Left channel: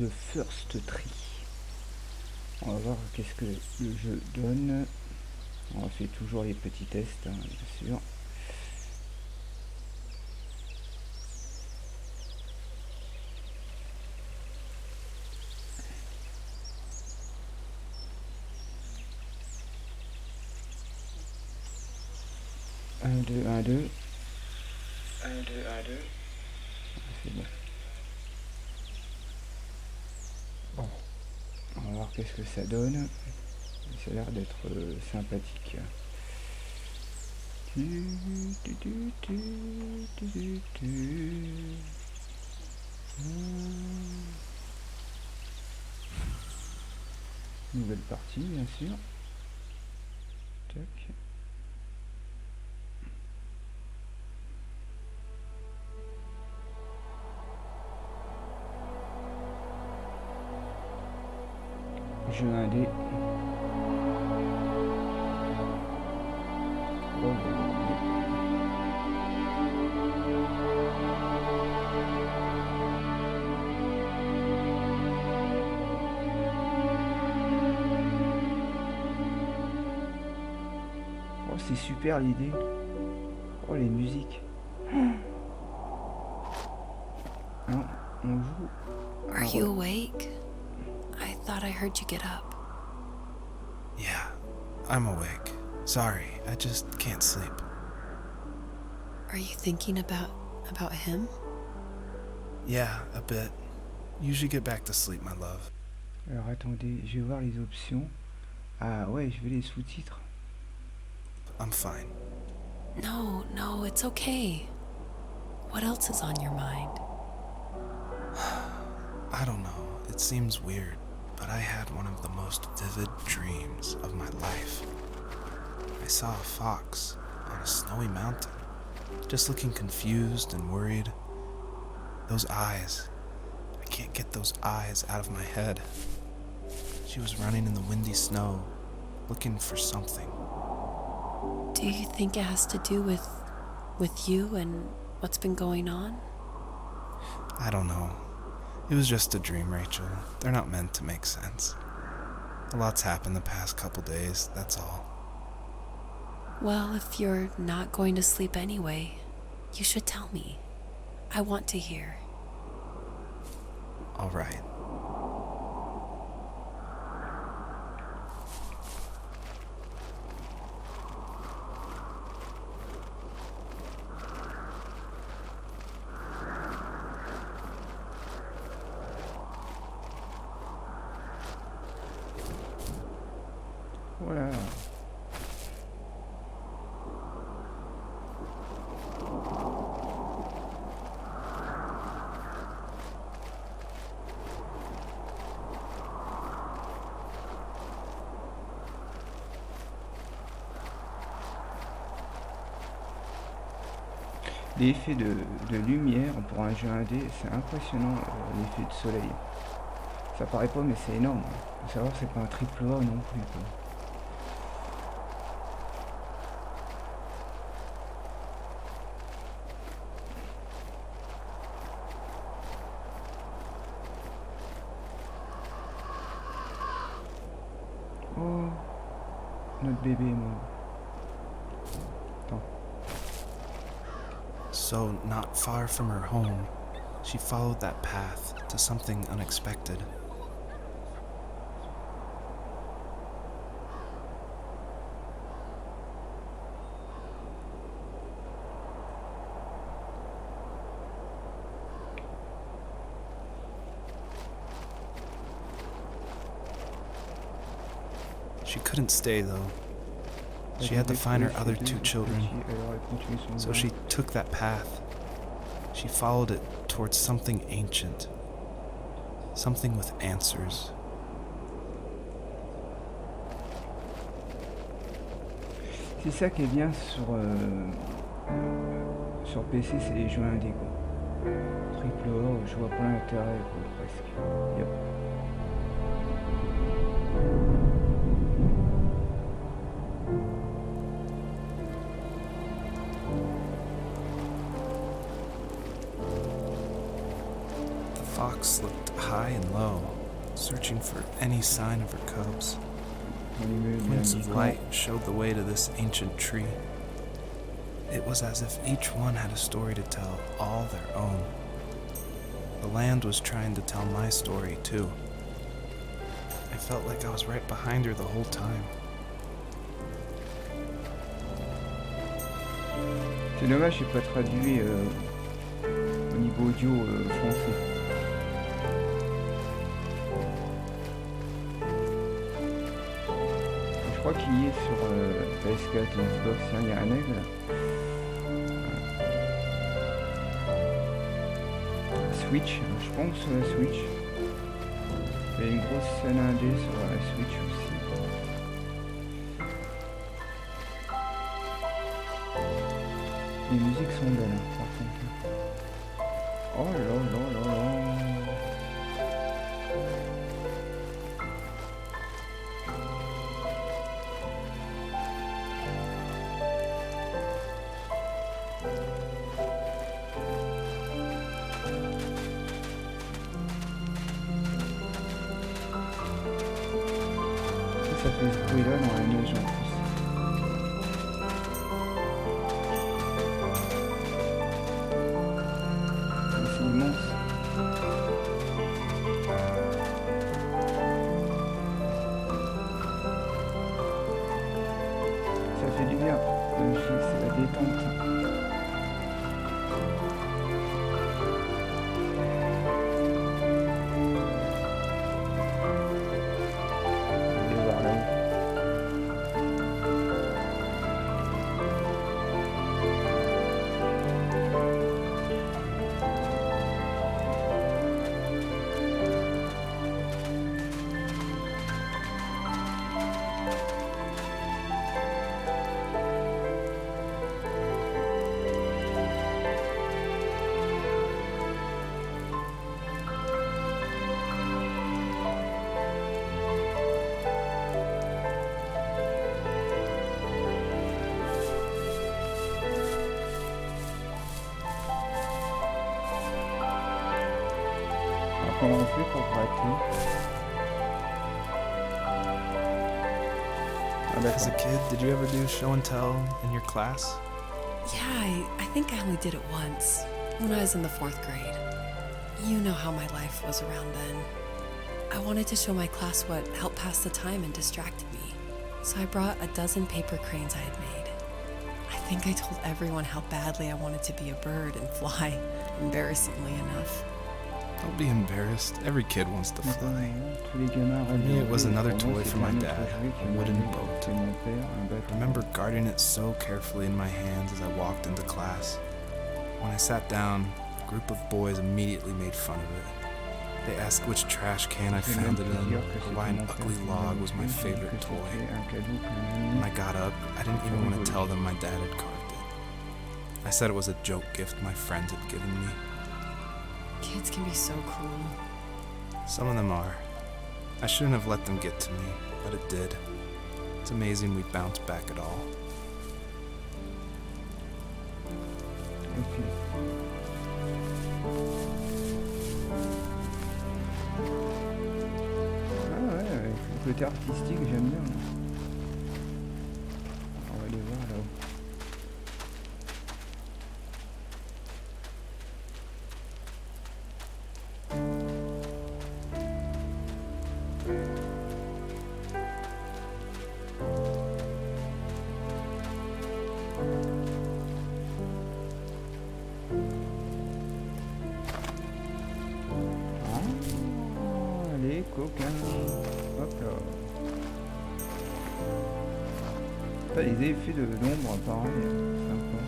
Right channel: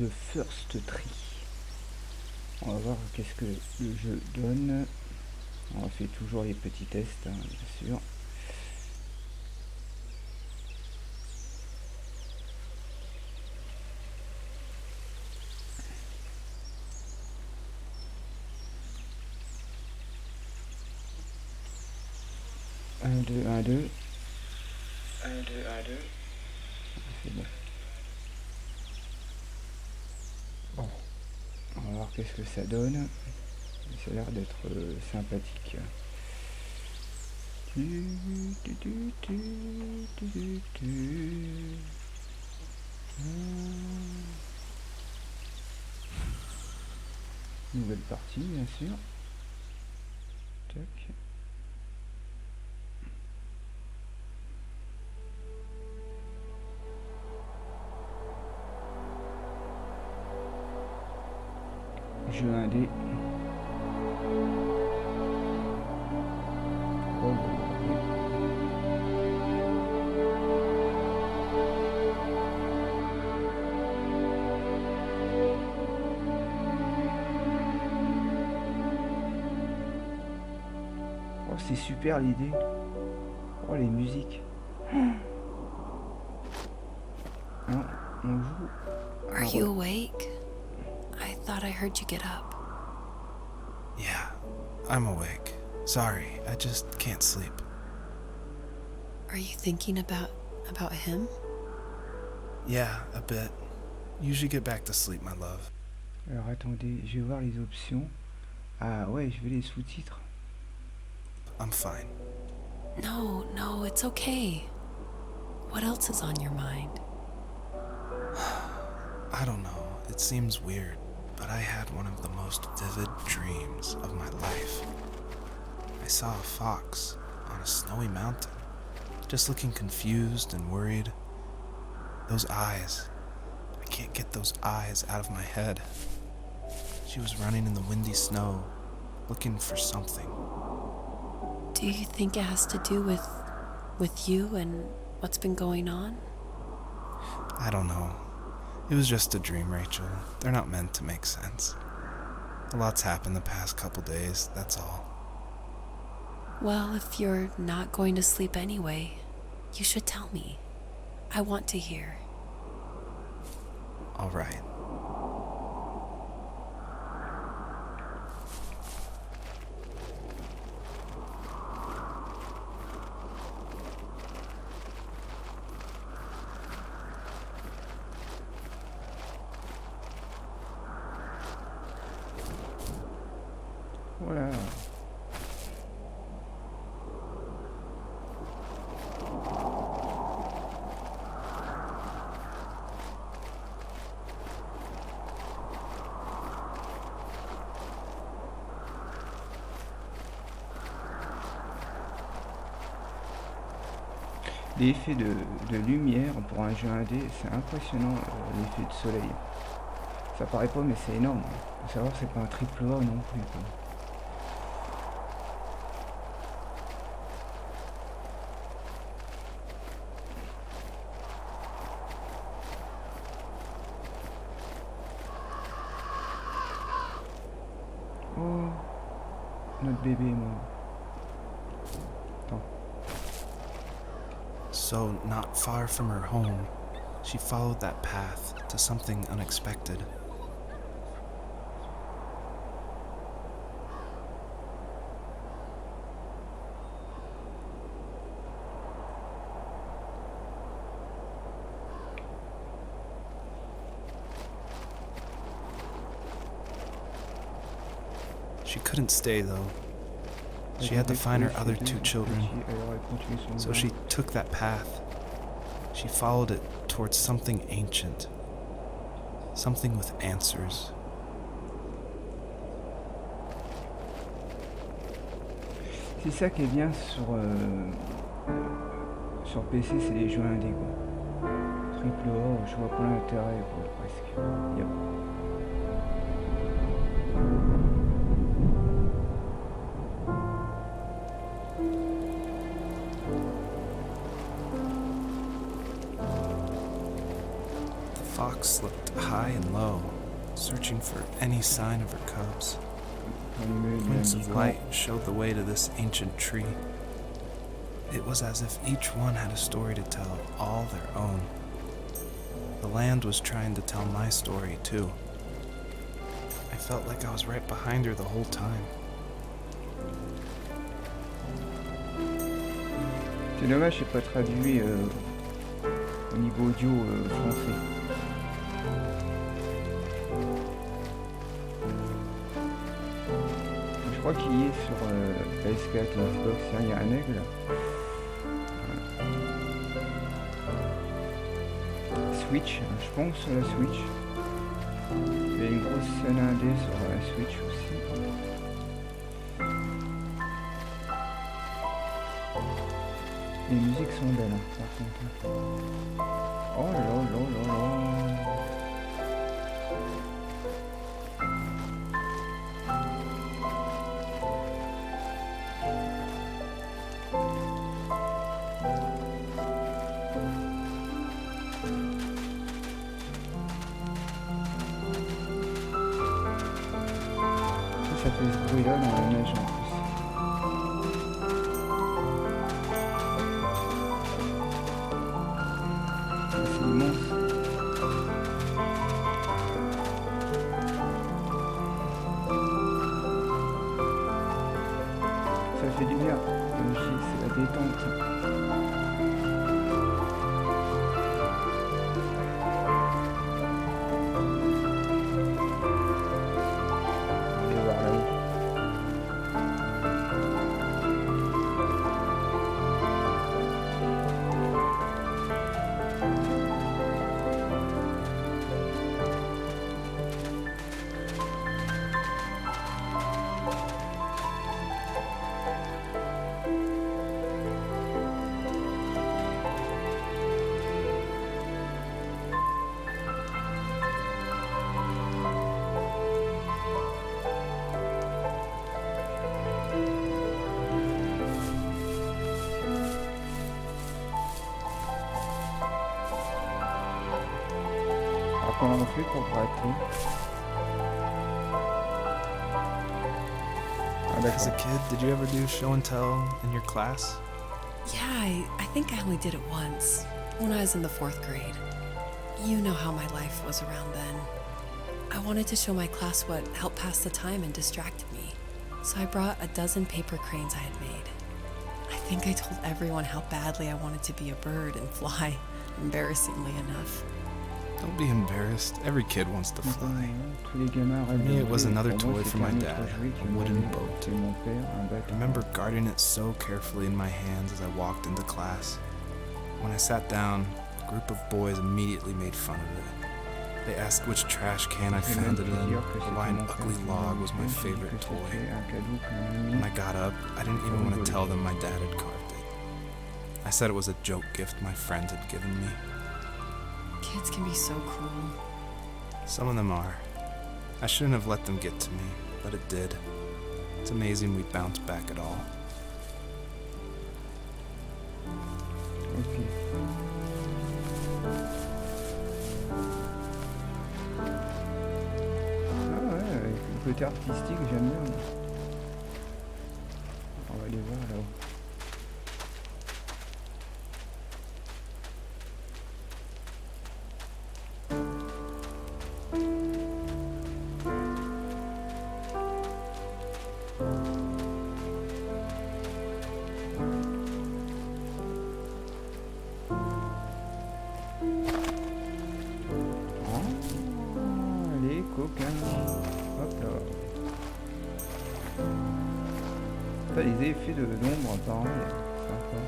The First Tree. On va voir qu'est-ce que le jeu donne. On fait toujours les petits tests, hein, bien sûr. Un, deux, un, deux. 1, 2, 1, 2. C'est bon. Bon. On va voir qu'est-ce que ça donne. Ça a l'air d'être sympathique. Nouvelle partie, bien sûr. Tac. Jeu indé. Oh, oh, c'est super l'idée. Oh, les musiques. Non, on joue. Are you awake? I thought I heard you get up. Yeah, I'm awake. Sorry, I just can't sleep. Are you thinking about him? Yeah, a bit. Usually get back to sleep, my love. Alors attendez, je vais voir les options. Ah ouais, je vais les sous-titres. I'm fine. No, it's okay. What else is on your mind? I don't know. It seems weird, but I had one of the most vivid dreams of my life. I saw a fox on a snowy mountain, just looking confused and worried. Those eyes. I can't get those eyes out of my head. She was running in the windy snow, looking for something. Do you think it has to do with you and what's been going on? I don't know. It was just a dream, Rachel. They're not meant to make sense. A lot's happened the past couple days, that's all. Well, if you're not going to sleep anyway, you should tell me. I want to hear. All right. Voilà. L'effet de lumière pour un jeu indé, c'est impressionnant, l'effet de soleil. Ça paraît pas, mais c'est énorme. Faut savoir que c'est pas un triple A non plus, quoi. Oh, notre bébé est mort. Attends. So, not far from her home, she followed that path to something unexpected. She couldn't stay though. She had to find her other two children. So she took that path. She followed it towards something ancient. Something with answers. C'est ça qui est bien sur PC, c'est les jeux indés, quoi. Triple A, je vois pas l'intérêt, quoi, presque. Yep. The fox looked high and low, searching for any sign of her cubs. Allumer Points of l'indiquant. light showed the way to this ancient tree. It was as if each one had a story to tell, all their own. The land was trying to tell my story, too. I felt like I was right behind her the whole time. C'est dommage, c'est pas traduit au niveau audio français. Je crois qu'il y est sur PS4 et Xbox. Il y a un aigle. Switch, je pense sur la Switch. Il y a une grosse scène indé sur la Switch aussi. Les musiques sont belles, hein, par contre. Oh là là là là. Ça fait ce bruit là dans la neige en plus. C'est immense. Ça fait du bien, comme je dis, c'est la détente. Allez voir là-haut. Alors comment on fait pour gratter? Ah As a d'accord. kid, did you ever do show and tell in your class? Yeah, I think I only did it once, when I was in the 4th grade. You know how my life was around then. I wanted to show my class what helped pass the time and distracted me, so I brought a dozen paper cranes I had made. I think I told everyone how badly I wanted to be a bird and fly, embarrassingly enough. Don't be embarrassed. Every kid wants to fly. Tous les gamins rêvent me, de it was voler. another Pour moi, toy c'était for my un autre dad, jouet qui a me wooden rêvait. boat. C'était mon père, un I bateau. remember guarding it so carefully in my hands as I walked into class. When I sat down, a group of boys immediately made fun of it. They asked which trash can I J'ai même found it pu in, dire que or c'était why an mon père ugly qui log m'avait was my fait. J'ai dit favorite que toy. c'était un cadeau qu'un When ami. I got up, I didn't even want to tell them my dad had carved it. I said it was a joke gift my friend had given me. Kids can be so cruel. Some of them are. I shouldn't have let them get to me, but it did. It's amazing we bounced back at all. Ok. Ah ouais, avec le côté artistique, j'aime bien. Moi. On va aller voir là-haut. Ah, les coquins. Hop là. T'as les effets d'ombre pareil, sympa.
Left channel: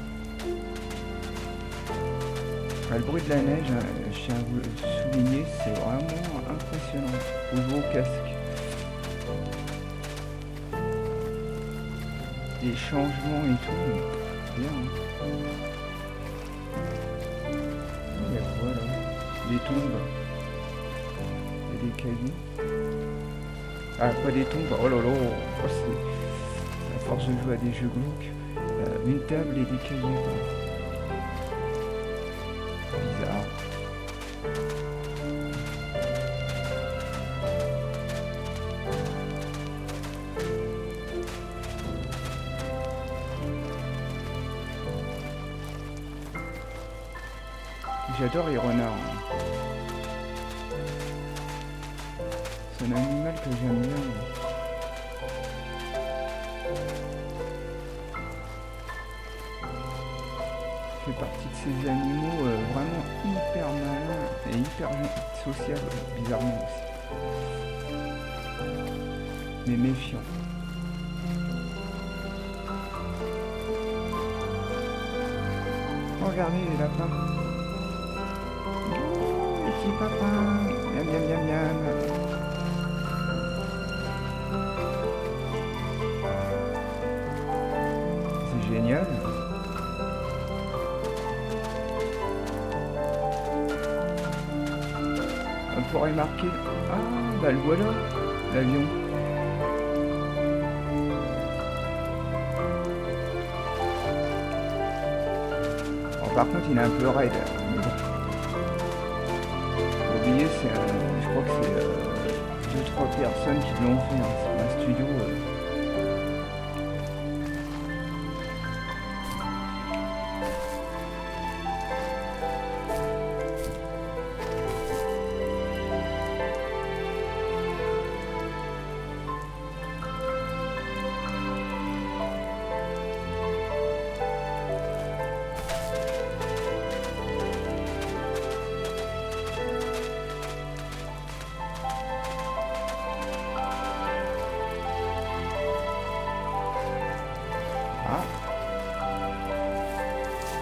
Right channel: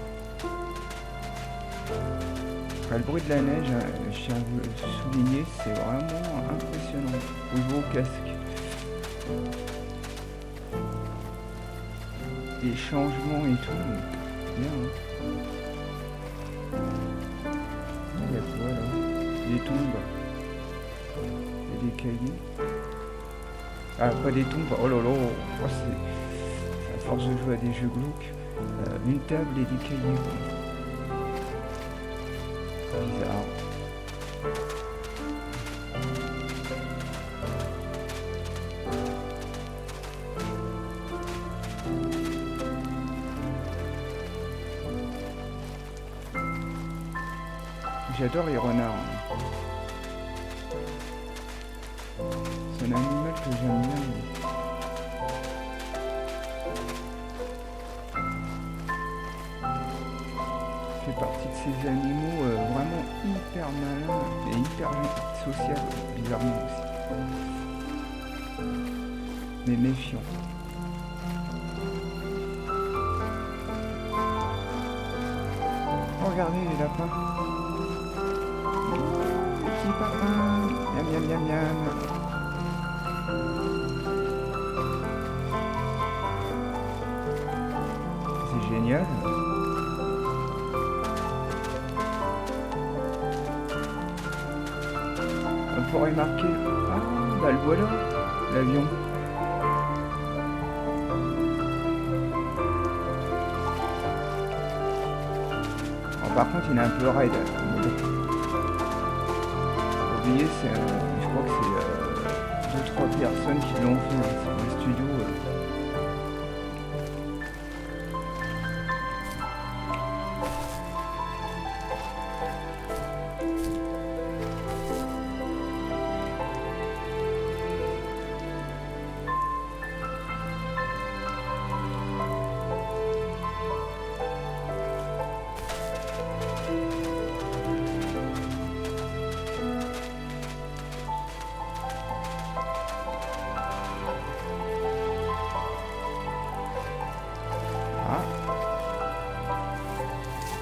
Après, le bruit de la neige, hein, je tiens à vous le souligner, c'est vraiment impressionnant. Faut jouer au casque. Les changements et tout, bien. Hein. Il y a quoi là? Des tombes. Il y a des cahiers. Ah, pas des tombes. Oh là là, oh, c'est à force de jouer à des jeux glauques. Une table et des cahiers quoi. Bizarre. J'adore les renards. C'est un animal que j'aime bien. Fait partie de ces animaux vraiment hyper malins et hyper sociables, bizarrement aussi. Mais méfiants. Oh, regardez les lapins. Oh, les petits papins. Miam miam miam miam. C'est génial. On pourrait marquer... Ah, bah le voilà, l'avion. Bon, par contre, il est un peu raide, mais bon. Faut oublier, je crois que c'est 2-3 personnes qui l'ont fait. Hein. C'est un studio... Ah,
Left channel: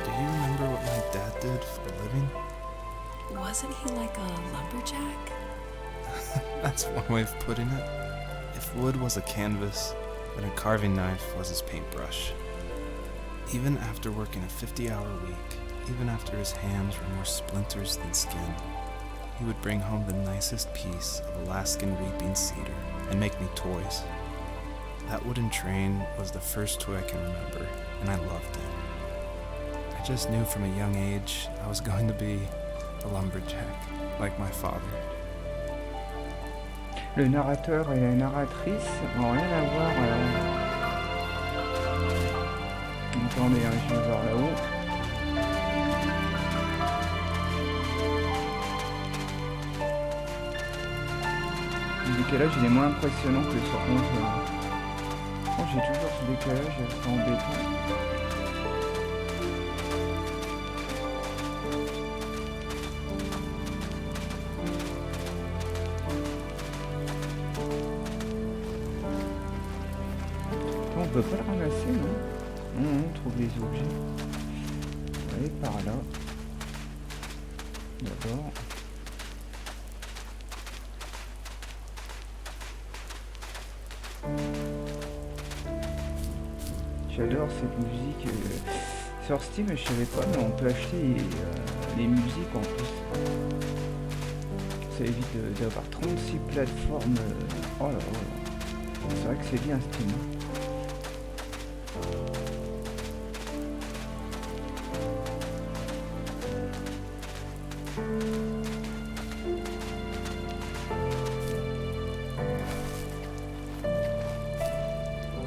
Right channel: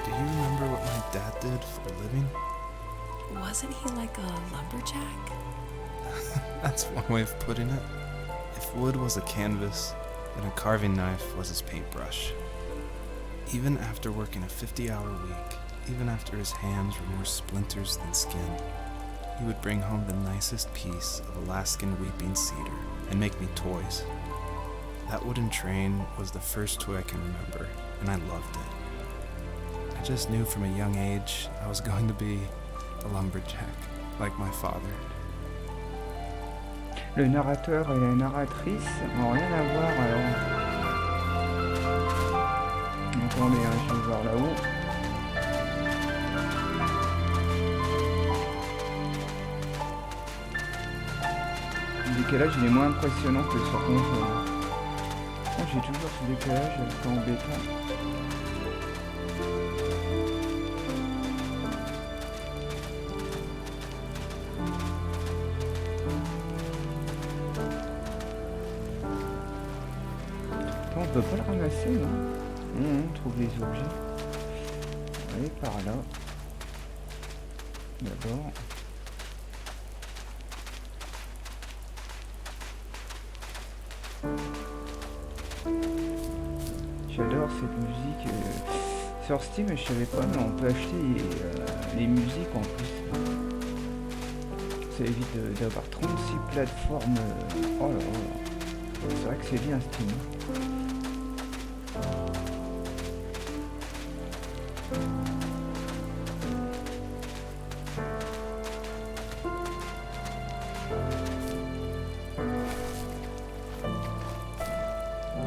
Do you remember what my dad did for a living? Wasn't he like a lumberjack? That's one way of putting it. If wood was a canvas, then a carving knife was his paintbrush. Even after working a 50-hour week, even after his hands were more splinters than skin, he would bring home the nicest piece of Alaskan weeping cedar and make me toys. That wooden train was the first toy I can remember, and I loved it. I just knew from a young age I was going to be a lumberjack, like my father. le narrateur et la narratrice n'ont rien à voir alors. Attendez, hein, je vais voir là-haut. Le décalage il est moins impressionnant que sur console. Oh, j'ai toujours ce décalage, c'est embêtant. Attends, on peut pas le ramasser, non? Non, on trouve les objets. On va aller par là. D'abord. J'adore cette musique. Sur Steam, je savais pas, mais on peut acheter les musiques en plus. Ça évite d'avoir 36 plateformes. Oh là là. C'est vrai que c'est bien Steam.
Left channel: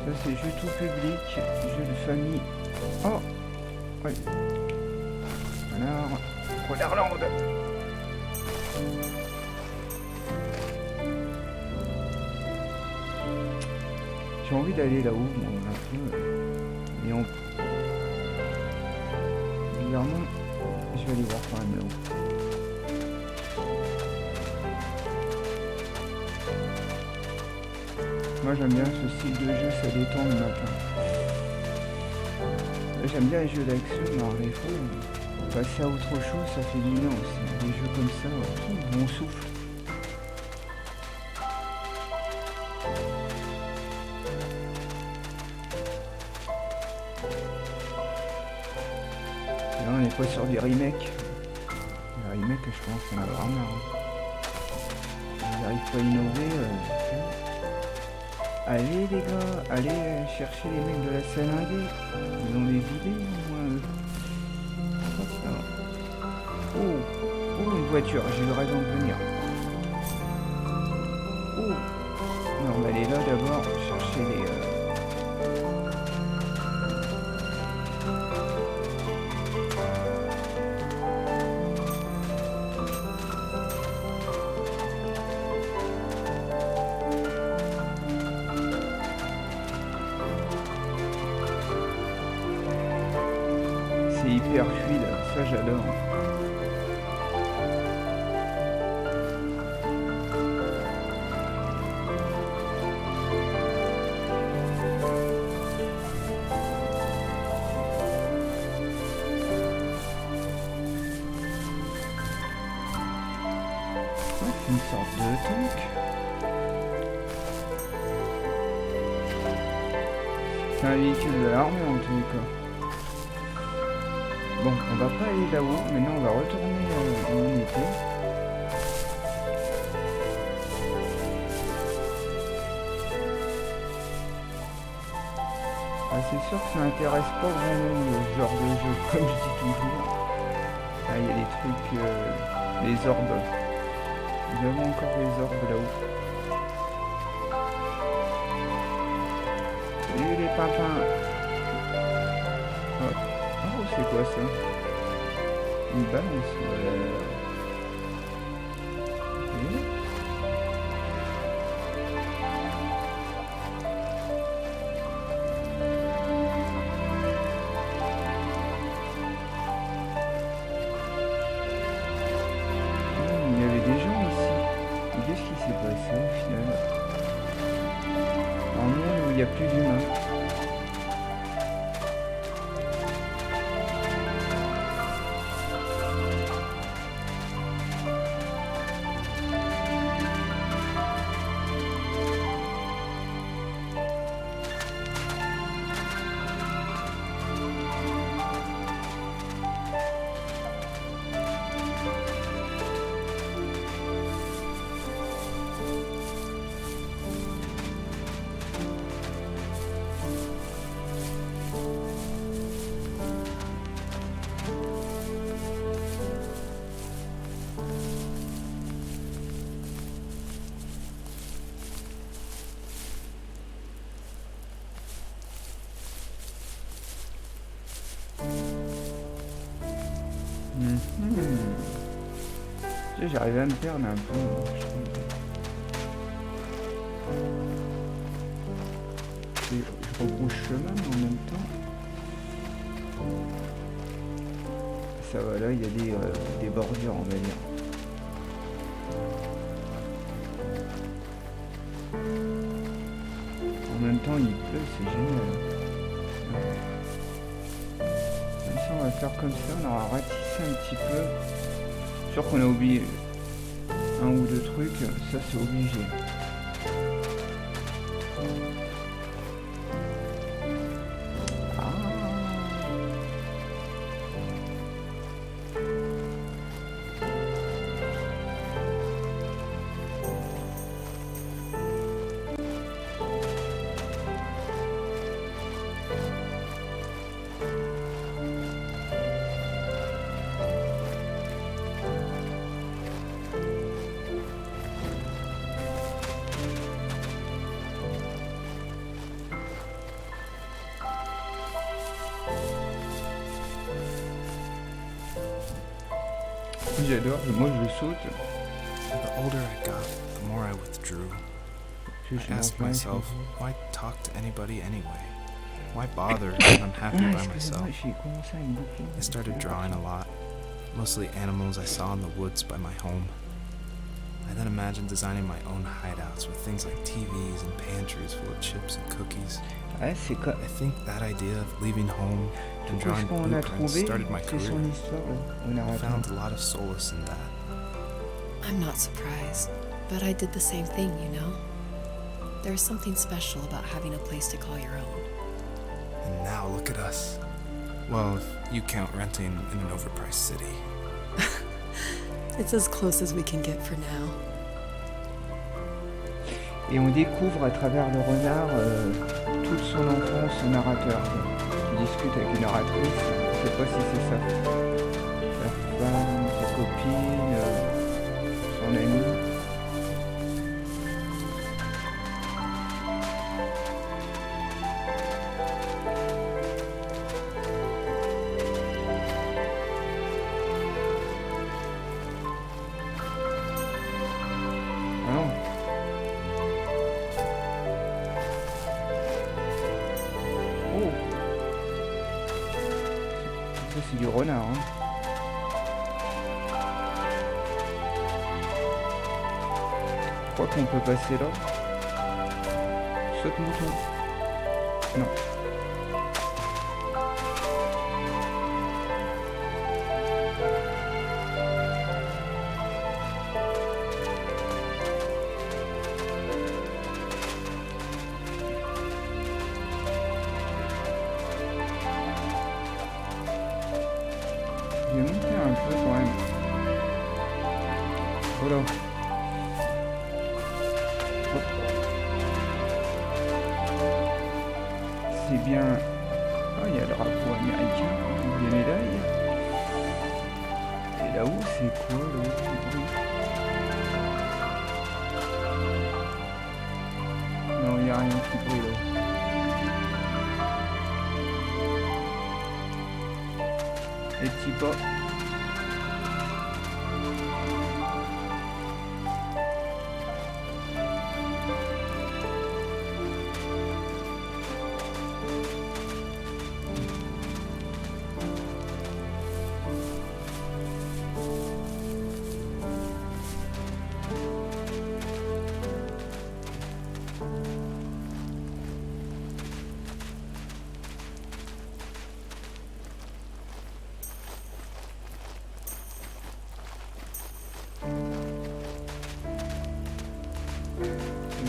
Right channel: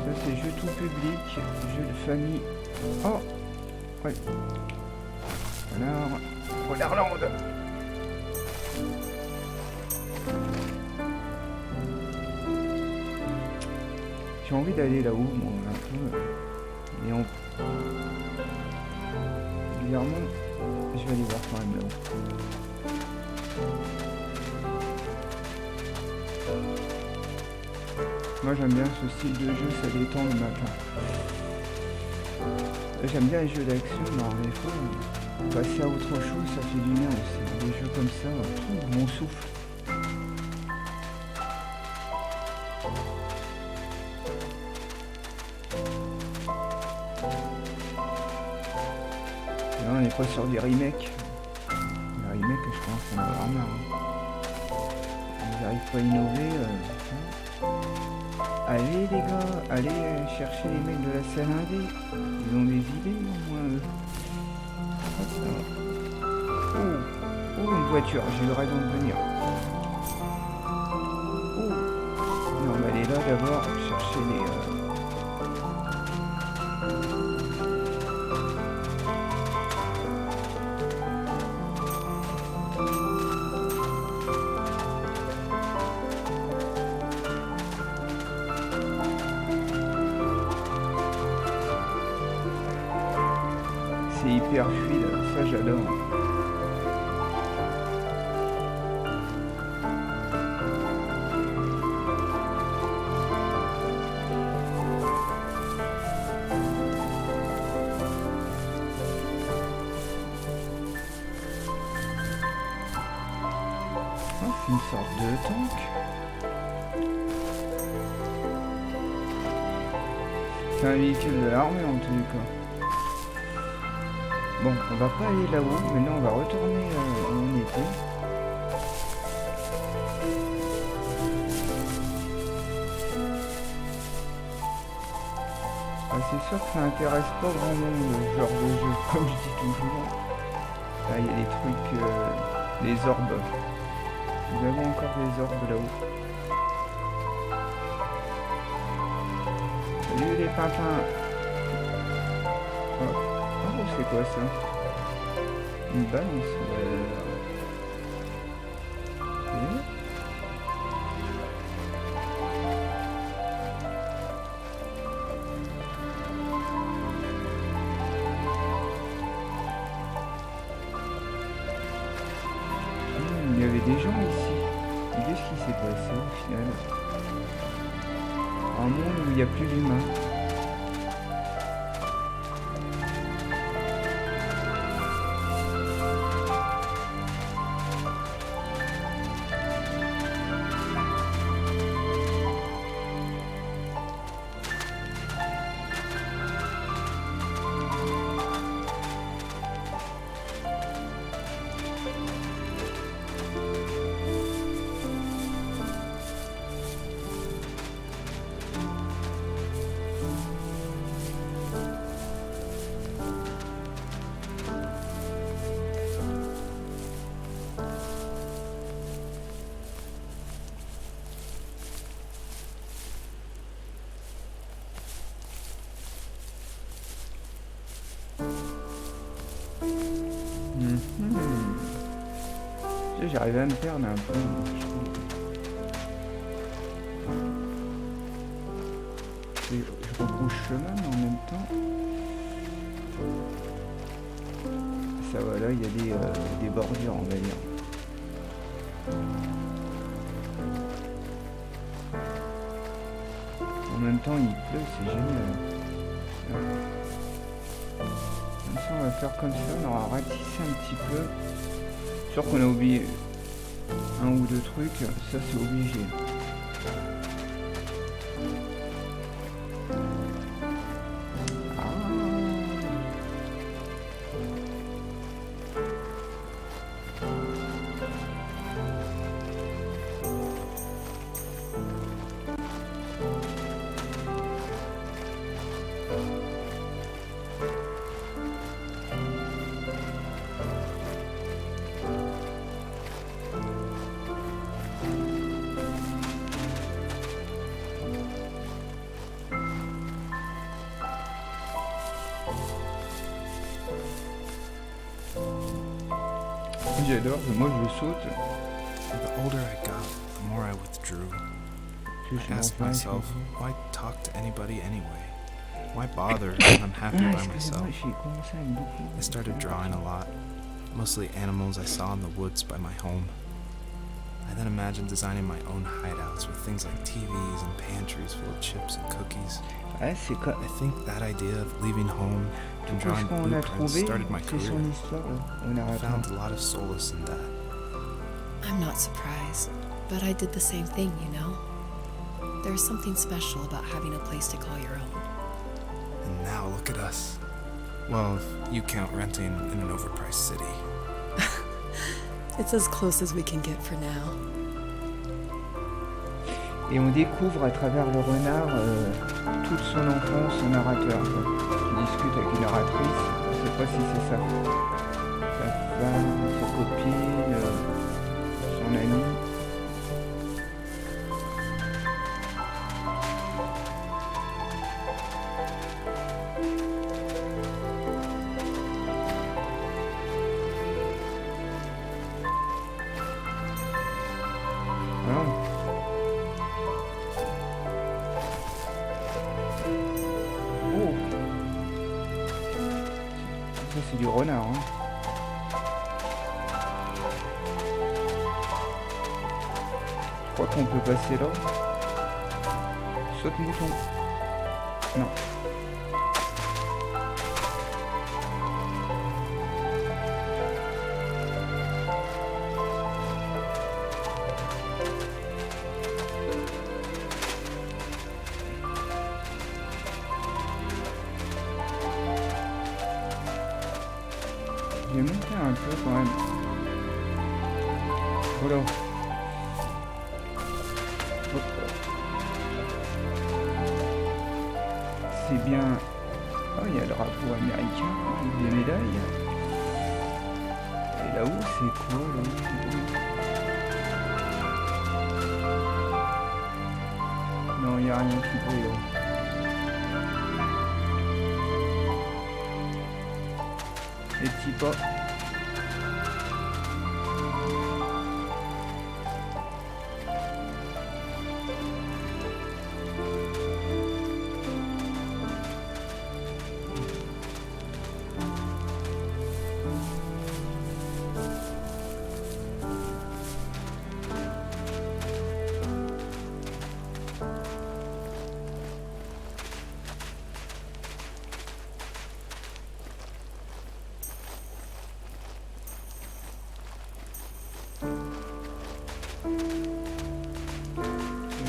Ça c'est jeu tout public, jeu de famille. Oh ouais. Alors, Renarland. J'ai envie d'aller là-haut, moi, un peu. Mais bizarrement, je vais aller voir quand même là-haut. Moi j'aime bien ce style de jeu, ça détend le matin. J'aime bien les jeux d'action, mais des fois, passer à autre chose, ça fait du bien aussi. Des jeux comme ça, où on souffle. Et là on est pas sur des remakes. Les remakes, je pense qu'on a vraiment marre. Ils n'arrivent pas à innover. Allez les gars, allez chercher les mecs de la scène indé. Ils ont des idées au moins eux. Oh, une voiture, j'ai eu raison de venir. Oh, non, on va aller là d'abord, chercher les... c'est hyper fluide, ça j'adore. Ah, c'est une sorte de tank. C'est un véhicule de l'armée en tous les cas. Bon, on va pas aller là-haut, maintenant on va retourner où on était. Ah, c'est sûr que ça intéresse pas grand monde ce genre de jeu, comme je dis toujours. Ah, il y a des trucs, des orbes. Nous avons encore des orbes là-haut. Salut les pimpins. Hop. Oh, c'est quoi ça? Une balançoire. Ok. Il y avait des gens ici. Et qu'est-ce qui s'est passé au final? Un monde où il n'y a plus d'humains. Tu sais, j'arrive à me perdre un peu, je trouve. Je rebrousse chemin, mais en même temps... Ça va, là, il y a des bordures, on va dire. En même temps, il pleut, c'est génial. Comme ça, on va faire comme ça, on aura ratissé un petit peu. Sûr qu'on a oublié un ou deux trucs, ça c'est obligé. J'adore, moi je saute. The older I got, the more I withdrew. I asked myself, why talk to anybody anyway? Why bother when I'm happy by myself? I started drawing a lot, mostly animals I saw in the woods by my home. I then imagined designing my own hideouts with things like TVs and pantries full of chips and cookies. I think that idea of leaving home and drawing blueprints started my career. I found a lot of solace in that. I'm not surprised, but I did the same thing, you know? There's something special about having a place to call your own. And now look at us. Well, if you count renting in an overpriced city. It's as close as we can get for now. Et on découvre à travers le renard toute son enfance, son narrateur, qui discute avec une narratrice. Je sais pas si c'est sa femme, sa copine, son amie. Voilà. Oh, ça c'est du renard. Hein. Je crois qu'on peut passer là. Saute mouton. Non. Je vais monter un peu quand même. Oh là. Hop. C'est bien. Ah, il y a le drapeau américain, hein, des médailles. Et là-haut, c'est quoi là-haut? Non, il n'y a rien qui brille là. Les petits pas.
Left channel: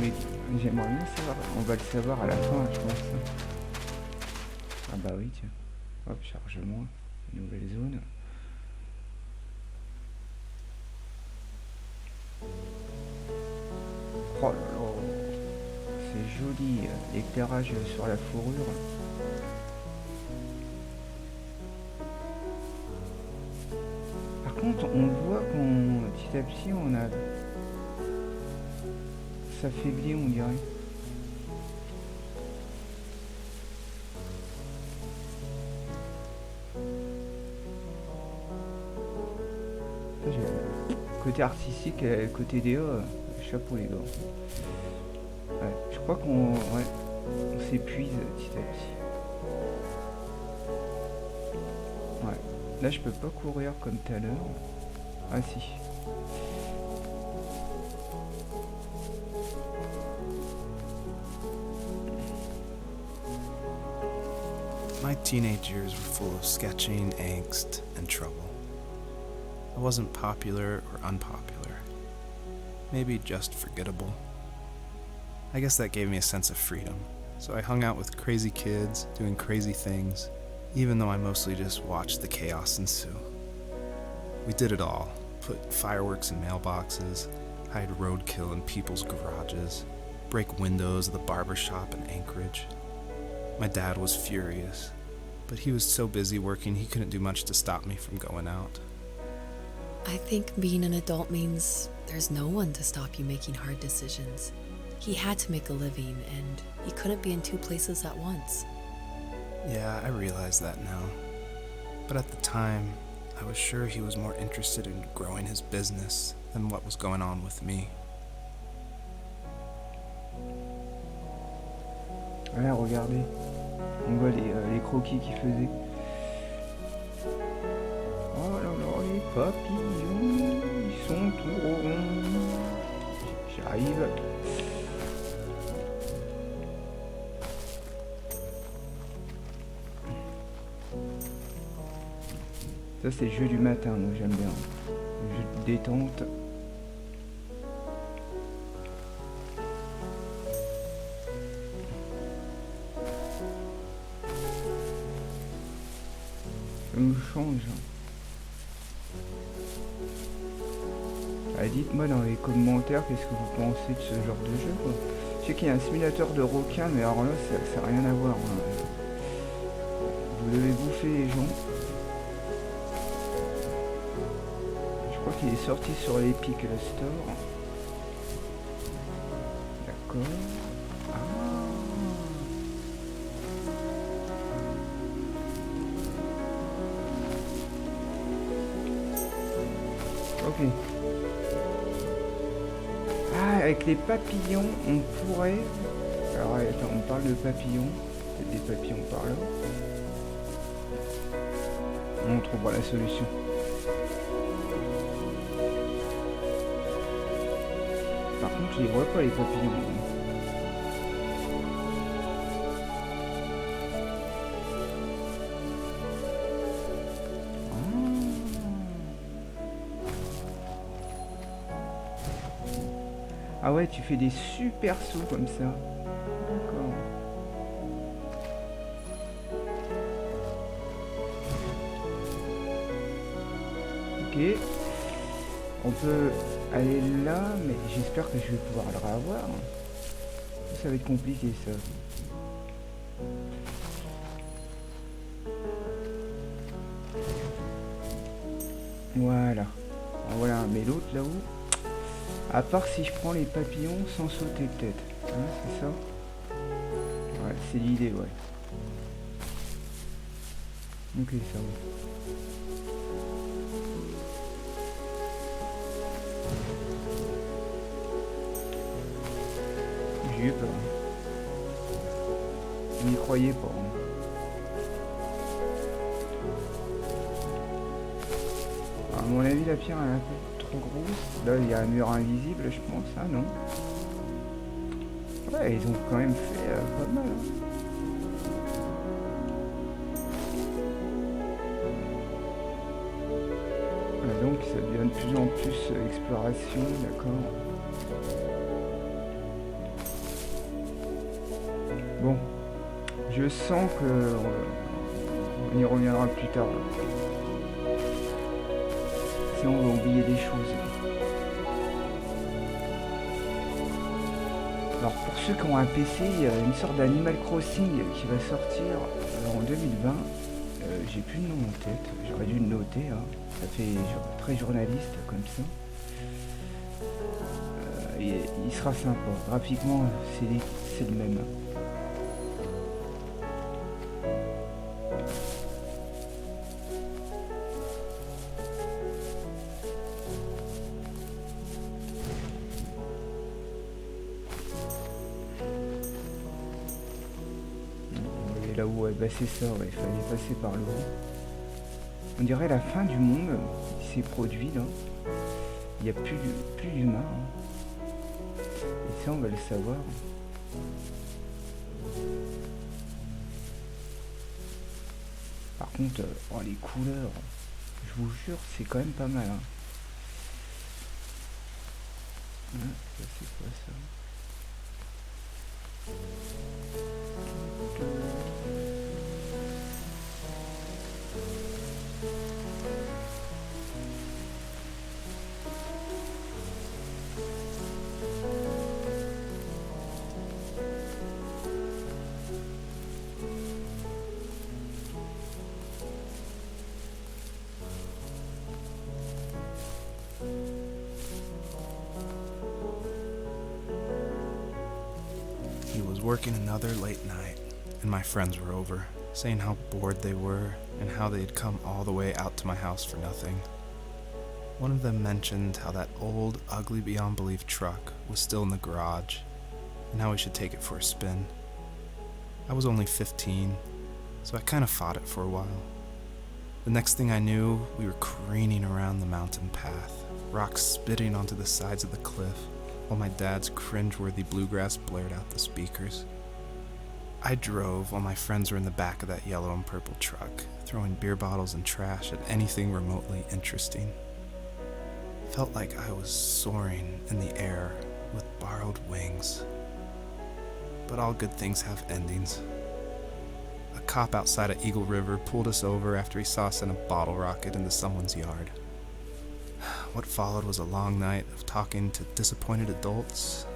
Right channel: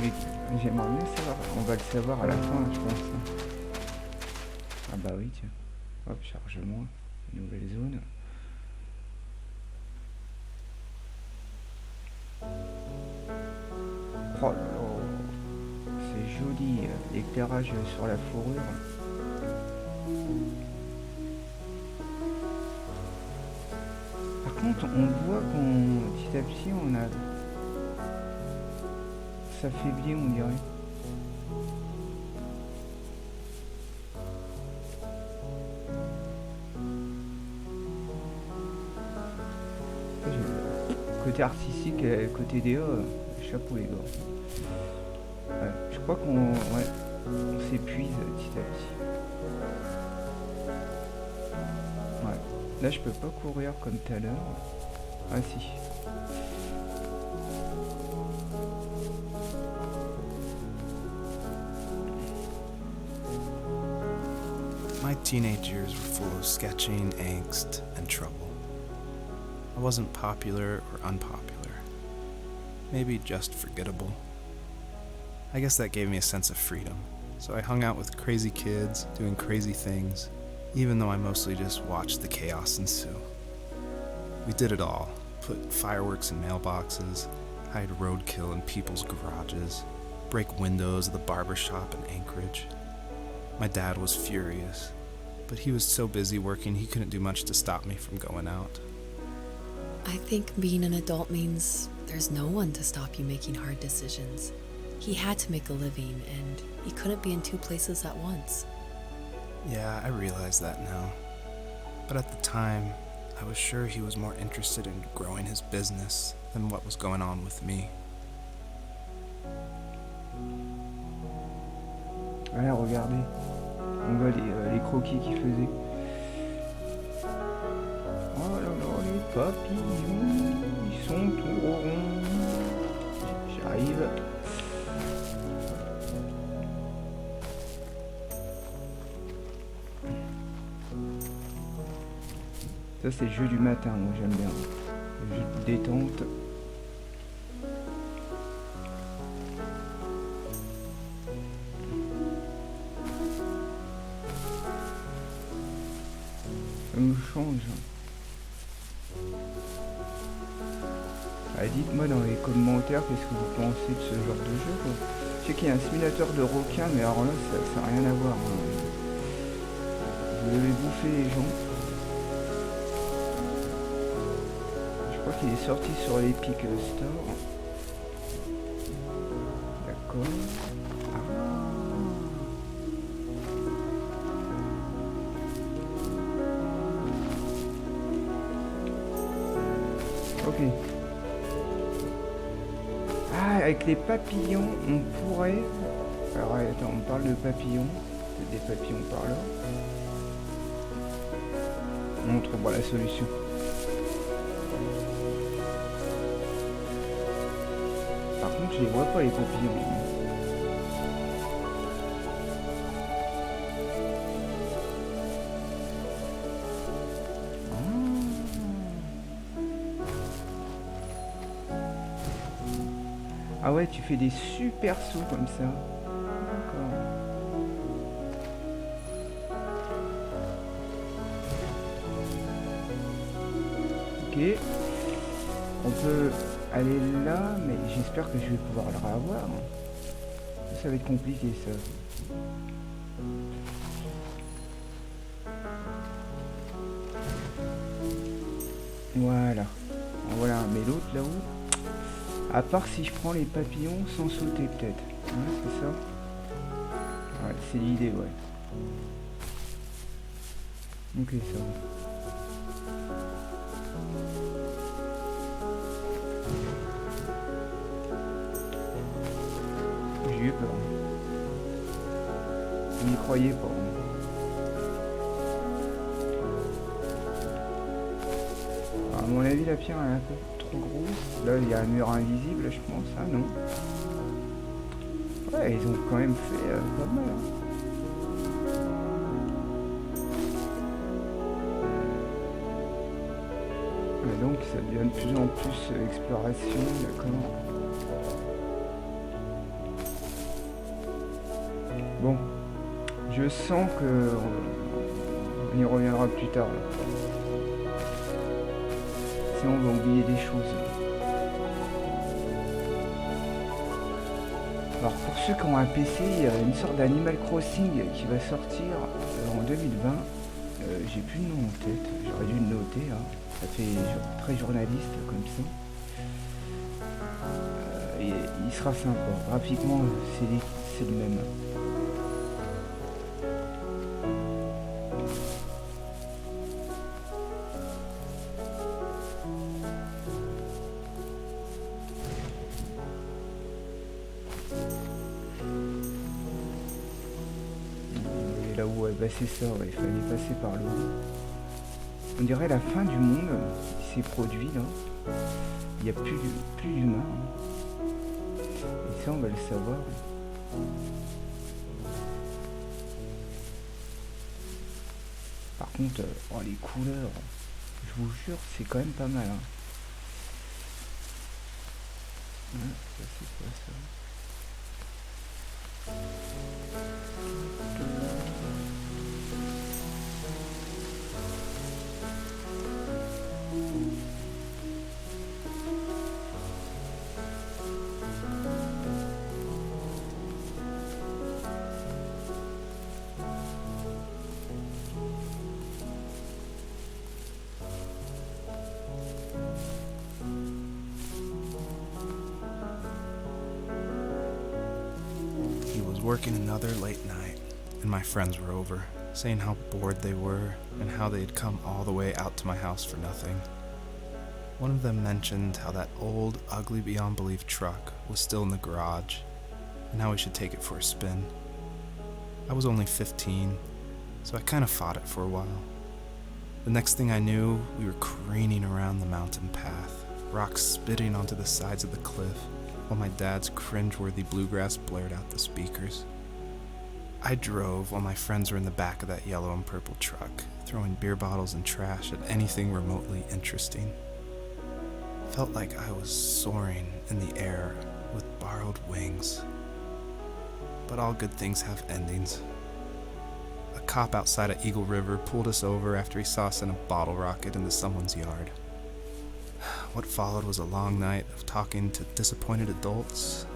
Mais j'aimerais bien savoir, on va le savoir à la fin, je pense. Ah bah oui, tiens. Hop, chargement, nouvelle zone. Oh là là, c'est joli, l'éclairage sur la fourrure. Par contre, on voit qu'on petit à petit on a s'affaiblit, on dirait. Côté artistique et côté DA, chapeau les gars. Ouais, je crois qu'on on s'épuise petit à petit. Ouais. Là je peux pas courir comme tout à l'heure. Ah si. My teenage years were full of sketching, angst, and trouble. I wasn't popular or unpopular. Maybe just forgettable. I guess that gave me a sense of freedom. So I hung out with crazy kids, doing crazy things, even though I mostly just watched the chaos ensue. We did it all. Put fireworks in mailboxes, hide roadkill in people's garages, break windows of the barber shop in Anchorage. My dad was furious, but he was so busy working he couldn't do much to stop me from going out. I think being an adult means there's no one to stop you making hard decisions. He had to make a living, and he couldn't be in two places at once. Yeah, I realize that now. But at the time, I was sure he was more interested in growing his business than what was going on with me. Ouais, regardez. On voit les croquis qu'il faisait. Oh là là, les papillons, ils sont tout ronds. J'arrive. Ça c'est le jeu du matin, moi j'aime bien. Le jeu de détente. Ça me change. Ah, dites-moi dans les commentaires qu'est-ce que vous pensez de ce genre de jeu quoi. Je sais qu'il y a un simulateur de requin, mais alors là ça n'a rien à voir. Hein. Vous devez bouffer les gens. Je crois qu'il est sorti sur l'Epic Store. D'accord. Ah. Ok. Ah, avec les papillons, on pourrait... Alors attends, on parle de papillons. Peut-être des papillons par là. On trouvera la solution. Par contre, je les vois pas les papillons. Ah ouais, tu fais des super sauts comme ça. D'accord. Ok. On peut aller là, mais j'espère que je vais pouvoir le revoir. Ça va être compliqué ça. Voilà. Voilà, mais l'autre là-haut, à part si je prends les papillons sans sauter peut-être. Hein, c'est ça? Ouais, c'est l'idée, ouais. Ok, ça va. J'ai eu peur. Je n'y croyais pas. À mon avis, la pierre est un peu trop grosse. Là, il y a un mur invisible, je pense. Ah non. Ouais, ils ont quand même fait pas mal. Hein. Ah, donc, ça devient de plus en plus exploration, d'accord. Bon, je sens que on y reviendra plus tard. Là. Sinon, on va oublier des choses. Alors, pour ceux qui ont un PC, il y a une sorte d'Animal Crossing qui va sortir en 2020. J'ai plus le nom en tête. J'aurais dû le noter. Hein. Ça fait très journaliste comme ça. Il sera sympa. Graphiquement, c'est le même. Là où bah c'est ça, ouais, il fallait passer par le haut. On dirait la fin du monde qui s'est produit là. Il n'y a plus d'humains. Hein. Et ça on va le savoir. Par contre, oh, les couleurs, je vous jure, c'est quand même pas mal. Hein. Ça c'est quoi ça? He was working another late night, and my friends were over, saying how bored they were and how they had come all the way out to my house for nothing. One of them mentioned how that old, ugly beyond belief truck was still in the garage, and how we should take it for a spin. I was only 15, so I kind of fought it for a while. The next thing I knew, we were careening around the mountain path, rocks spitting onto the sides of the cliff, while my dad's cringeworthy bluegrass blared out the speakers. I drove while my friends were in the back of that yellow and purple truck, throwing beer bottles and trash at anything remotely interesting. Felt like I was soaring in the air with borrowed wings. But all good things have endings. A cop outside of Eagle River pulled us over after he saw us send a bottle rocket into someone's yard. What followed was a long night of talking to disappointed adults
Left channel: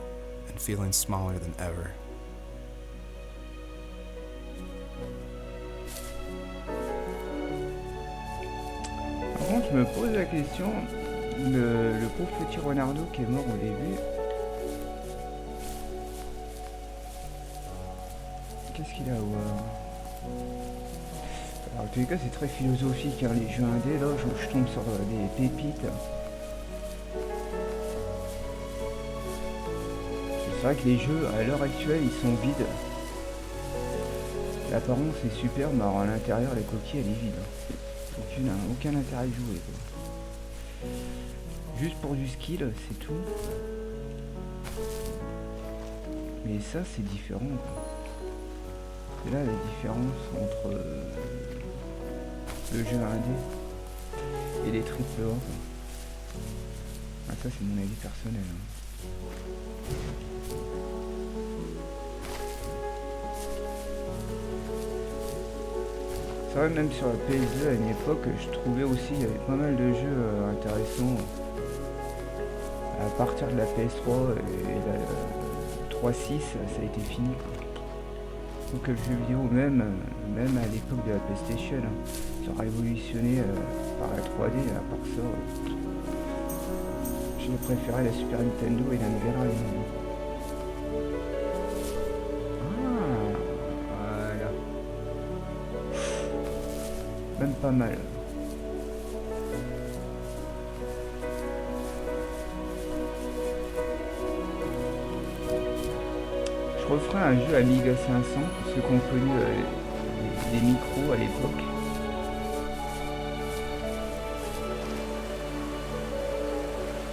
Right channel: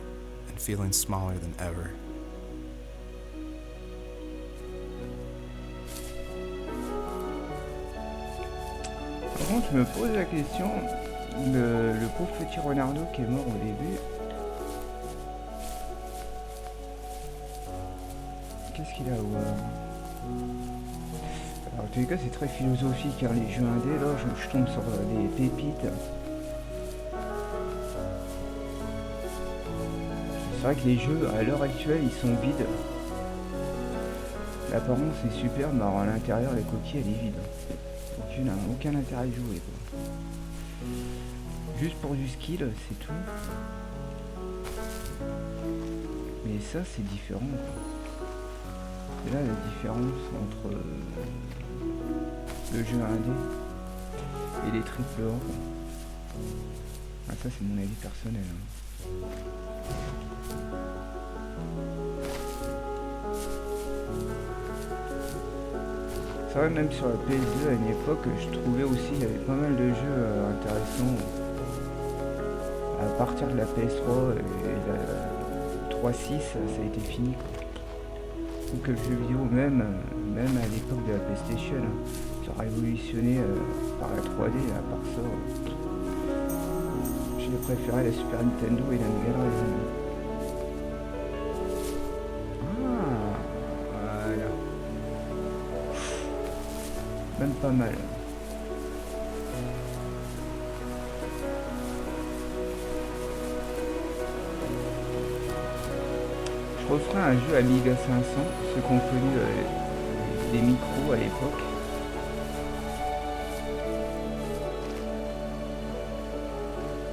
and feeling smaller than ever. Par contre, je me pose la question, le pauvre petit Renardo qui est mort au début, qu'est-ce qu'il a à voir? Alors, en tous les cas, c'est très philosophique, hein, les jeux indés, là, je tombe sur des pépites. C'est vrai que les jeux, à l'heure actuelle, ils sont vides. L'apparence est superbe, mais alors à l'intérieur, la coquille, elle est vide. aucun intérêt de jouer, quoi. Juste pour du skill, c'est tout. Mais ça, c'est différent, quoi. C'est là la différence entre le jeu indé et les triple A, quoi. Ah, ça, c'est mon avis personnel, hein. C'est vrai, même sur la PS2 à une époque, je trouvais aussi il y avait pas mal de jeux intéressants. À partir de la PS3 et la 3.6, ça a été fini, quoi. Donc le jeu vidéo, même à l'époque de la PlayStation, ça a révolutionné par la 3D. À part ça, j'ai préféré la Super Nintendo et la Mega Drive. Ah, voilà. Même pas mal. Je referai un jeu Amiga 500, ceux qui ont connu les micros à l'époque.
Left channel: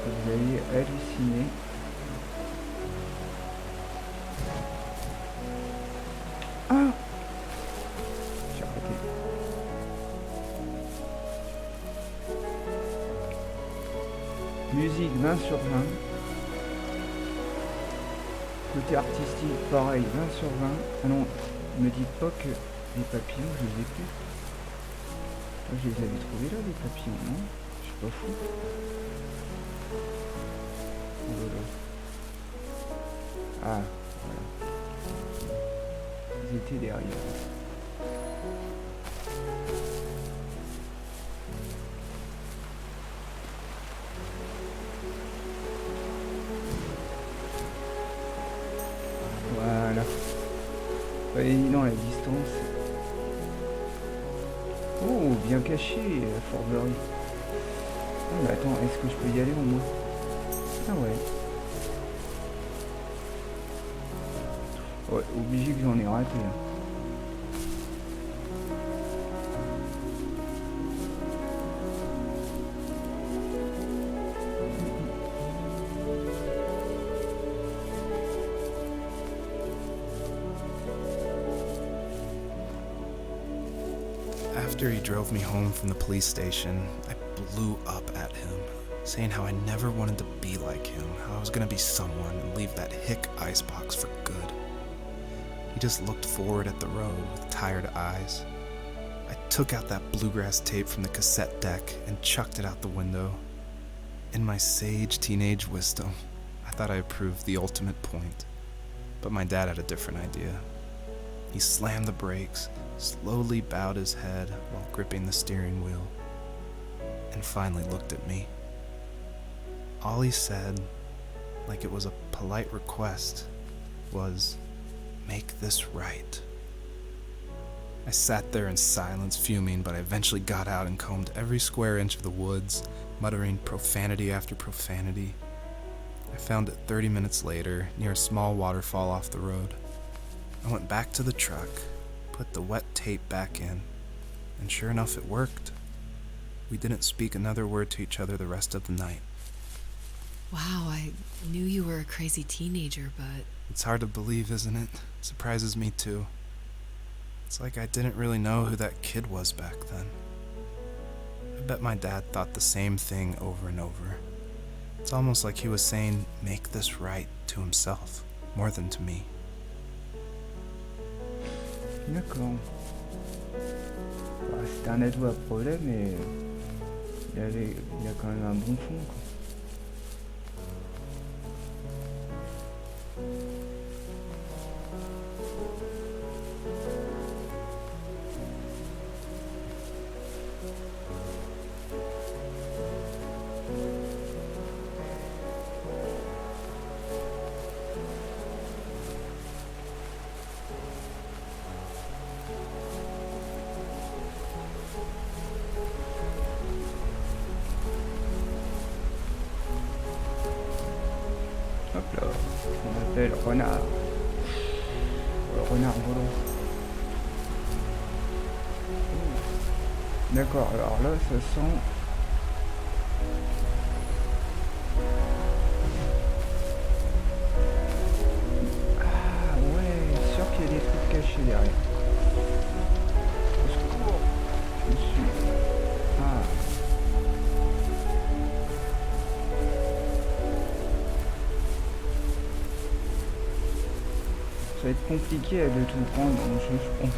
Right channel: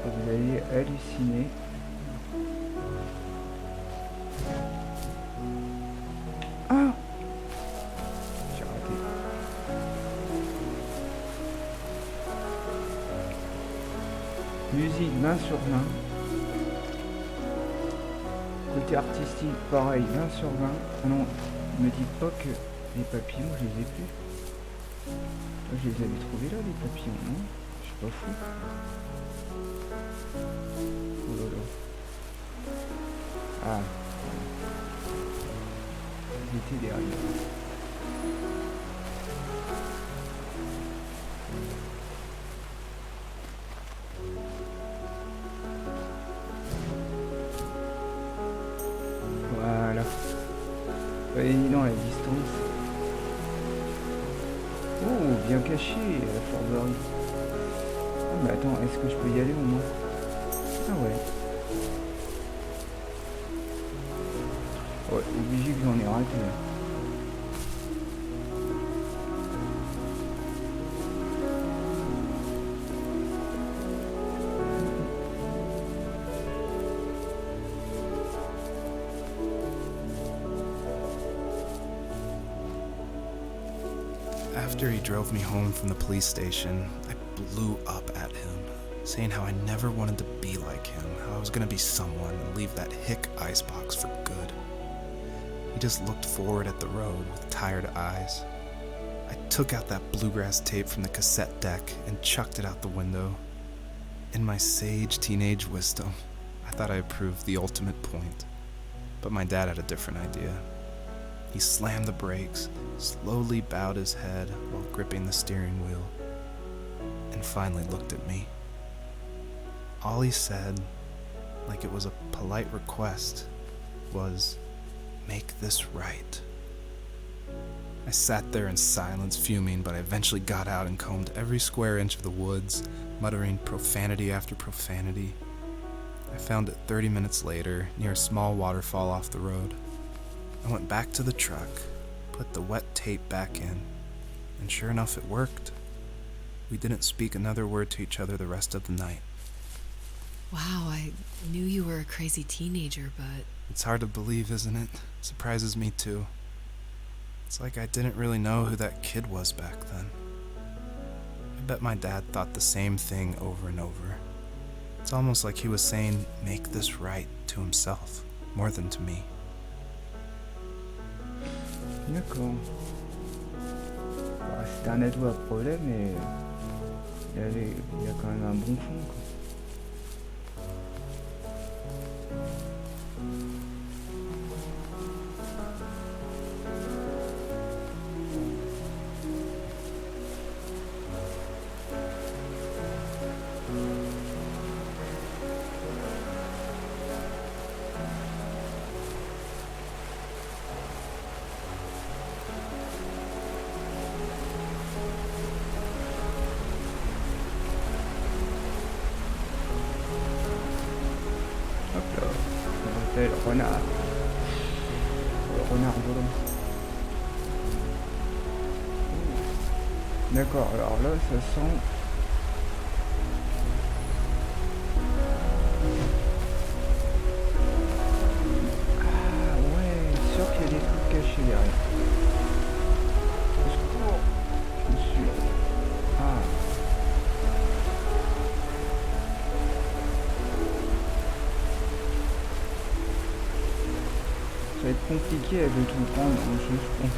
Vous allez halluciner. Ah, j'ai raté. Musique 20 sur 20. Côté artistique, pareil, 20 sur 20. Ah non, me dites pas que les papillons, je les ai plus. Moi, je les avais trouvés là, les papillons, non? Je suis pas fou. Oh là là. Ah, voilà. Ils étaient derrière. Voilà. Pas évident la distance. Oh, bien caché, la Forberie. Oh, mais attends, est-ce que je peux y aller au moins? Ah ouais. Ouais, obligé que j'en ai raté. Hein. After he drove me home from the police station, I blew up at him, saying how I never wanted to be like him, how I was gonna be someone and leave that hick icebox for good. He just looked forward at the road with tired eyes. I took out that bluegrass tape from the cassette deck and chucked it out the window. In my sage teenage wisdom, I thought I proved the ultimate point, but my dad had a different idea. He slammed the brakes, slowly bowed his head while gripping the steering wheel, and finally looked at me. All he said, like it was a polite request, was, "Make this right." I sat there in silence, fuming, but I eventually got out and combed every square inch of the woods, muttering profanity after profanity. I found it 30 minutes later, near a small waterfall off the road. I went back to the truck, put the wet tape back in, and sure enough it worked. We didn't speak another word to each other the rest of the night. Wow, I knew you were a crazy teenager, but... It's hard to believe, isn't it? Surprises me too. It's like I didn't really know who that kid was back then. I bet my dad thought the same thing over and over. It's almost like he was saying, "Make this right," to himself, more than to me. D'accord. Bah, c'était un ado à problème, mais il y a quand même un bon fond, quoi. Hop là, on appelle renard. Le renard volant. D'accord, alors là, ça sent... Ah ouais, sûr qu'il y a des trucs cachés derrière. Au secours. Je suis... Ah. Ça va être compliqué de tout prendre dans le jeu, je pense.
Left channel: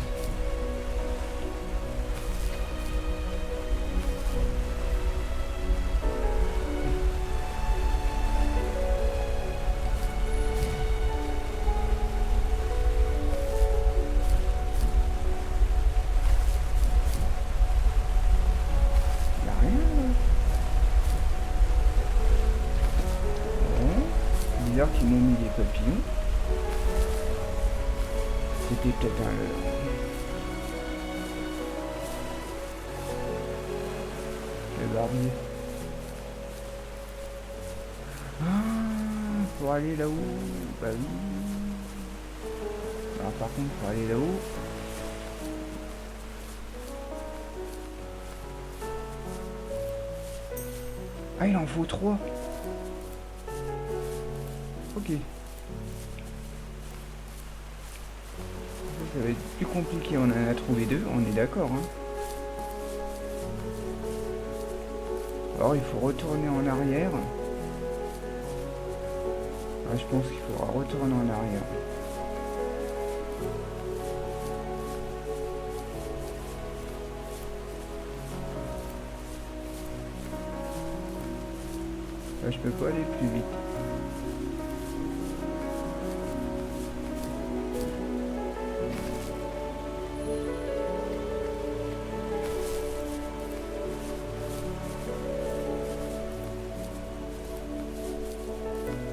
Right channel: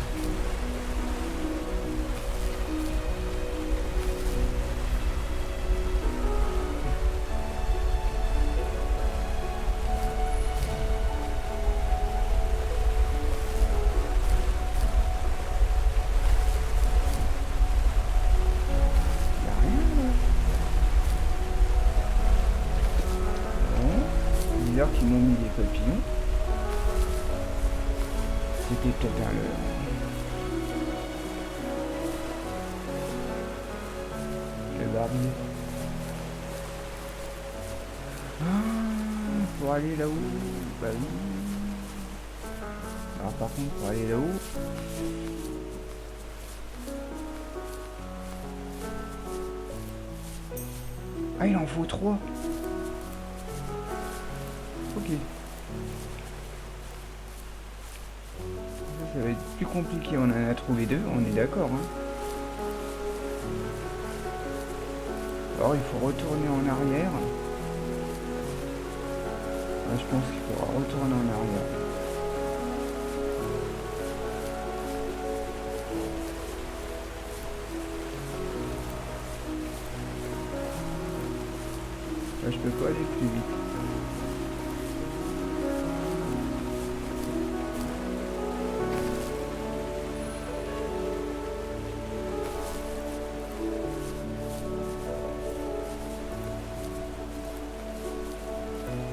Y'a rien là. Bon. Bizarre qu'ils m'ont mis des papillons. C'était peut-être un leurre. Le barbier. Ah, pour aller là-haut. Bah oui. Alors par contre, pour aller là-haut. Ah, il en faut 3. Ok. Ça va être plus compliqué, on en a trouvé 2, on est d'accord. Hein. Alors il faut retourner en arrière. Ah, je pense qu'il faudra retourner en arrière. Là, je peux pas aller plus vite.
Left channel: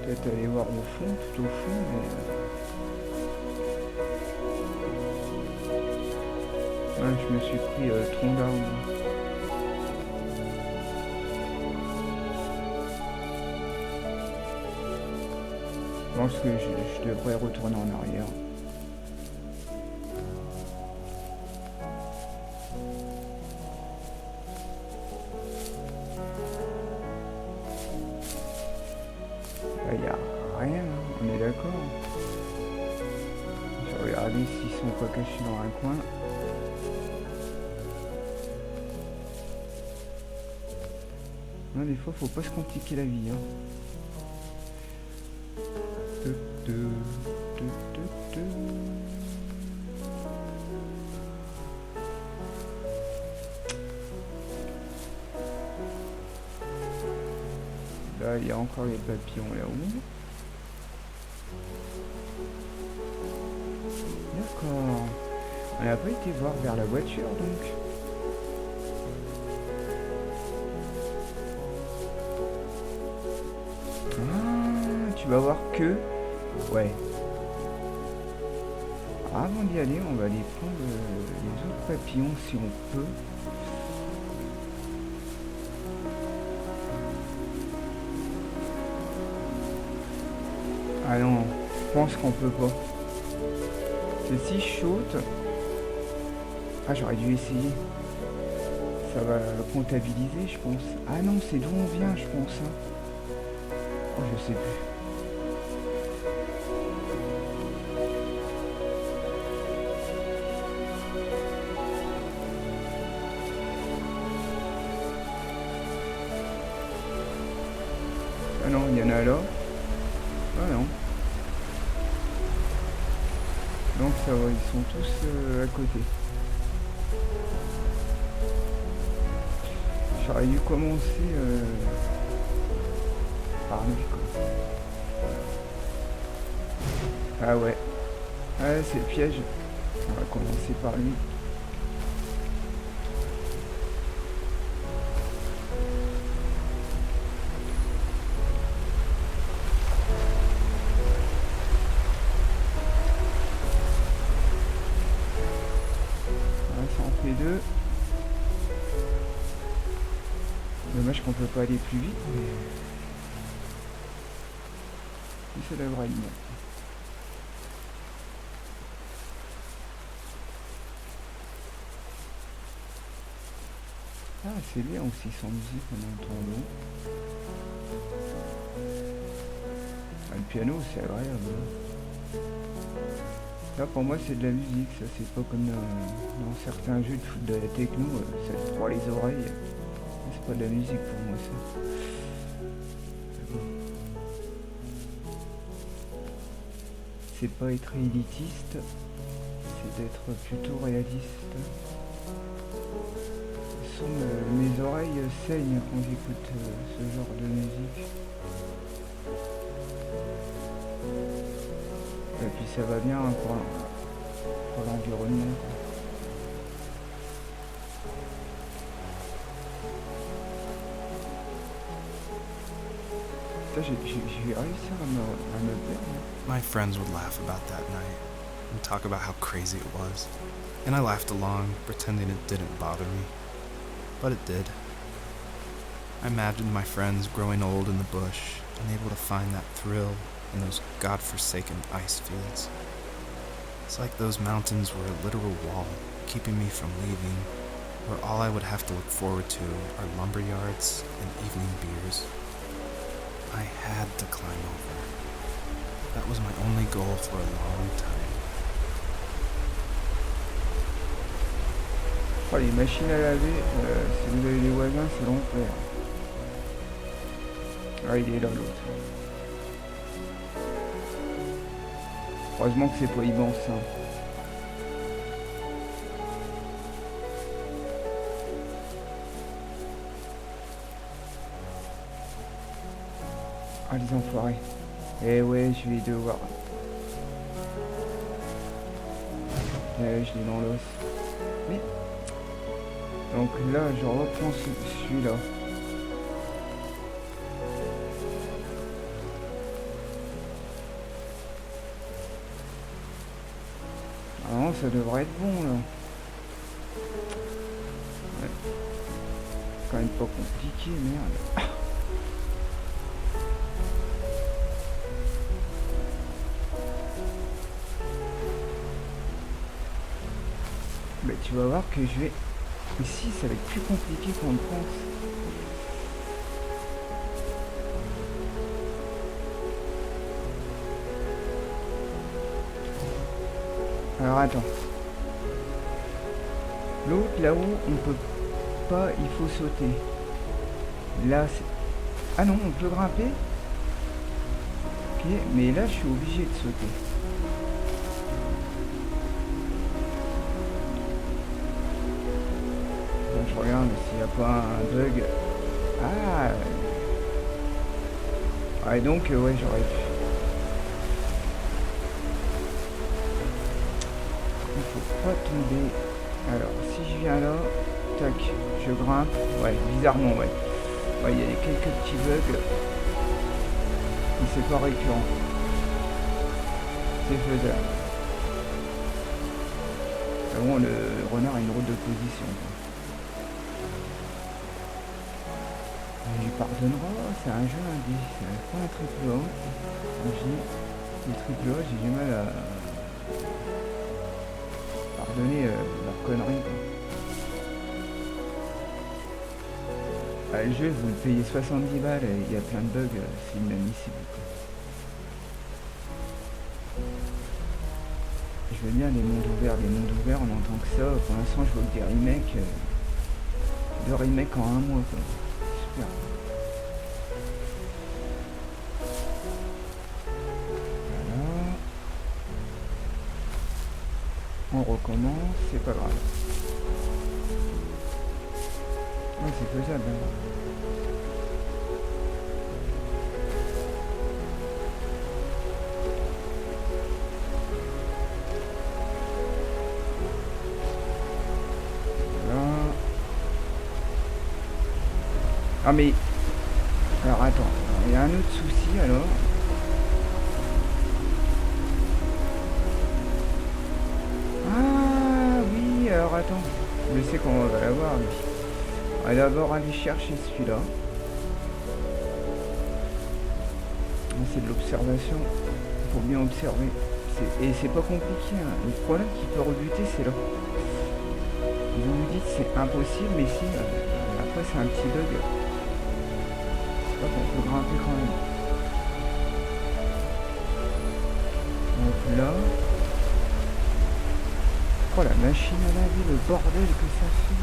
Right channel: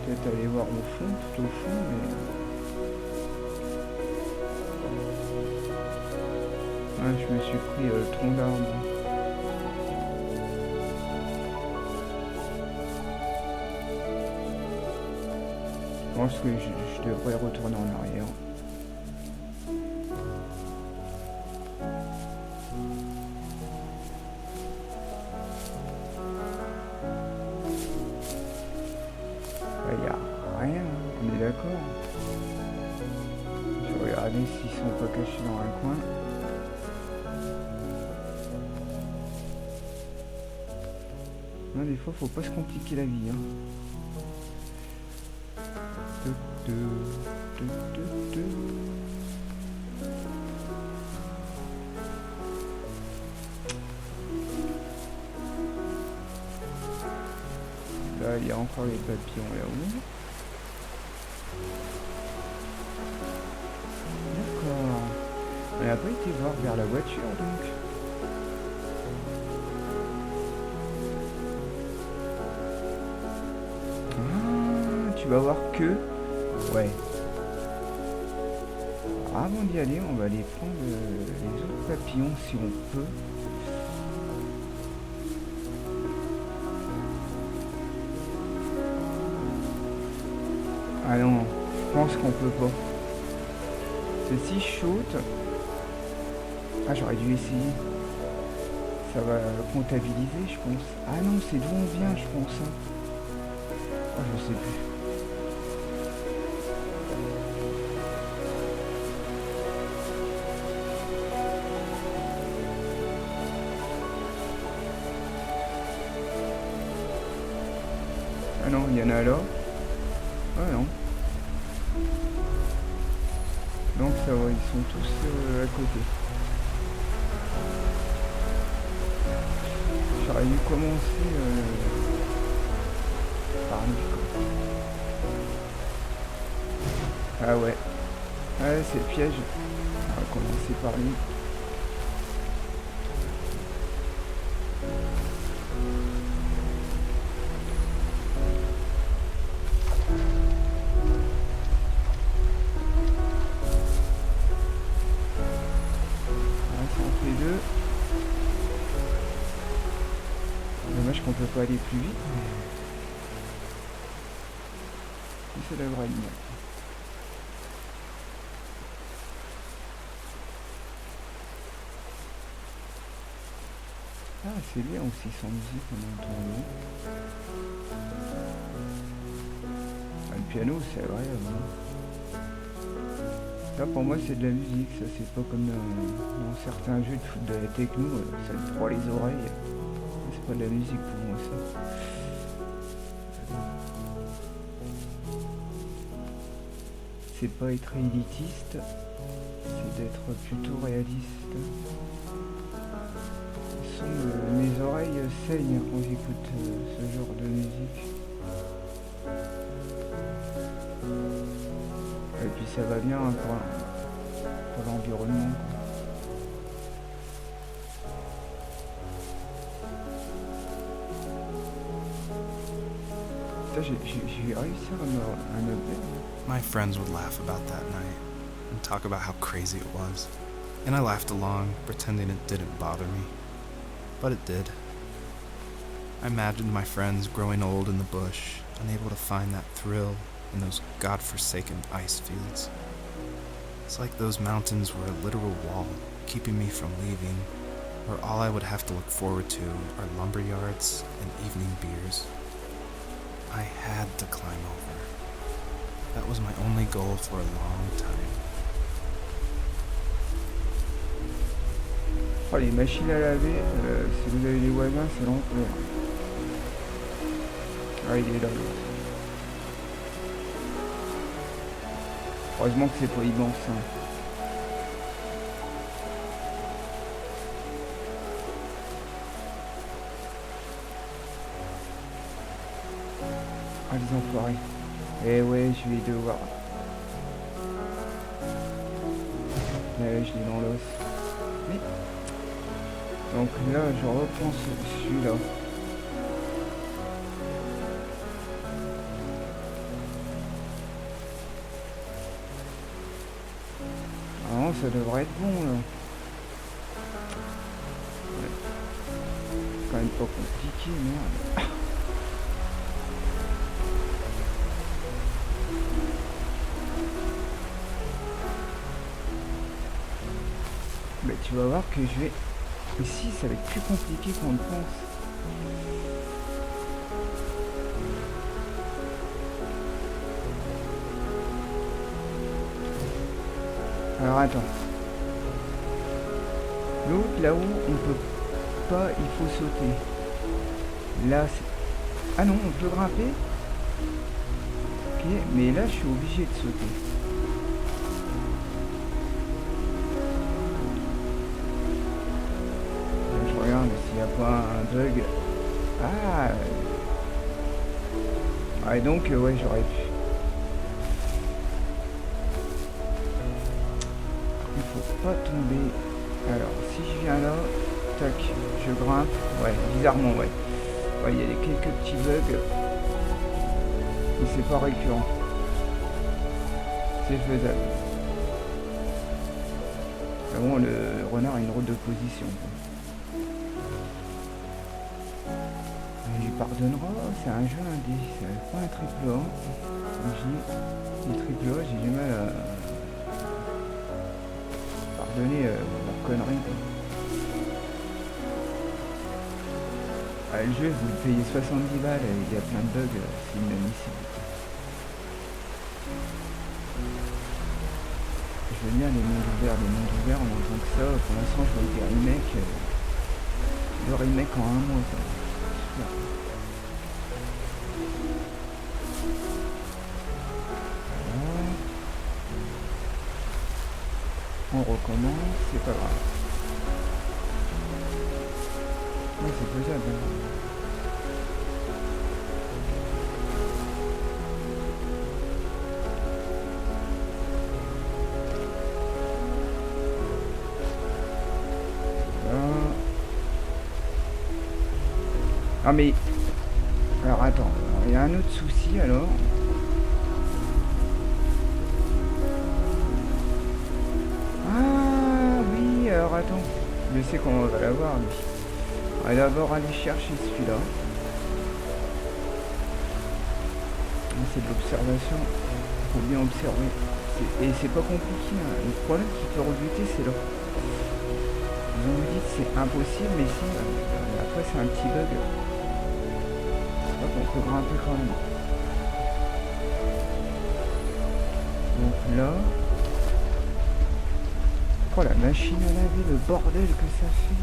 Peut-être aller voir au fond, tout au fond, mais... Ah, je me suis pris tronc d'arbre. Je pense que je devrais retourner en arrière. Il n'y a rien, hein, on est d'accord. Je vais regarder s'ils sont pas cachés dans un coin. Non, des fois, faut pas se compliquer la vie. Hein. Là, il y a encore les papillons là-haut. D'accord. On n'a pas été voir vers la voiture, donc. Ah, tu vas voir que... Ouais. Avant d'y aller, on va aller prendre les autres papillons si on peut. Ah non, je pense qu'on peut pas. C'est si chaud. Ah, j'aurais dû essayer. Ça va comptabiliser, je pense. Ah non, c'est d'où on vient, je pense. Hein. Oh, je sais plus. Ah non, il y en a là. Ah non. Donc ça va, ils sont tous à côté. J'aurais dû commencer par lui, quoi. Ah ouais. Ah, c'est le piège. On va commencer par lui. Deux. Dommage qu'on peut pas aller plus vite, mais ça devrait être bon. Ah, c'est bien aussi sans musique, on entend l'eau. Ah, le piano, c'est agréable. Hein. Là, pour moi, c'est de la musique, ça, c'est pas comme dans certains jeux de foot de la techno, ça te broie les oreilles. C'est pas de la musique pour moi, ça. C'est pas être élitiste, c'est d'être plutôt réaliste. Mes oreilles saignent quand j'écoute ce genre de musique. Et puis ça va bien pour l'environnement. J'ai réussi à me perdre. My friends would laugh about that night and talk about how crazy it was. And I laughed along, pretending it didn't bother me. But it did. I imagined my friends growing old in the bush, unable to find that thrill in those godforsaken ice fields. It's like those mountains were a literal wall, keeping me from leaving, where all I would have to look forward to are lumber yards and evening beers. I had to climb over. That was my only goal for a long time. Oh, les machines à laver, si vous avez des voisins, c'est l'enfer. Ah, il est là l'autre. Heureusement que c'est pas immense. Hein. Ah, les enfoirés. Eh ouais, je vais devoir. Je l'ai dans l'os. Mais. Donc là, je reprends celui-là. Ah non, ça devrait être bon là. Ouais. C'est quand même pas compliqué, merde. Mais tu vas voir que je vais... Ici, ça va être plus compliqué qu'on le pense. Alors attends. L'autre, là-haut, on peut pas, il faut sauter. Là, c'est... Ah non, on peut grimper. Ok, mais là, je suis obligé de sauter. Je regarde s'il n'y a pas un bug. Ah. Ah, et donc, ouais, j'aurais pu. Il faut pas tomber. Alors, si je viens là, tac, je grimpe. Ouais, bizarrement, ouais. Ouais, il y a quelques petits bugs. Mais c'est pas récurrent. C'est faisable. Ah bon, le renard a une route de position, quoi. On lui pardonnera, c'est un jeu indé, c'est pas un triple A. Les triple A, j'ai du mal à pardonner leur connerie. Ah, le jeu, vous le payez 70 balles et il y a plein de bugs, c'est inadmissible. Je veux bien les mondes ouverts, on entend que ça. Pour l'instant, je vois des remakes, 2 remakes en un mois, quoi. Super. Voilà. On recommence, c'est pas grave. Ouais, c'est faisable. Hein. Ah mais... Alors attends, il y a un autre souci alors. Ah oui, alors attends. Je sais qu'on va l'avoir lui. On va d'abord aller chercher celui-là. C'est de l'observation. Faut bien observer. Et c'est pas compliqué. Hein. Le problème qui peut rebuter, c'est là. Ils ont nous dit que c'est impossible, mais si, après c'est un petit bug. Hop, on peut grimper quand même. Donc là... Oh la machine à laver, le bordel que ça fait.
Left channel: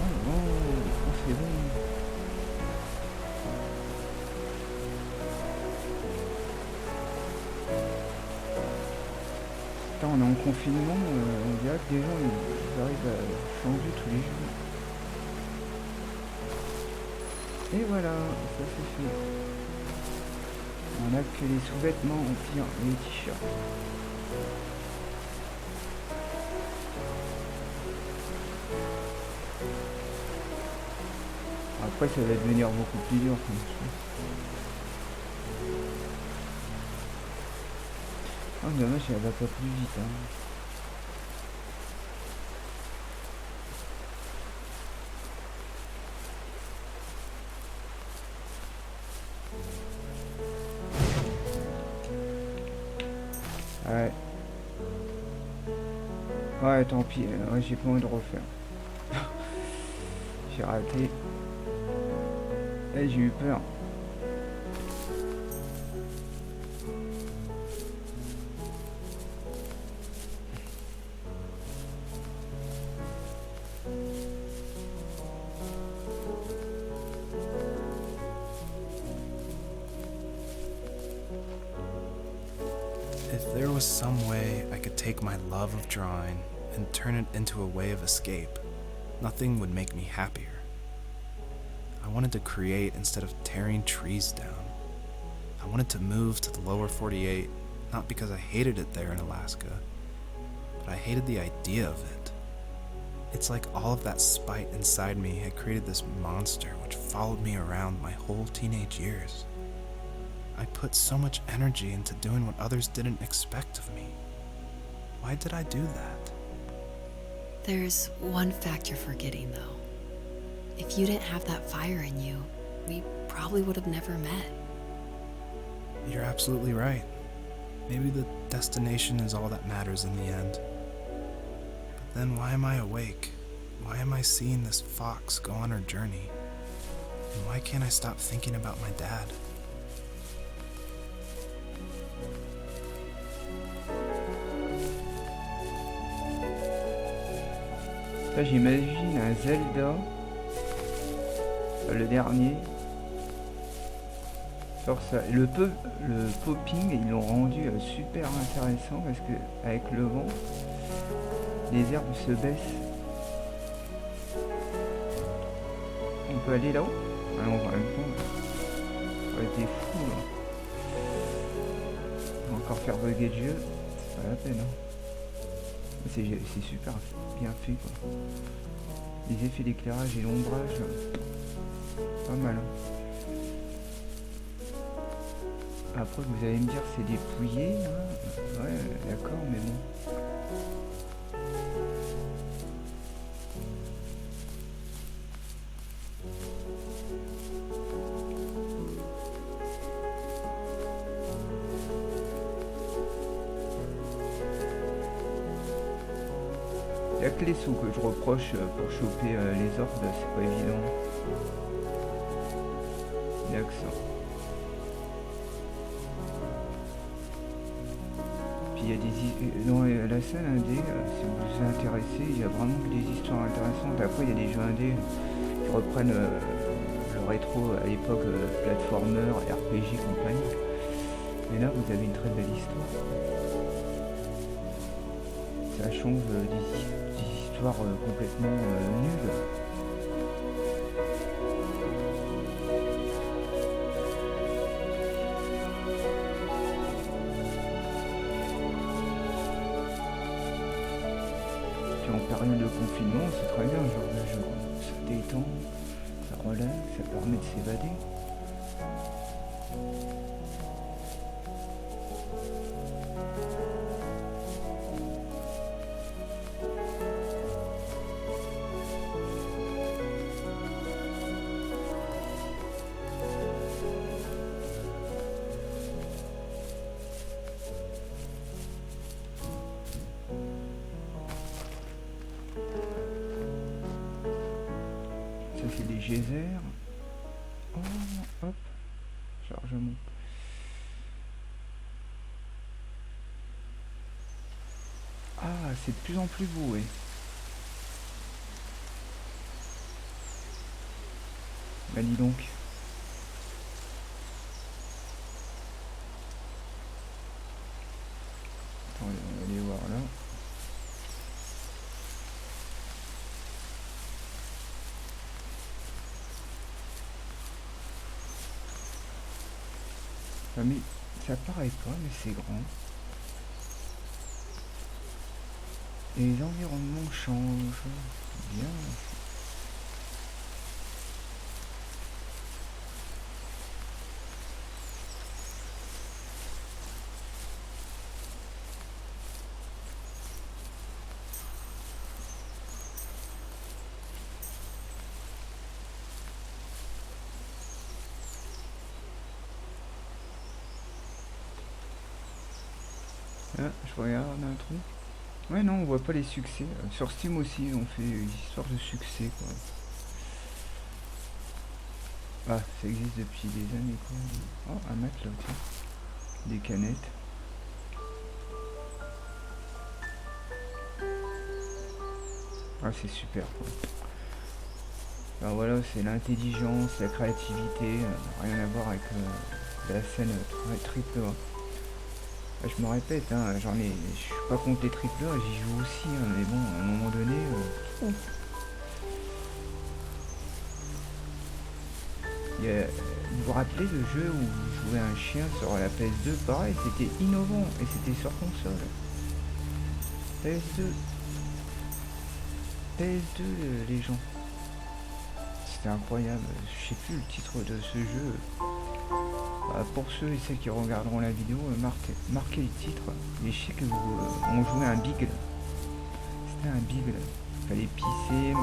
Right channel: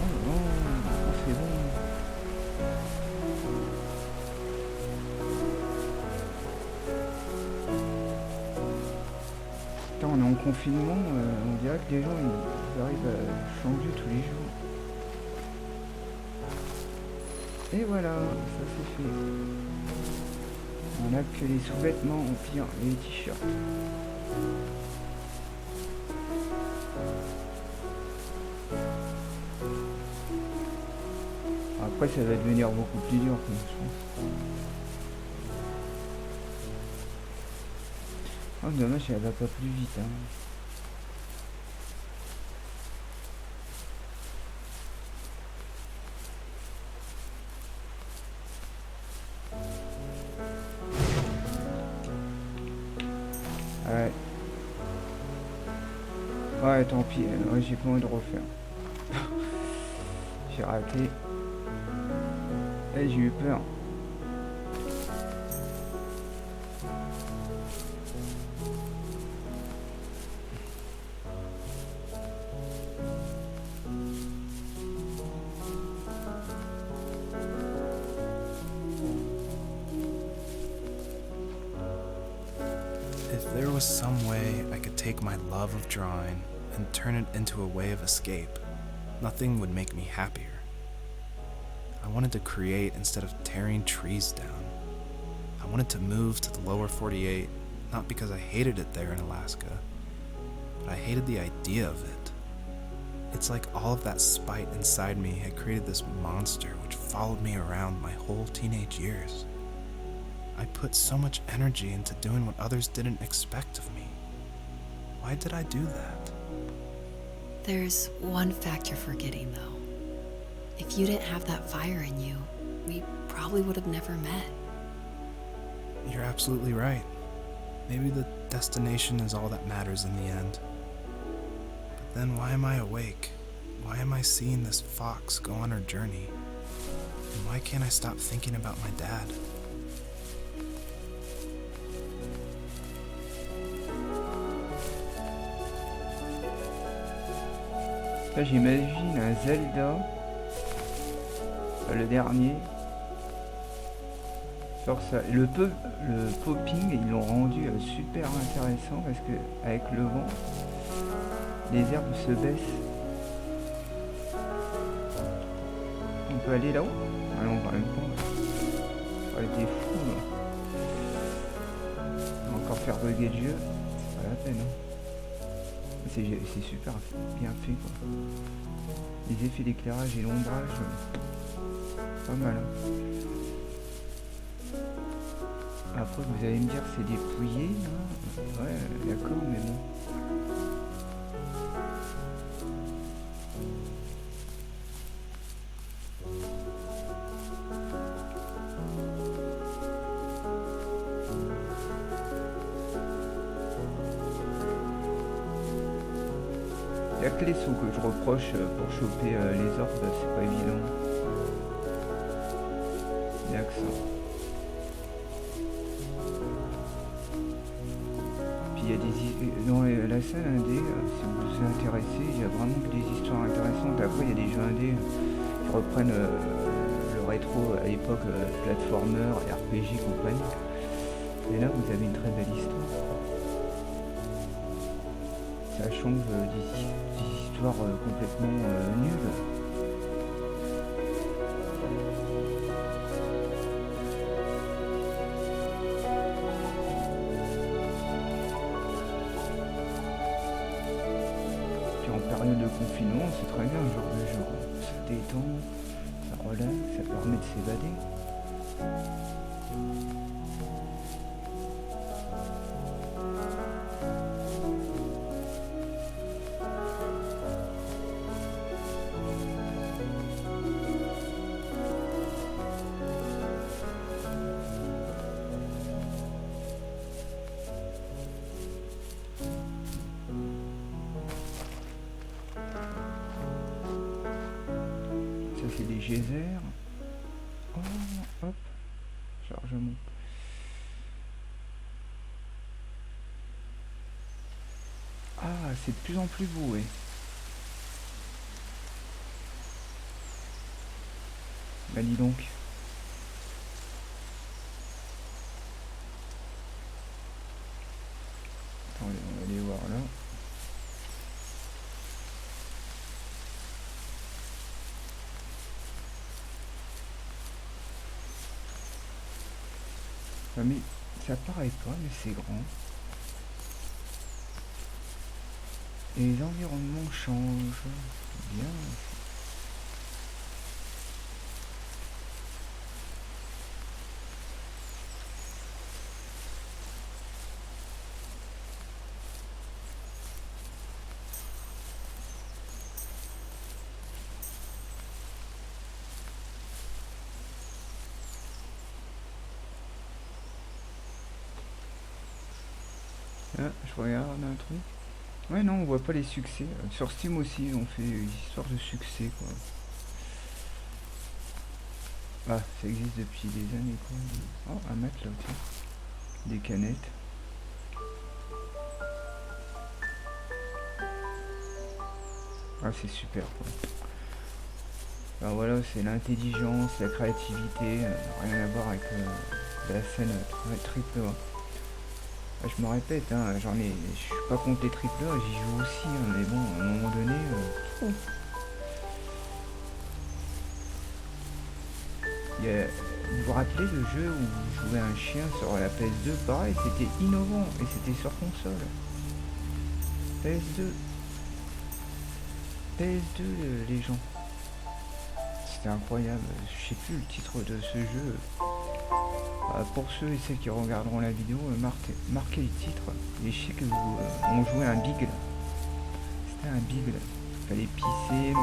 Oh, c'est bon. Putain, on est en confinement, on dirait que les gens ils arrivent à changer tous les jours. Et voilà, ça c'est fait. On a que les sous-vêtements au pire, et les t-shirts. Après ça va devenir beaucoup plus dur comme je pense. Oh dommage, elle va pas plus vite hein. Ouais. Ouais, tant pis, ouais, j'ai pas envie de refaire. J'ai raté. Et j'ai eu peur. If there was some way I could take my love of drawing and turn it into a way of escape, nothing would make me happier. I wanted to create instead of tearing trees down. I wanted to move to the lower 48, not because I hated it there in Alaska, but I hated the idea of it. It's like all of that spite inside me had created this monster which followed me around my whole teenage years. I put so much energy into doing what others didn't expect of me. Why did I do that? There's one fact you're forgetting, though. If you didn't have that fire in you, we probably would have never met. You're absolutely right. Maybe the destination is all that matters in the end. But then why am I awake? Why am I seeing this fox go on her journey? And why can't I stop thinking about my dad? Là j'imagine un Zelda, le dernier, sur ça. Le popping ils l'ont rendu super intéressant parce que avec le vent, les herbes se baissent. On peut aller là-haut? Ah non, en même temps, ça aurait été fou là. On va encore faire bugger le jeu, c'est pas la peine. Hein. C'est super bien fait quoi. Les effets d'éclairage et l'ombrage, pas mal. Hein. Après vous allez me dire c'est dépouillé, hein. Ouais d'accord mais bon. Y'a que les sous que je reproche pour choper les orbes, c'est pas évident. Y'a que ça. Puis il y a des... Dans la salle indé, si vous vous intéressez, il y a vraiment que des histoires intéressantes. Après il y a des jeux indés qui reprennent le rétro à l'époque, platformer, RPG, compagnie. Et là vous avez une très belle histoire. Ça change des histoires complètement nulles. Puis en période de confinement, c'est très bien ce genre de jeu. Ça détend, ça relaxe, ça permet de s'évader. c'est des geysers. Oh, hop, chargement. Ah, c'est de plus en plus beau, ouais. Bah dis donc. Attendez, on va aller voir là. Ah, mais ça paraît pas, mais c'est grand. Et les environnements changent. Bien. Ah, je regarde un truc. Ouais, non, on voit pas les succès. Sur Steam aussi, ils ont fait une histoire de succès, quoi. Ah, ça existe depuis des années, quoi. Oh, un matelas, tiens. Des canettes. Ah, c'est super, quoi. Alors voilà, c'est l'intelligence, la créativité, rien à voir avec la scène triple A. Ah, je me répète, hein, je suis pas contre les triple A, j'y joue aussi, hein, mais bon, à un moment donné, vous vous rappelez le jeu où vous jouez un chien sur la PS2? Pareil, c'était innovant et c'était sur console. PS2. PS2, les gens. C'était incroyable. Je sais plus le titre de ce jeu. Pour ceux et celles qui regarderont la vidéo, marquez le titre. Et je sais que on jouait un Beagle. C'était un Beagle. Il fallait pisser,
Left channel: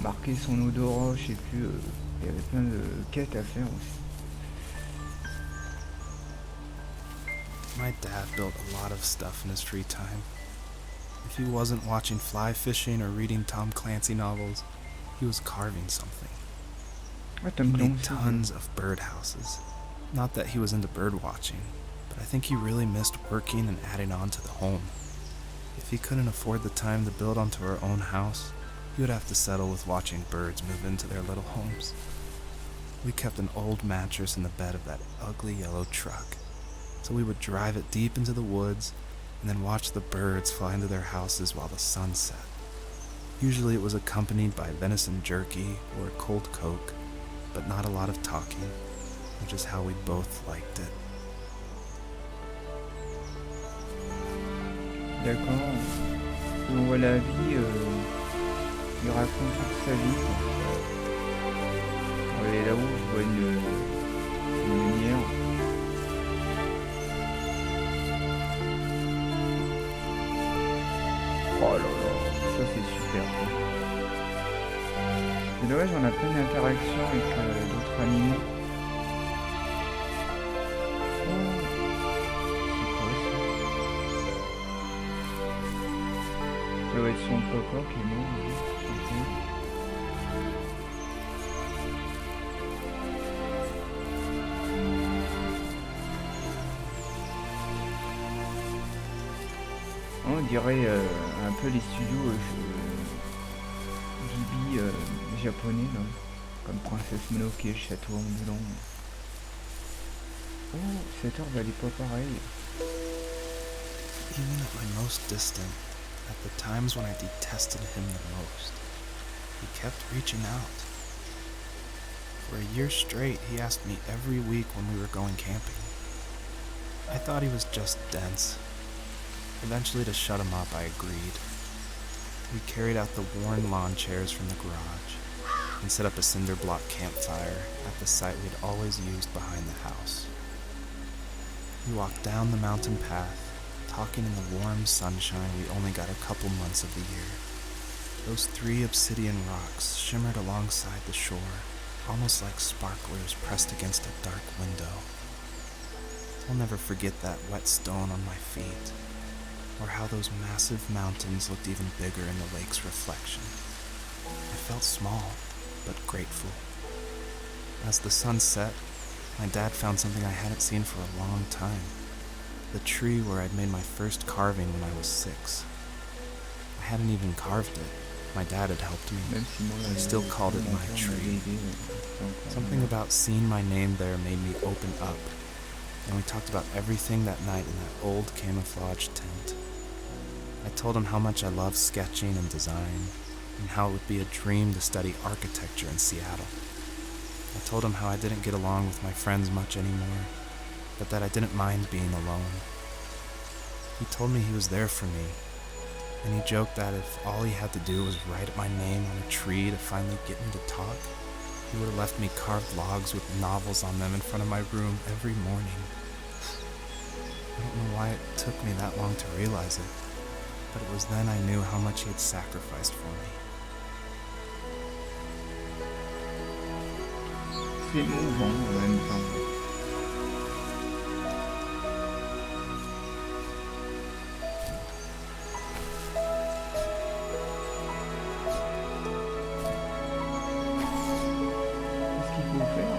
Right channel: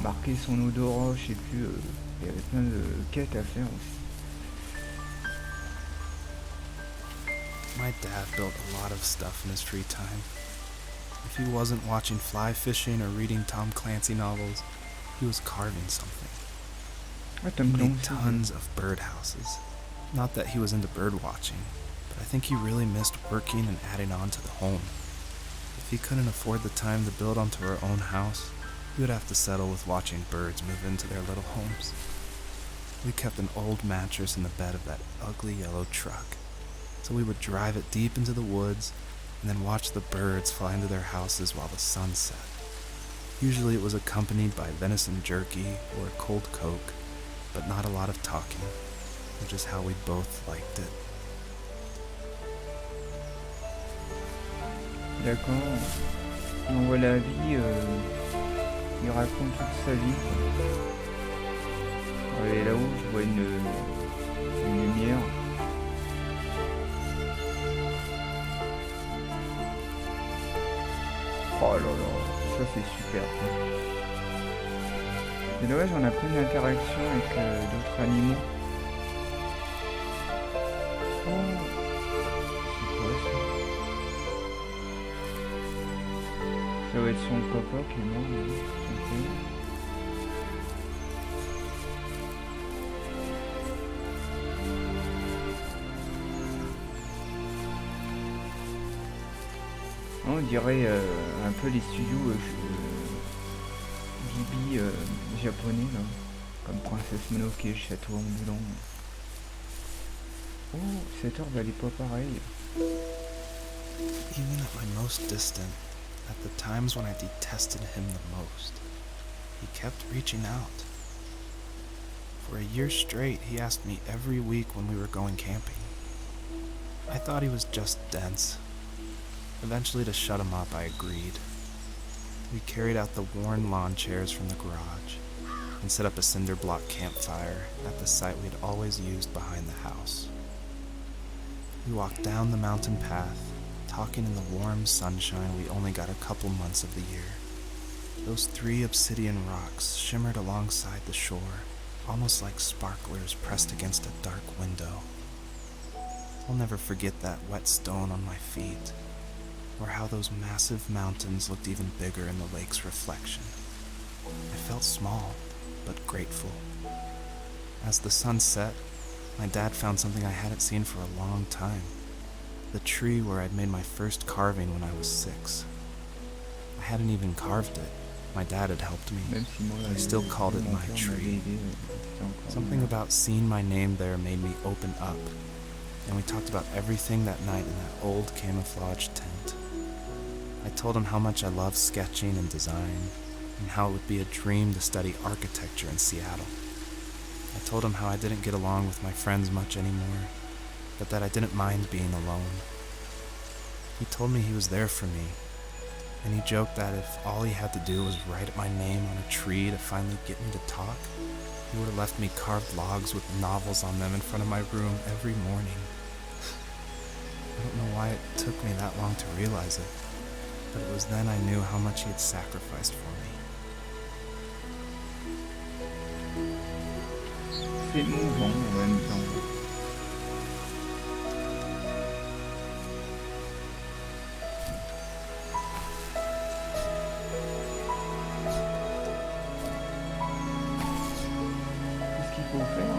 marquer son odorat, je sais plus. Il y avait plein de quêtes à faire aussi. My dad built a lot of stuff in his free time. If he wasn't watching fly fishing or reading Tom Clancy novels, he was carving something. He made tons of birdhouses. Not that he was into bird watching, but I think he really missed working and adding on to the home. If he couldn't afford the time to build onto our own house, he would have to settle with watching birds move into their little homes. We kept an old mattress in the bed of that ugly yellow truck, so we would drive it deep into the woods and then watch the birds fly into their houses while the sun set. Usually it was accompanied by venison jerky or cold Coke, but not a lot of talking, which is how we both liked it. D'accord. On voit la vie, il raconte toute sa vie, quoi. Et là-haut, je vois une lumière. Oh là là, ça c'est super, quoi. C'est dommage, on a pas une interaction avec d'autres animaux. Oh, c'est quoi ça? Ça va être son papa qui est mort, lui, son père. On dirait un peu les studios Ghibli japonais, là, comme Princesse Mononoke, Château ambulant. Oh, cette herbe elle est pas pareille. Even at my most distant, at the times when I detested him the most, he kept reaching out. For a year straight, he asked me every week when we were going camping. I thought he was just dense. Eventually, to shut him up, I agreed. We carried out the worn lawn chairs from the garage and set up a cinder block campfire at the site we'd always used behind the house. We walked down the mountain path, talking in the warm sunshine we only got a couple months of the year. Those 3 obsidian rocks shimmered alongside the shore, almost like sparklers pressed against a dark window. I'll never forget that wet stone on my feet, or how those massive mountains looked even bigger in the lake's reflection. I felt small, but grateful. As the sun set, my dad found something I hadn't seen for a long time. The tree where I'd made my first carving when I was 6. I hadn't even carved it. My dad had helped me. Même si moi, I still called it mon my père m'avait tree. aidé, c'est encore Something mieux. about seeing my name there made me open up, and we talked about everything that night in that old camouflage tent. I told him how much I love sketching and design, and how it would be a dream to study architecture in Seattle. I told him how I didn't get along with my friends much anymore, but that I didn't mind being alone. He told me he was there for me, and he joked that if all he had to do was write my name on a tree to finally get me to talk, he would have left me carved logs with novels on them in front of my room every morning. I don't know why it took me that long to realize it, but it was then I knew how much he had sacrificed for me. C'est émouvant en même temps. Qu'est-ce qu'il faut faire?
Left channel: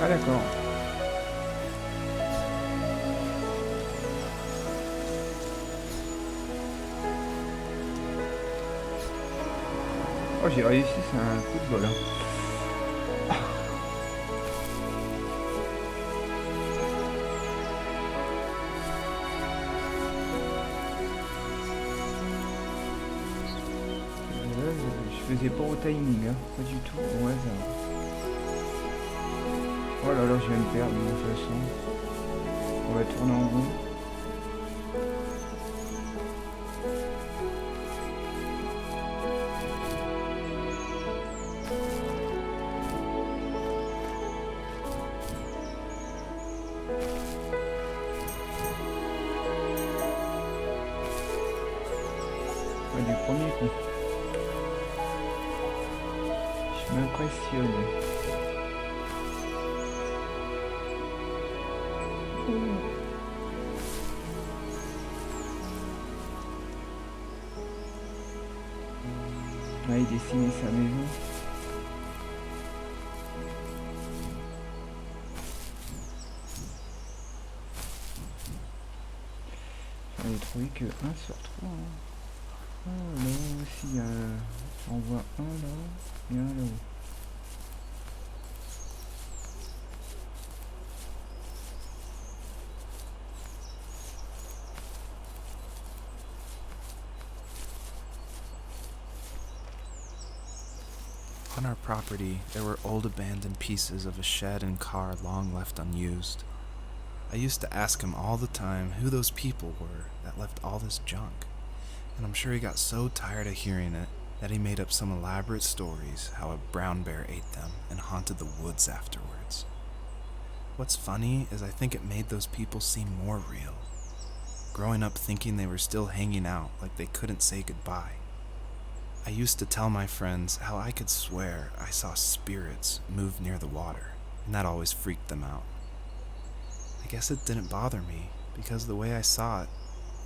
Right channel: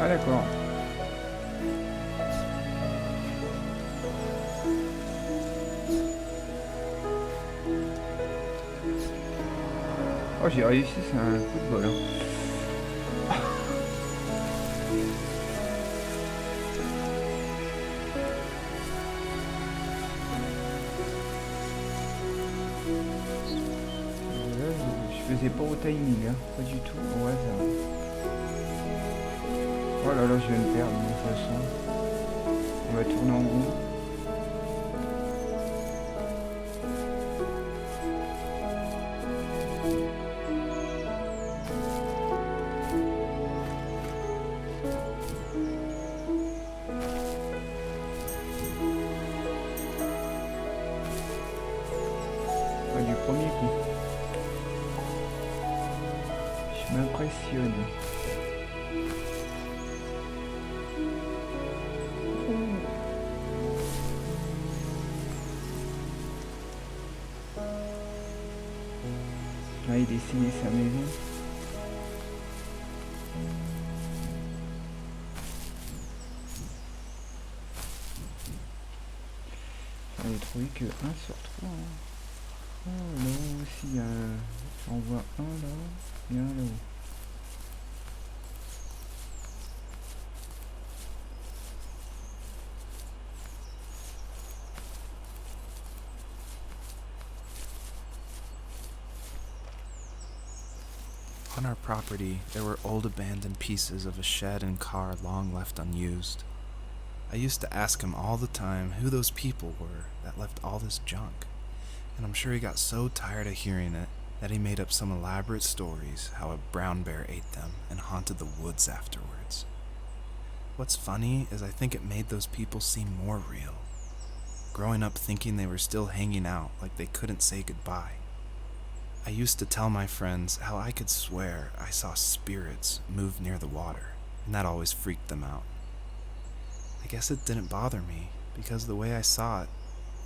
Ah d'accord. Oh j'ai réussi, c'est un coup de bol. Hein. Là, je faisais pas au timing, hein. Pas du tout, au hasard. Oh là là, je vais me perdre de toute façon. On va tourner en rond. Ouais, du premier coup. Je m'impressionne. Là, il dessinait sa maison. J'en ai trouvé que 1 sur 3. Hein. Oh, là aussi, il y a... J'en vois un là et un là-haut. On our property, there were old abandoned pieces of a shed and car long left unused. I used to ask him all the time who those people were that left all this junk, and I'm sure he got so tired of hearing it that he made up some elaborate stories how a brown bear ate them and haunted the woods afterwards. What's funny is I think it made those people seem more real. Growing up thinking they were still hanging out like they couldn't say goodbye. I used to tell my friends how I could swear I saw spirits move near the water, and that always freaked them out. I guess it didn't bother me, because the way I saw it,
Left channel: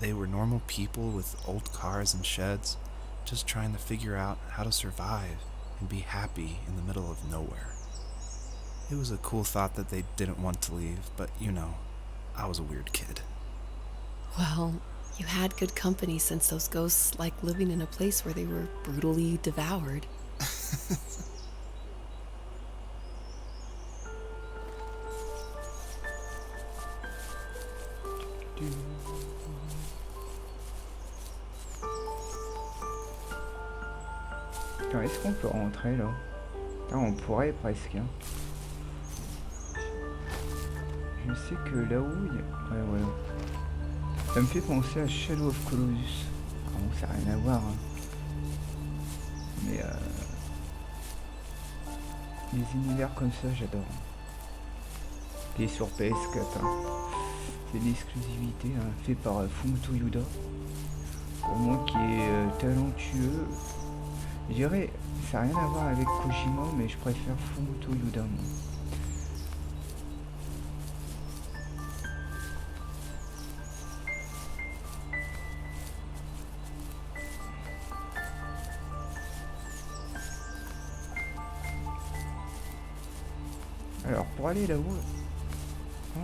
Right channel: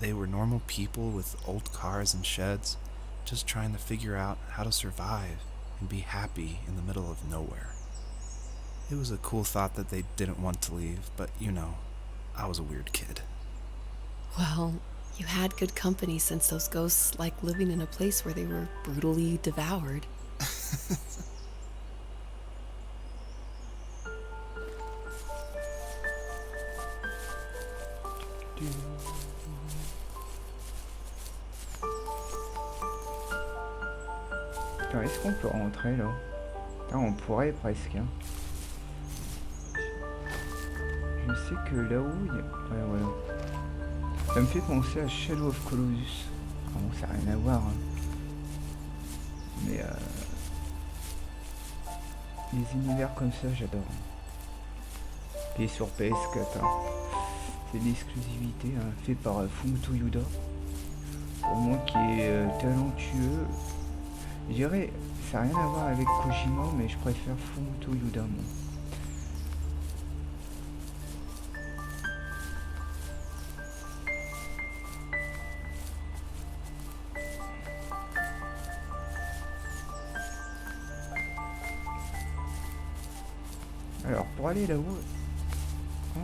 they were normal people with old cars and sheds, just trying to figure out how to survive and be happy in the middle of nowhere. It was a cool thought that they didn't want to leave, but you know, I was a weird kid. Well, you had good company since those ghosts like living in a place where they were brutally devoured. Attends, est-ce qu'on peut rentrer là? Là, on pourrait presque. Hein. Je sais que là-haut, il y a... Ouais, voilà. Ça me fait penser à Shadow of Colossus. Ah bon, ça n'a rien à voir. Hein. Mais les univers comme ça, j'adore. Il est sur PS4. Hein. C'est de l'exclusivité, hein, fait par Fumito Uda. Pour moi qui est talentueux. Je dirais, ça n'a rien à voir avec Kojima, mais je préfère Fumito Uda, moi. Alors, pour aller là-haut... Oh.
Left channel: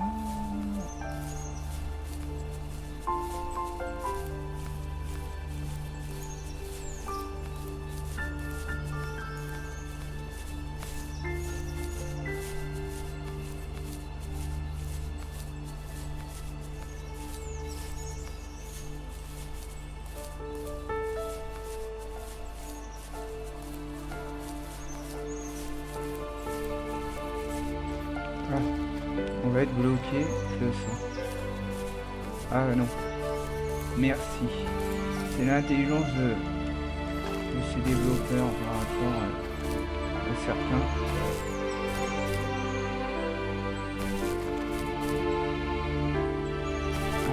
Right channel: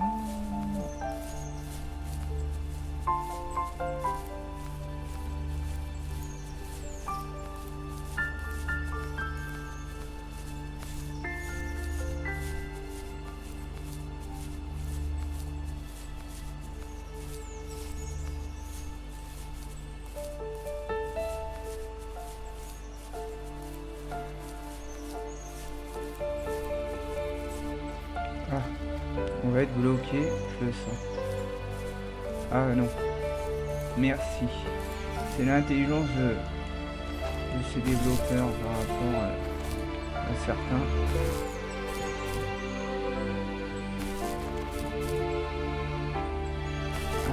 Ah, on va être bloqué, je le sens. Ah non. Merci. C'est l'intelligence de ces développeurs par rapport à certains.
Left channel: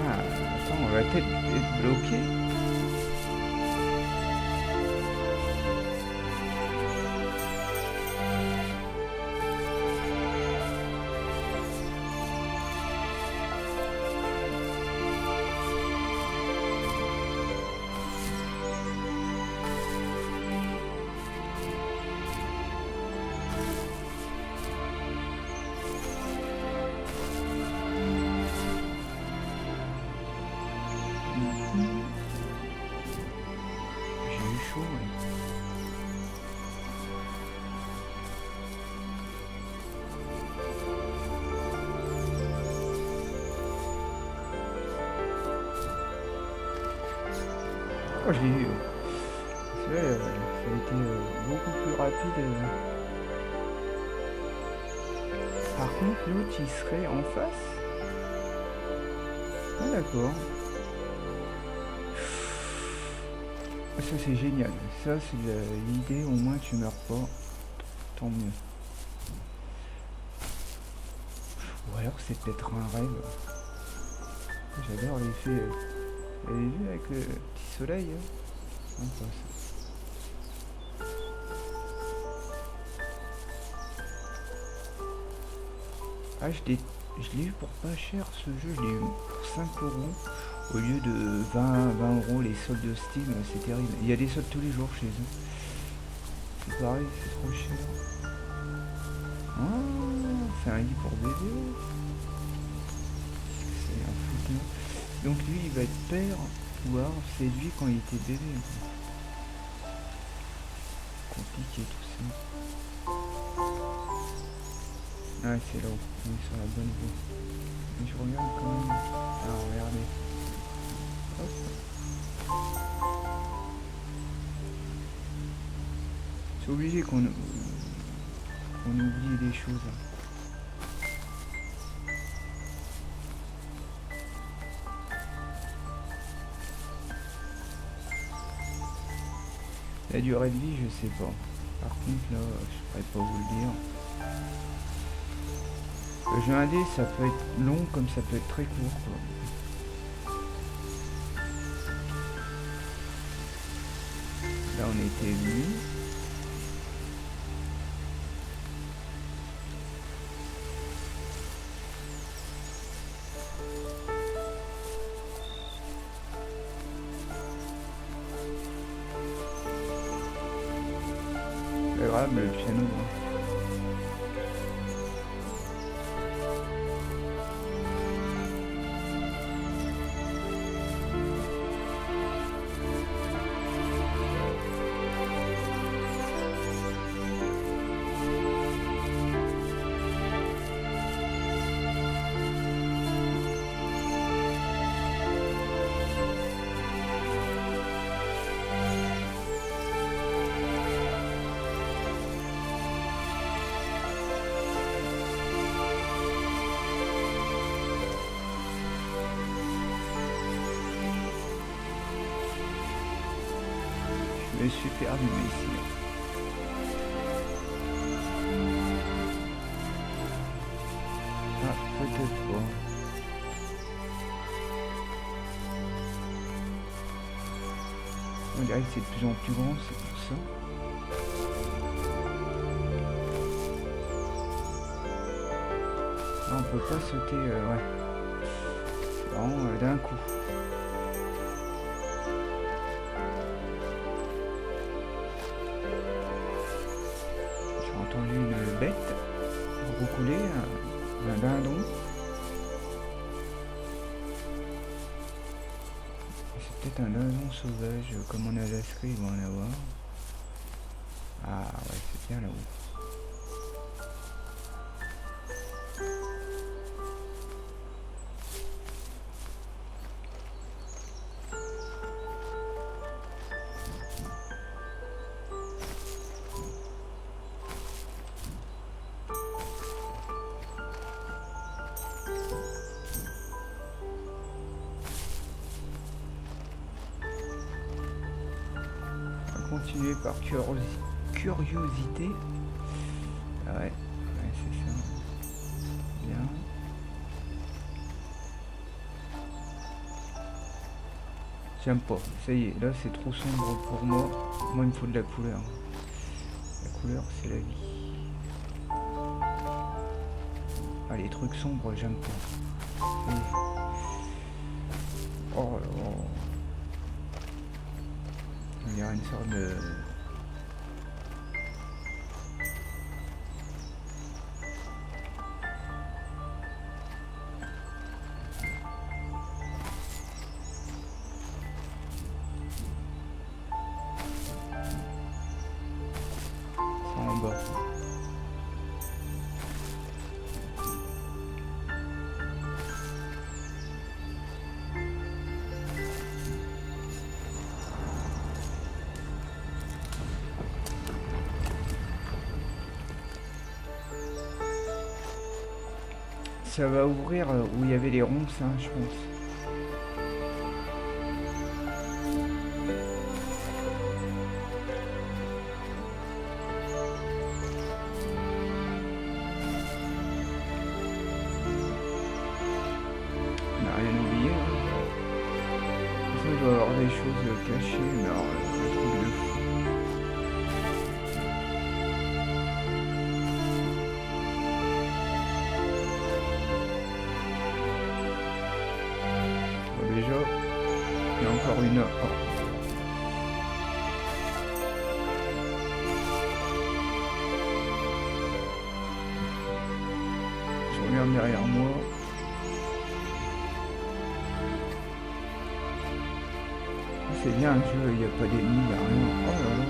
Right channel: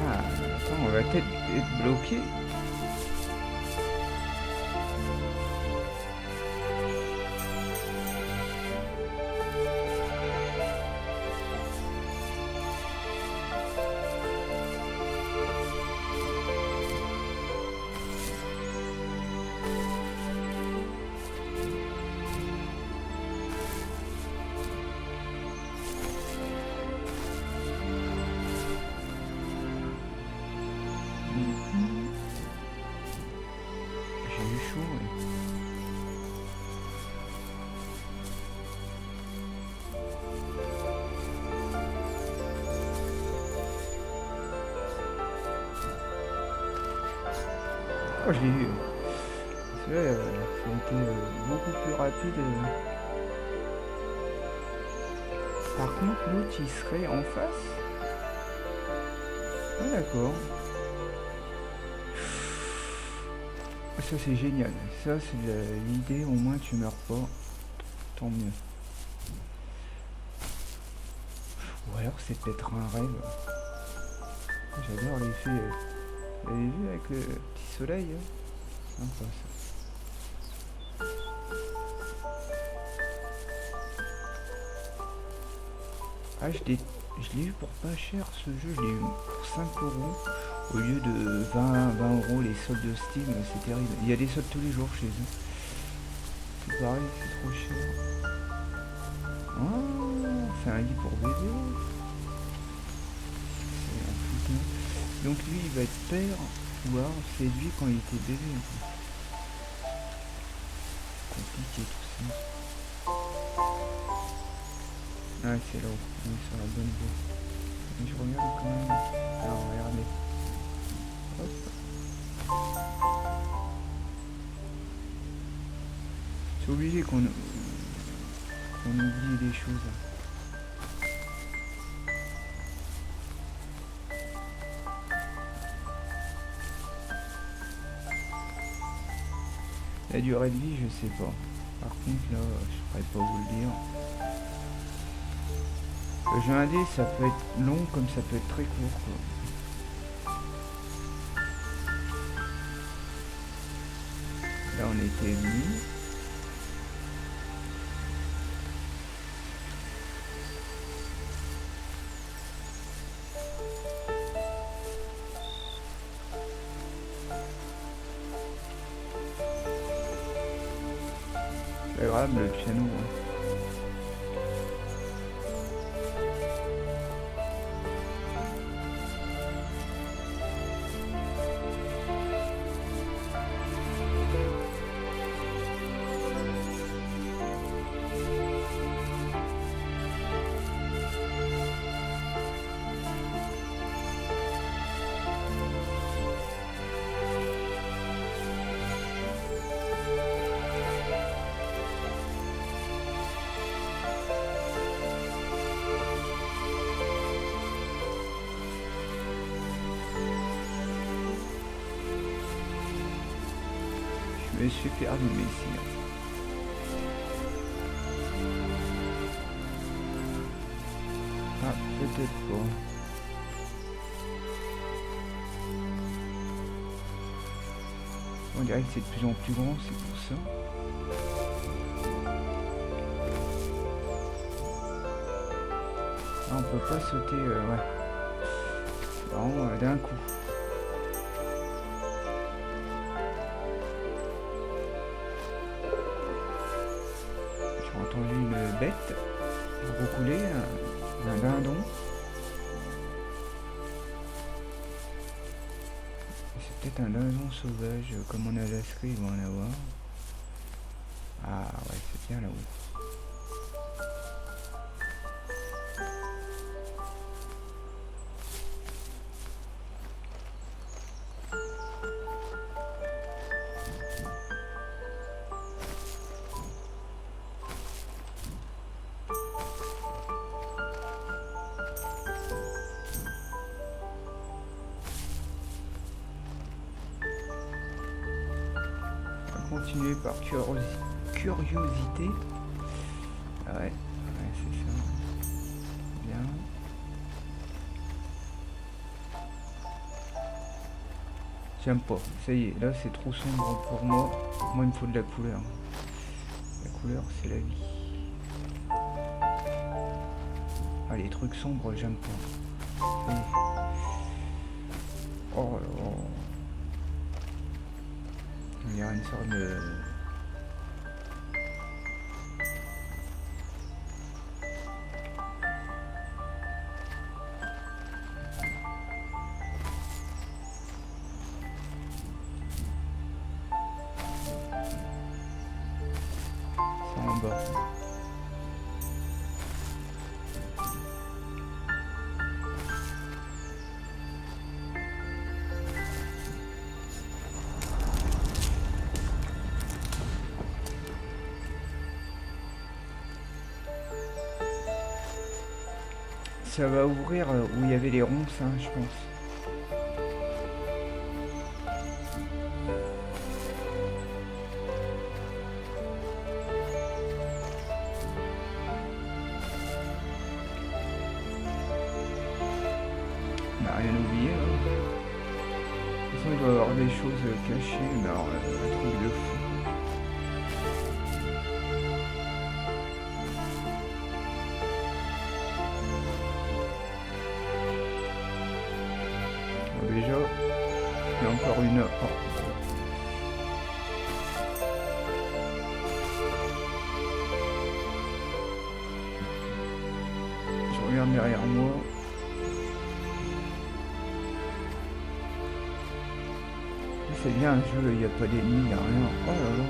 Ah, attends, on va peut-être être bloqué. J'ai eu chaud, ouais. Oh, je l'ai eu. C'est vrai, ça a été beaucoup plus rapide. Par contre, l'autre, il serait en face. Ah, d'accord. Ça, c'est génial. Ça, c'est l'idée. Au moins, tu meurs pas. Tant mieux. Ou alors, c'est peut-être un rêve. J'adore l'effet. Vous avez vu avec le petit soleil, hein? Sympa, ça. Ah, je l'ai eu pour pas cher ce jeu, je l'ai eu pour 5 euros au lieu de 20 euros les soldes de Steam, c'est terrible. Il y a des soldes tous les jours chez eux. C'est pareil, c'est trop cher. Oh, c'est un lit pour bébé. C'est un foutu. Donc lui il va être père, ou alors c'est lui quand il était bébé. Compliqué tout ça. Ah c'est là, on est sur la bonne voie. Mais je regarde quand même. Alors regardez. Hop. C'est obligé qu'on oublie des choses. La durée de vie, je sais pas. Par contre, là, je pourrais pas vous le dire. Le jeu indé, ça peut être long comme ça peut être très court, quoi. Là, on était venu. C'est agréable le piano, hein. Je me suis perdu, mais ici. Ah, peut-être pas. On dirait que c'est de plus en plus grand, c'est pour ça. Ah, on peut pas sauter, ouais. C'est vraiment d'un coup. J'ai entendu une bête. roucoulé, un dindon. C'est peut-être un dindon sauvage, comme en Alaska, il va en avoir. Ah ouais, c'est bien là-haut. Continuer par curiosité. Ah ouais, c'est ça. Bien. J'aime pas. Ça y est, là c'est trop sombre pour moi. Moi il me faut de la couleur. La couleur c'est la vie. Ah les trucs sombres j'aime pas. Ça y est. Oh là là. Il y a une sorte de... C'est en bas. Ça va ouvrir où il y avait les ronces, hein, je pense. On n'a rien oublié là. De toute façon il doit y avoir des choses cachées, mais alors un truc de fou. Déjà, il y a encore une heure. Oh. Je regarde derrière moi. C'est bien un jeu, il n'y a pas d'ennemis, il n'y a rien. Oh là là.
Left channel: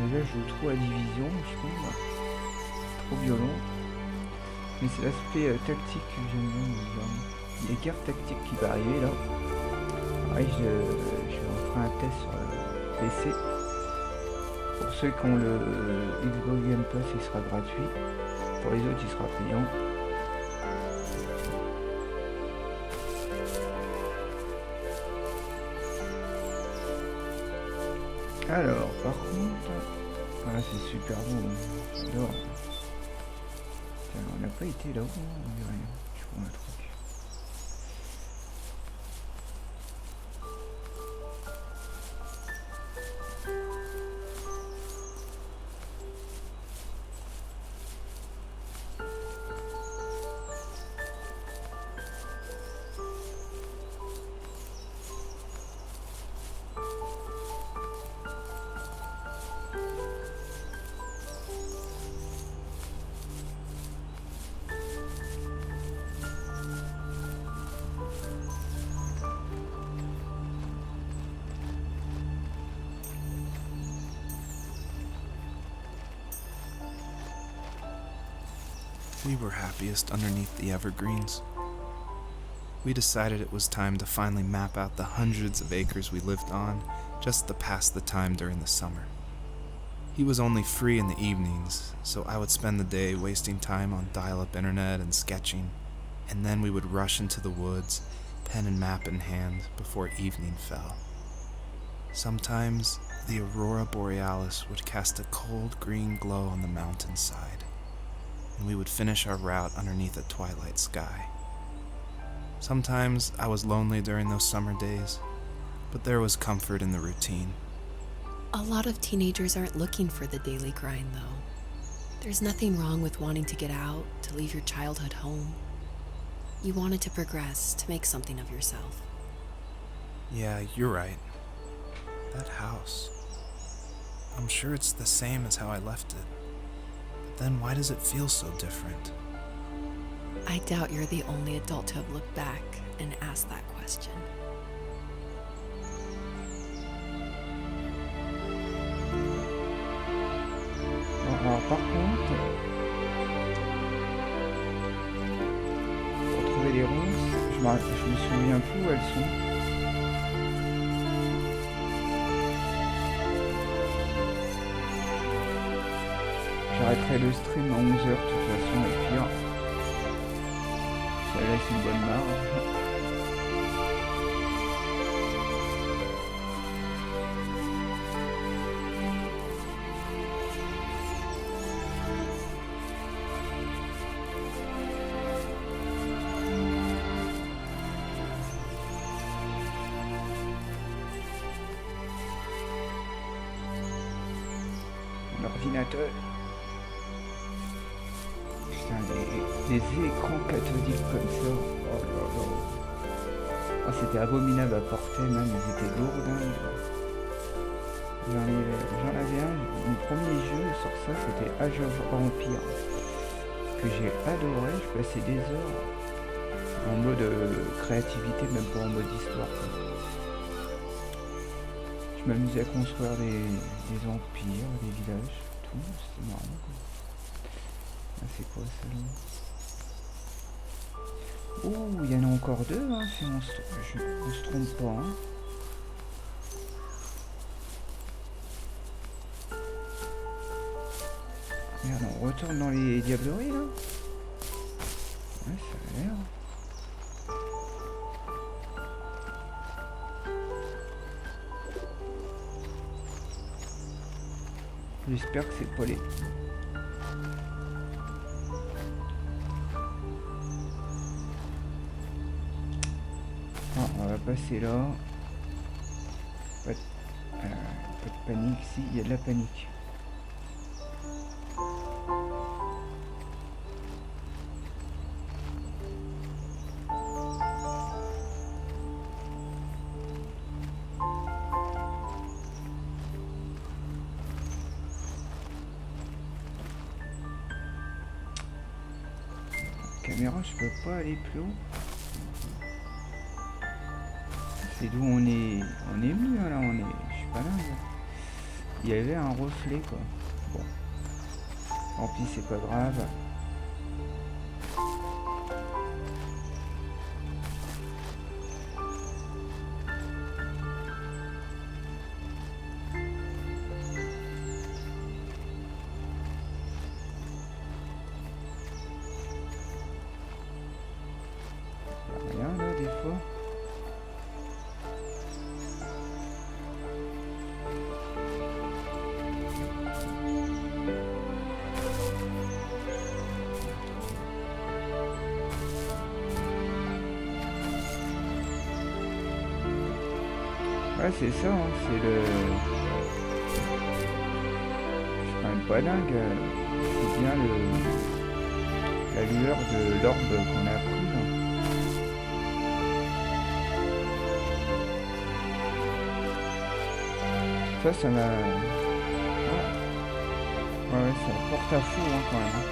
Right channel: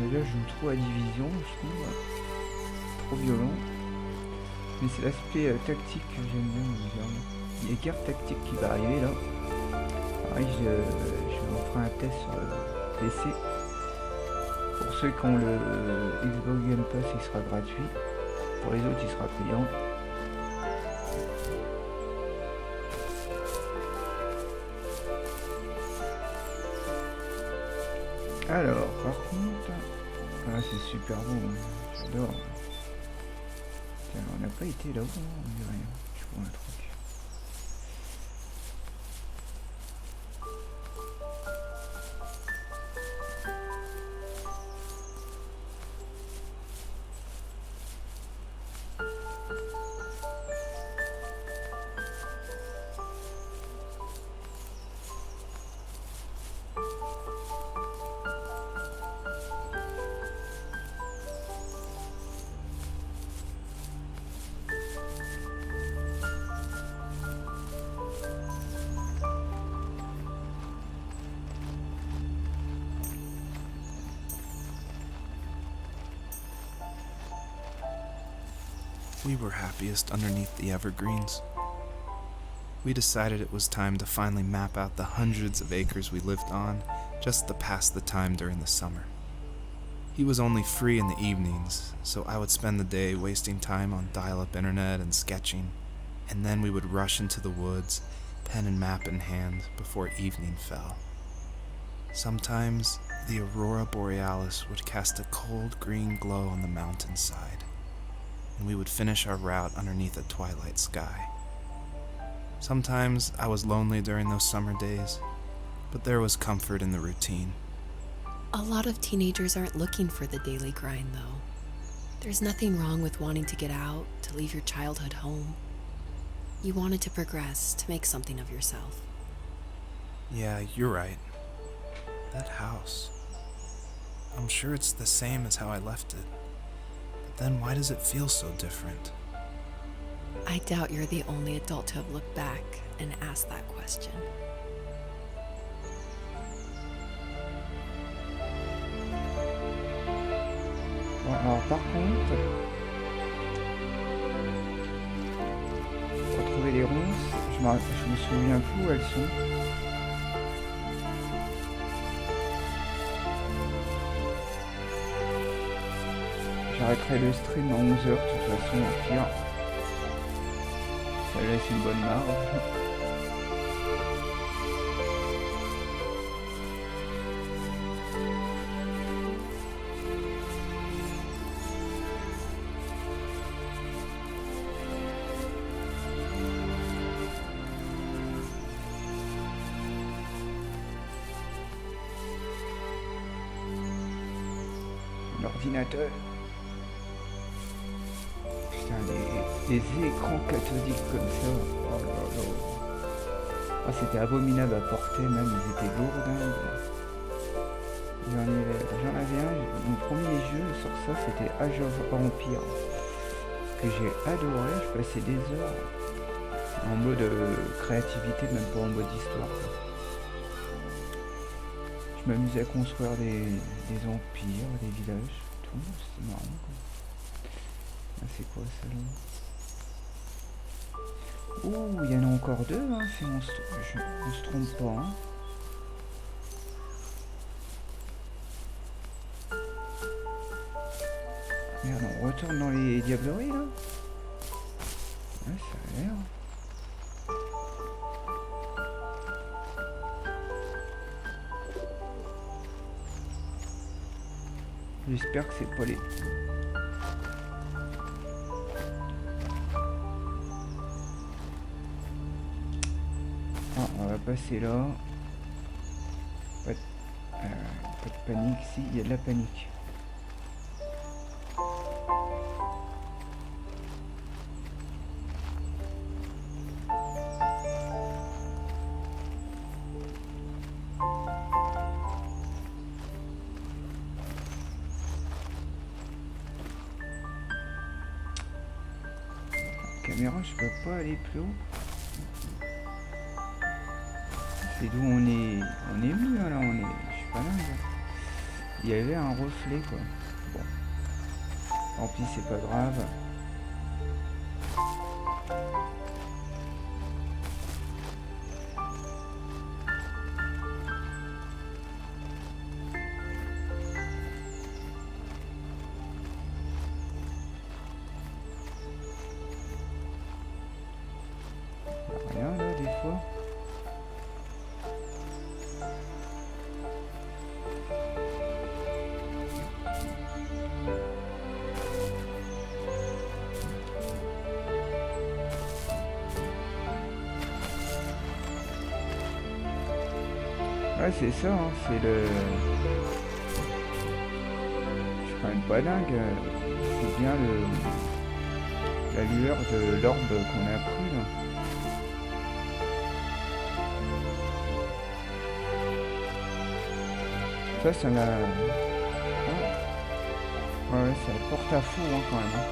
Déjà, je joue trop à Division, je trouve. Trop violent. Mais c'est l'aspect tactique que j'aime bien. Il y a carte tactique qui va arriver là. Pareil, je ferai un test sur le PC. Pour ceux qui ont le Xbox Game Pass, il sera gratuit. Pour les autres, il sera payant. Alors, par contre... Ah, c'est super beau, hein. J'adore. On n'a pas été là-haut, on dit rien. Je vois un truc. We were happiest underneath the evergreens. We decided it was time to finally map out the hundreds of acres we lived on just to pass the time during the summer. He was only free in the evenings, so I would spend the day wasting time on dial-up internet and sketching, and then we would rush into the woods, pen and map in hand, before evening fell. Sometimes, the aurora borealis would cast a cold green glow on the mountainside, and we would finish our route underneath a twilight sky. Sometimes I was lonely during those summer days, but there was comfort in the routine. A lot of teenagers aren't looking for the daily grind, though. There's nothing wrong with wanting to get out, to leave your childhood home. You wanted to progress, to make something of yourself. Yeah, you're right. That house. I'm sure it's the same as how I left it. then why does it feel so different? I doubt you're the only adult to have looked back and asked that question. Bon, alors par contre, pour trouver les ronces, je me souviens plus où elles sont. J'arrêterai le stream à 11h de toute façon, au pire. Ça laisse une bonne marge. L'ordinateur. Putain, les écrans cathodiques comme ça. Oh là là. Oh, c'était abominable à porter, même, ils étaient lourdingues. J'en avais un, mon premier jeu sur ça, c'était Age of Empire. Que j'ai adoré, je passais des heures en mode créativité, même pas en mode histoire, quoi. Je m'amusais à construire des empires, des villages, tout, c'était marrant, quoi. Ah, c'est quoi ça là? Oh, il y en a encore deux, hein, si on se trompe pas, hein. Merde, on retourne dans les diableries là? Ouais, ça a l'air. J'espère que c'est pas les... Ah, on va passer là. Pas de panique, si, il y a de la panique. Caméra, je peux pas aller plus haut. C'est d'où on est venu là, je suis pas dingue. Il y avait un reflet quoi. Bon, tant pis, c'est pas grave. Rien là des fois. Ouais, c'est ça, hein, c'est le... Je suis quand même pas dingue. C'est bien la lueur de l'orbe qu'on a pris là. Ça m'a... Ouais, ça porte à fou hein, quand même. Hein.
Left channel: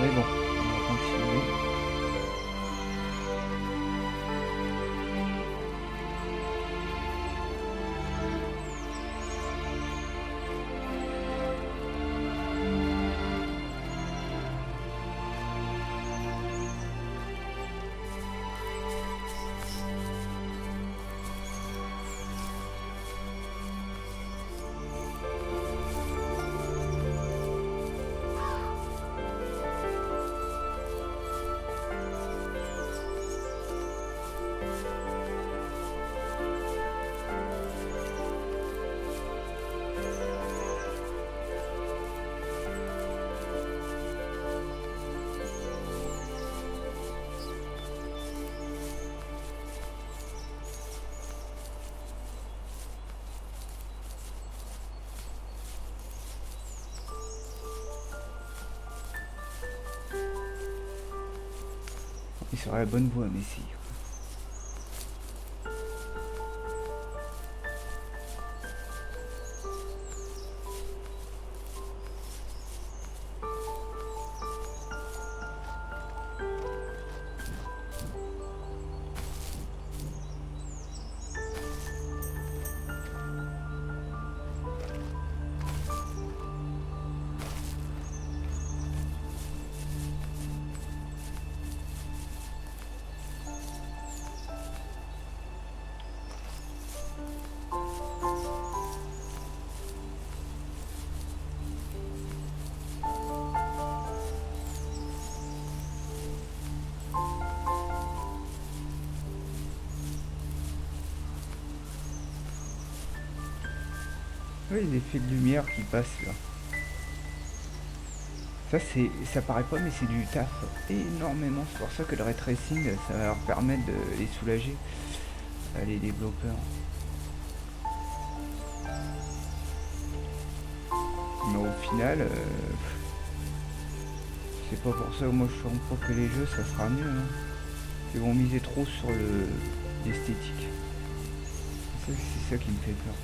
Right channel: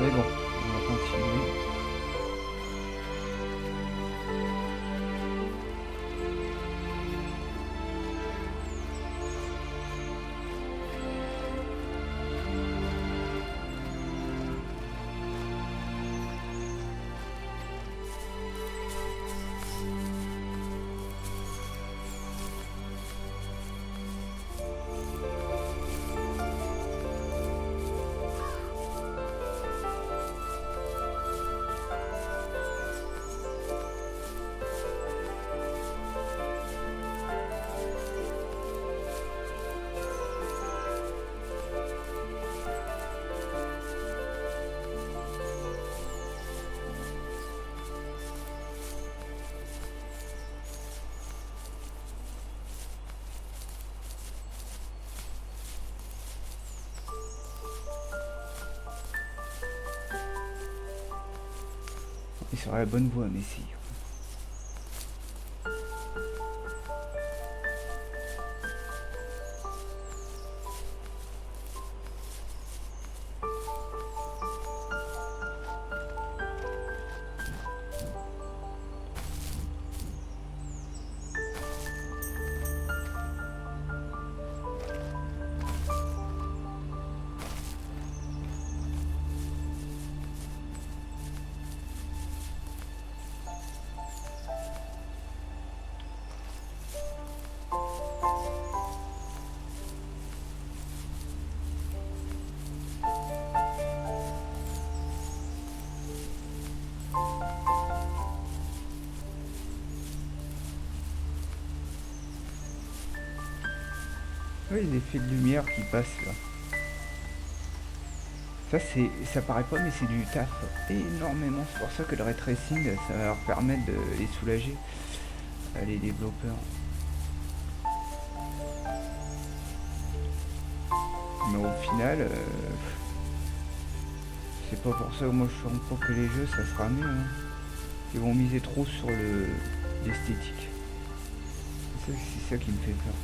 Mais bon, on va continuer. Il sera la bonne voie, Messi. Oui, l'effet de lumière qui passe là. Ça paraît pas, mais c'est du taf énormément. C'est pour ça que le ray tracing, ça va leur permettre de les soulager, les développeurs. Mais au final, c'est pas pour ça que moi je sens pas que les jeux ça sera mieux. Hein. Ils vont miser trop sur l'esthétique. C'est ça qui me fait peur.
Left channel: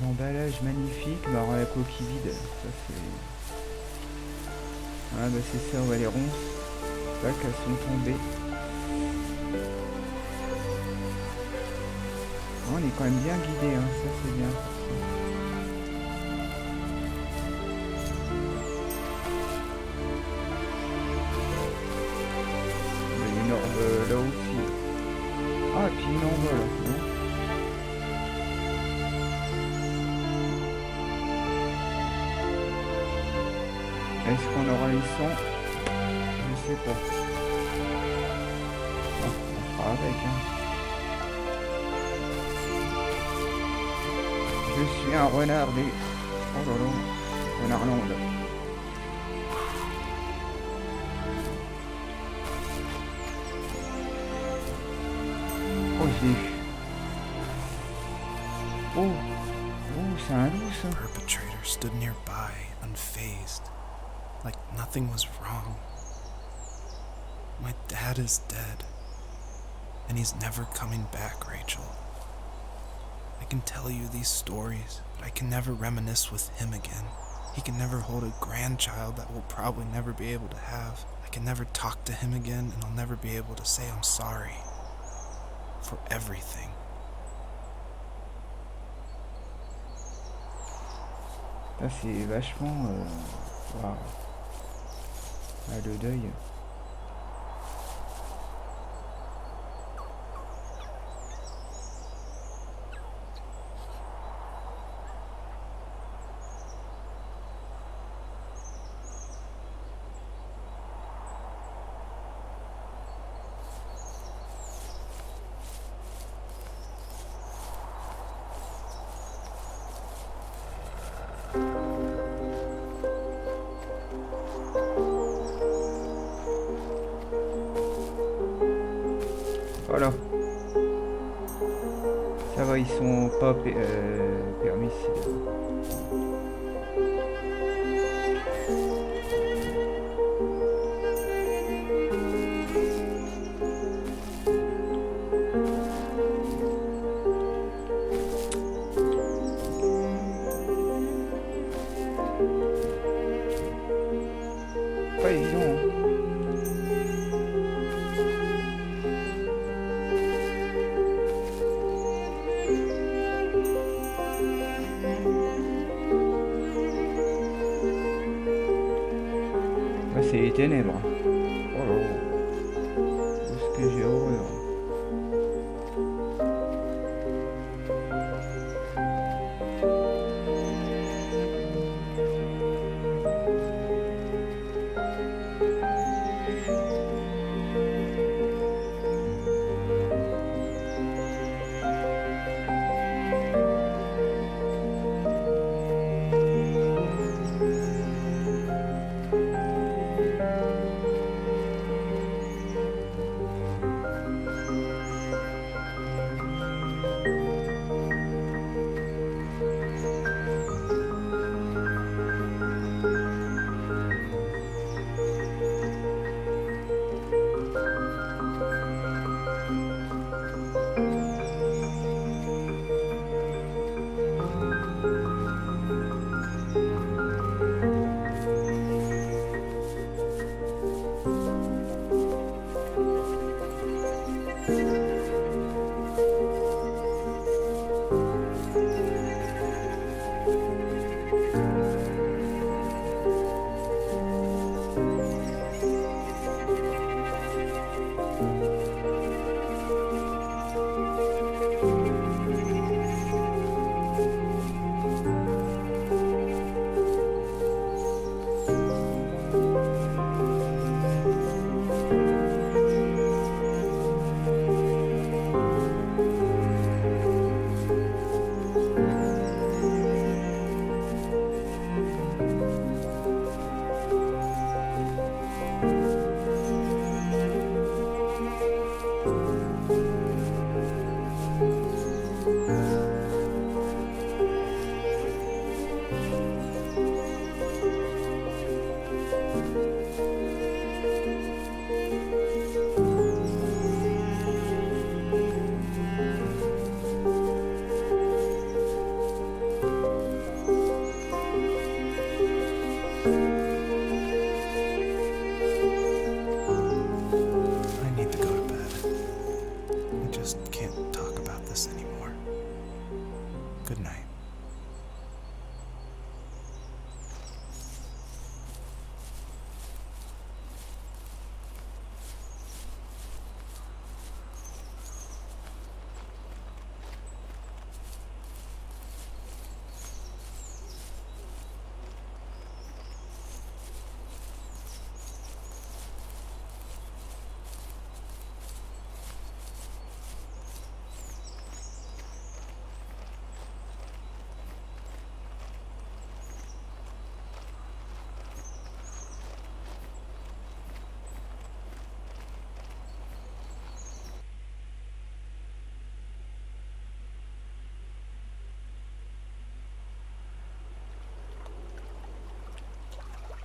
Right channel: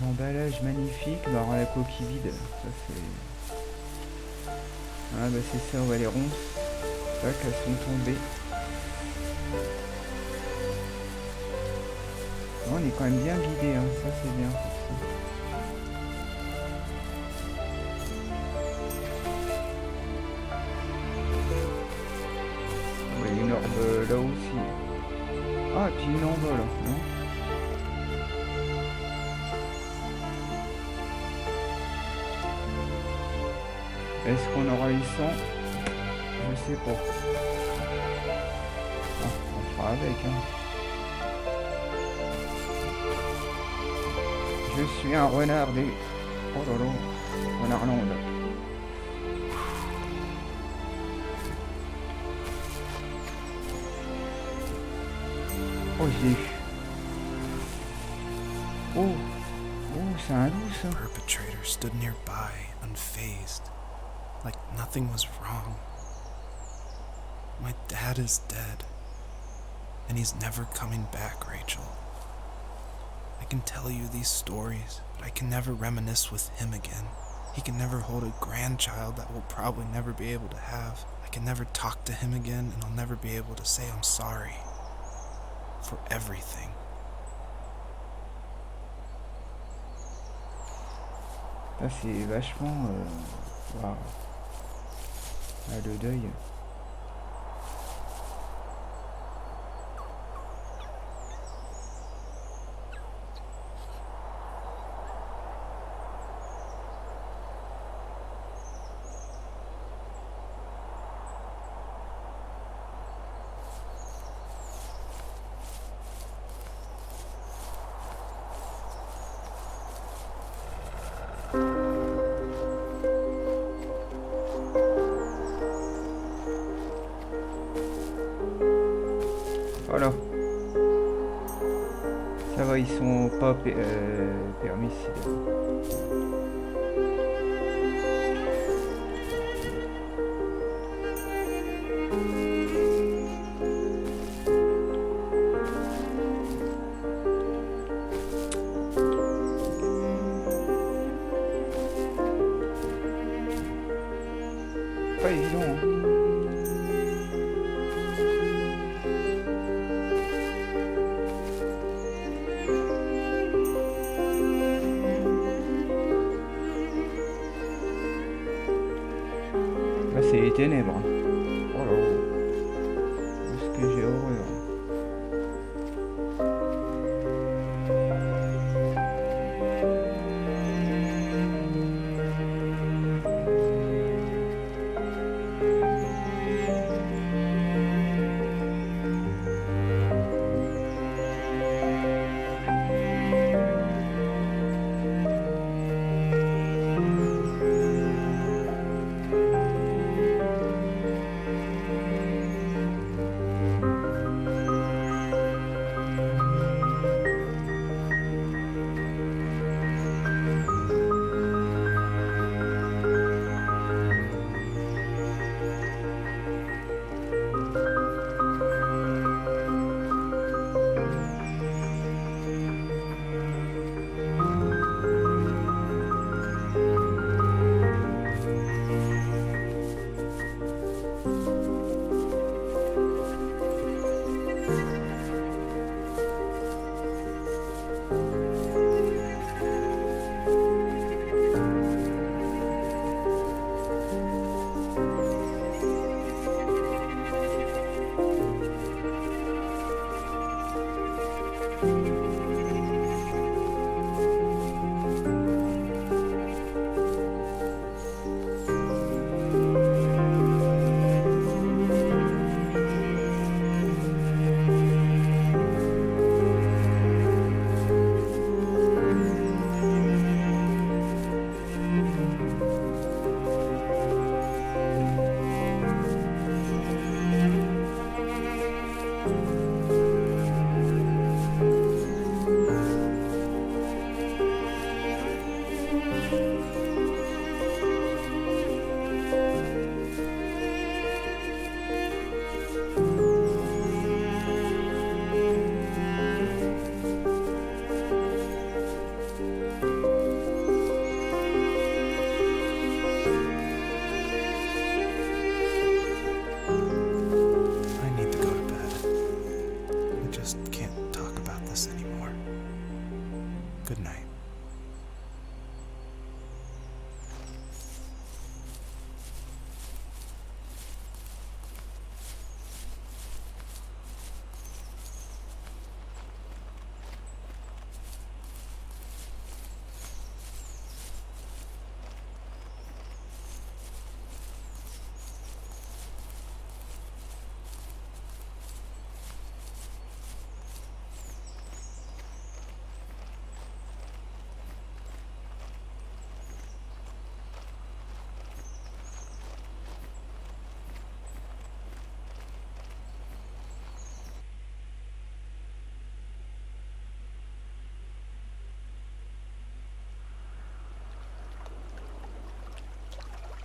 L'emballage magnifique, mais alors la coquille vide, ça c'est... Ah bah c'est ça, ouais, les ronces, tac, elles sont tombées. On est quand même bien guidé, hein. Ça c'est bien pour ça. Il y a une orbe là aussi. Ah, et puis une en bas là, non? Est-ce qu'on aura les 100? Je sais pas. Ah, on fera avec, hein. Je suis un renard des... Oh là là, renardland. Oh, j'ai eu. Oh, oh, c'est un loup ça. The perpetrator stood nearby, unfazed, like nothing was wrong. My dad is dead, and he's never coming back, Rachel. I can tell you these stories, but I can never reminisce with him again. He can never hold a grandchild that we'll probably never be able to have. I can never talk to him again, and I'll never be able to say I'm sorry for everything. Là, c'est vachement... Waouh. Ah, le deuil. Voilà. Ça va, ils sont pas permissibles. Pas évident, hein. Là, c'est les ténèbres. Oh là là. Est-ce que j'ai horreur?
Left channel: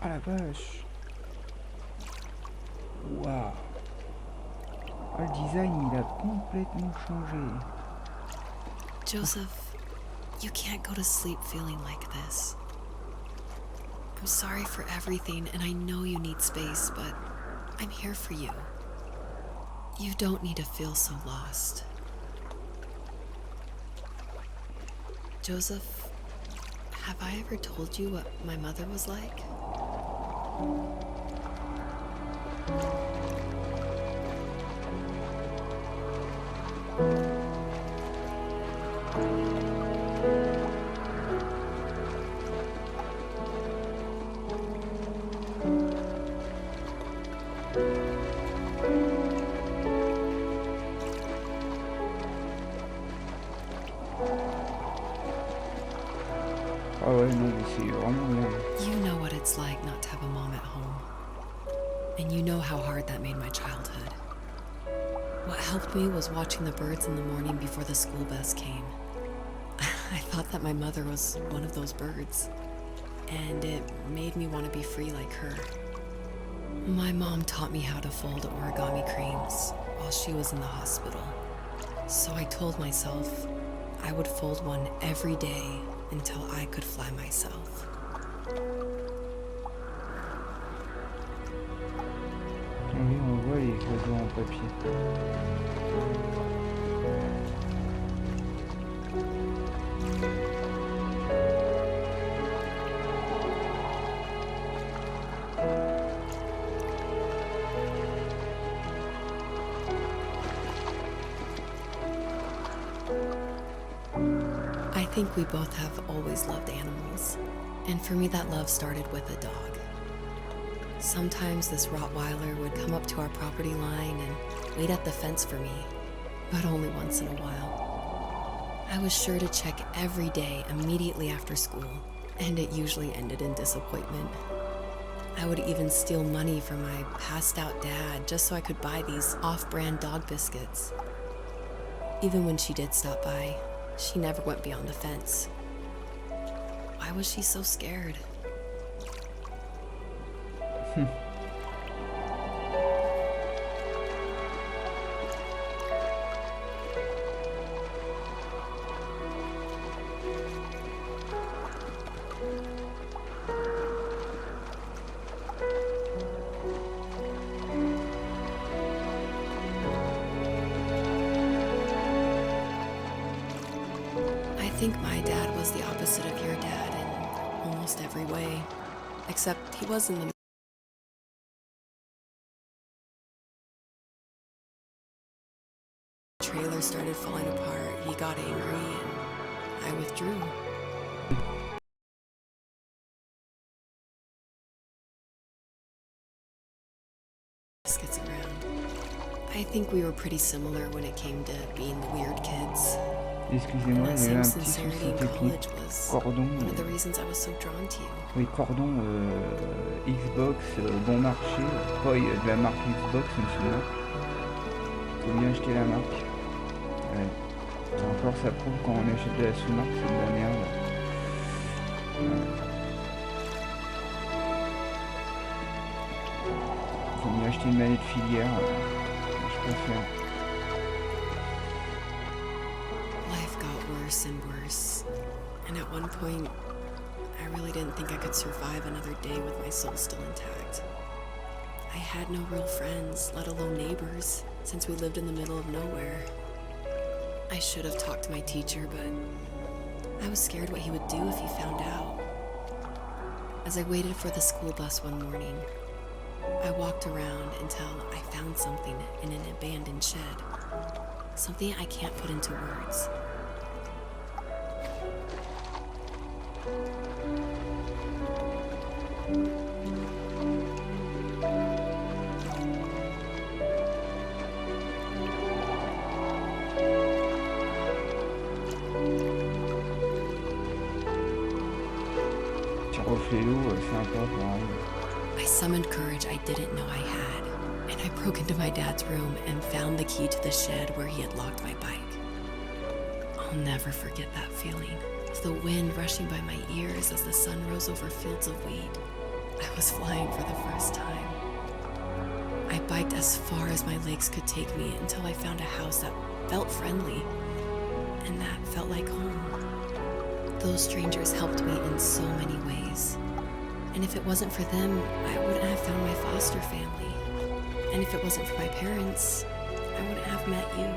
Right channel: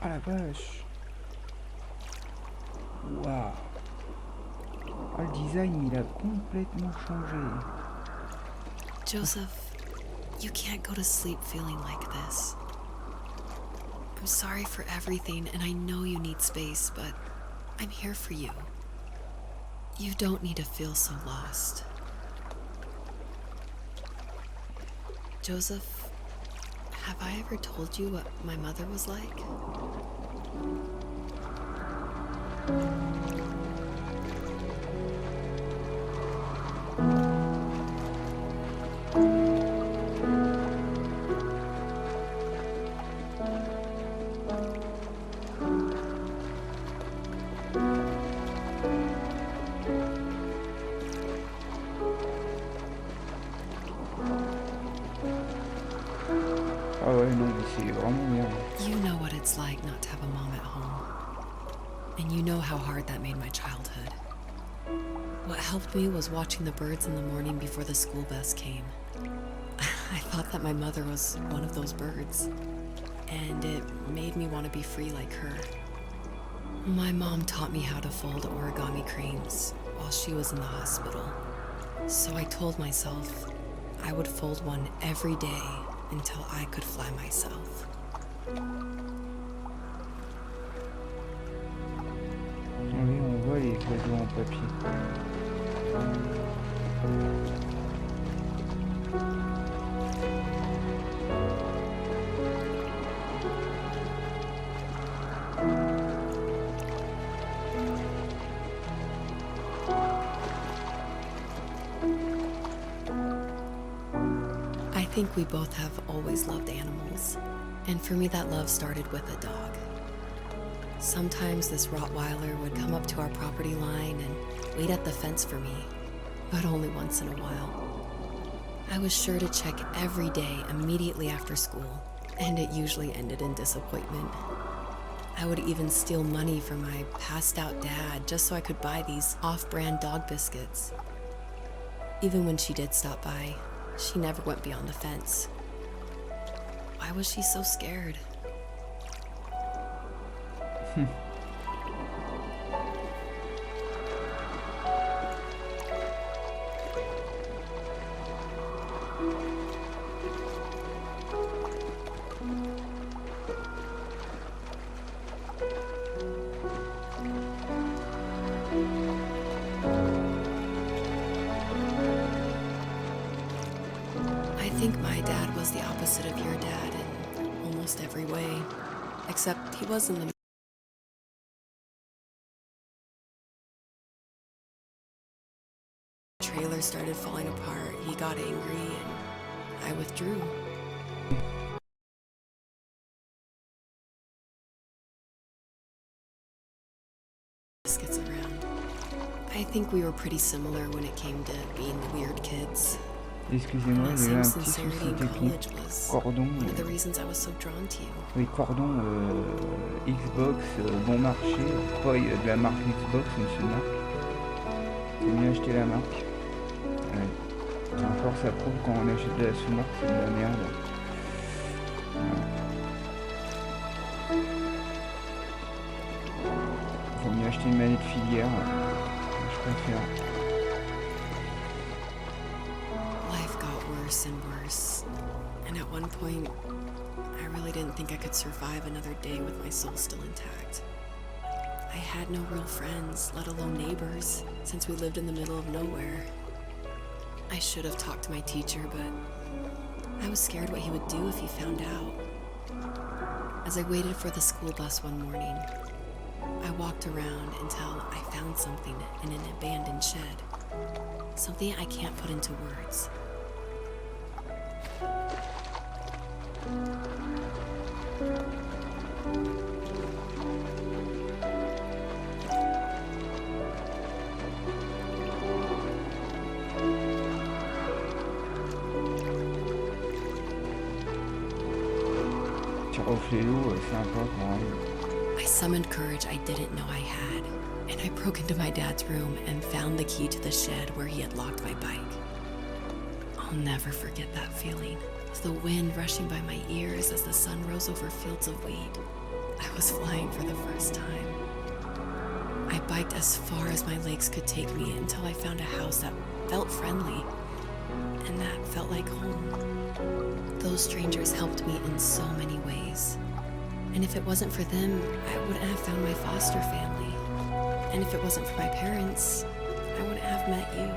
Ah la vache. Waouh. Ah, le design, il a complètement changé. Joseph, you can't go to sleep feeling like this. I'm sorry for everything, and I know you need space, but I'm here for you. You don't need to feel so lost. Joseph, have I ever told you what my mother was like? Ah ouais, non, mais c'est vraiment bien. You know what it's like not to have a mom at home. And you know how hard that made my childhood. What helped me was watching the birds in the morning before the school bus came. I thought that my mother was one of those birds, and it made me want to be free like her. My mom taught me how to fold origami cranes while she was in the hospital. So I told myself I would fold one every day until I could fly myself. Oui, on voit les oiseaux en papier. I think we both have always loved animals, and for me that love started with a dog. Sometimes this Rottweiler would come up to our property line and wait at the fence for me, but only once in a while. I was sure to check every day immediately after school, and it usually ended in disappointment. I would even steal money from my passed out dad just so I could buy these off-brand dog biscuits. Even when she did stop by, she never went beyond the fence. Why was she so scared? I think my dad was the opposite of your dad in almost every way, except he was in the trailer started falling apart. He got angry and I withdrew. Biscuits around. I think we were pretty similar when it came to being the weird kids. Excusez-moi, And il that y a eu same un petit sincerity souci in technique. college was Cordon, one of the reasons I was so drawn to you. oui, cordon Xbox, bon marché. Après, il y a de la marque Xbox, mais c'est une marque. Faut bien acheter la marque. Ouais. Encore, ça prouve quand on achète de la sous-marque, c'est de la merde. Ouais. Faut mieux acheter une manette filière. Je préfère. Life got worse and worse, and at one point, I really didn't think I could survive another day with my soul still intact. I had no real friends, let alone neighbors, since we lived in the middle of nowhere. I should have talked to my teacher, but I was scared what he would do if he found out. As I waited for the school bus one morning, I walked around until I found something in an abandoned shed. Something I can't put into words. Petit reflet d'eau, sympa quand même. I summoned courage I didn't know I had, and I broke into my dad's room and found the key to the shed where he had locked my bike. I'll never forget that feeling, of the wind rushing by my ears as the sun rose over fields of wheat. I was flying for the first time. I biked as far as my legs could take me until I found a house that felt friendly and that felt like home. Those strangers helped me in so many ways. And if it wasn't for them, I wouldn't have found my foster family. And if it wasn't for my parents, I wouldn't have met you.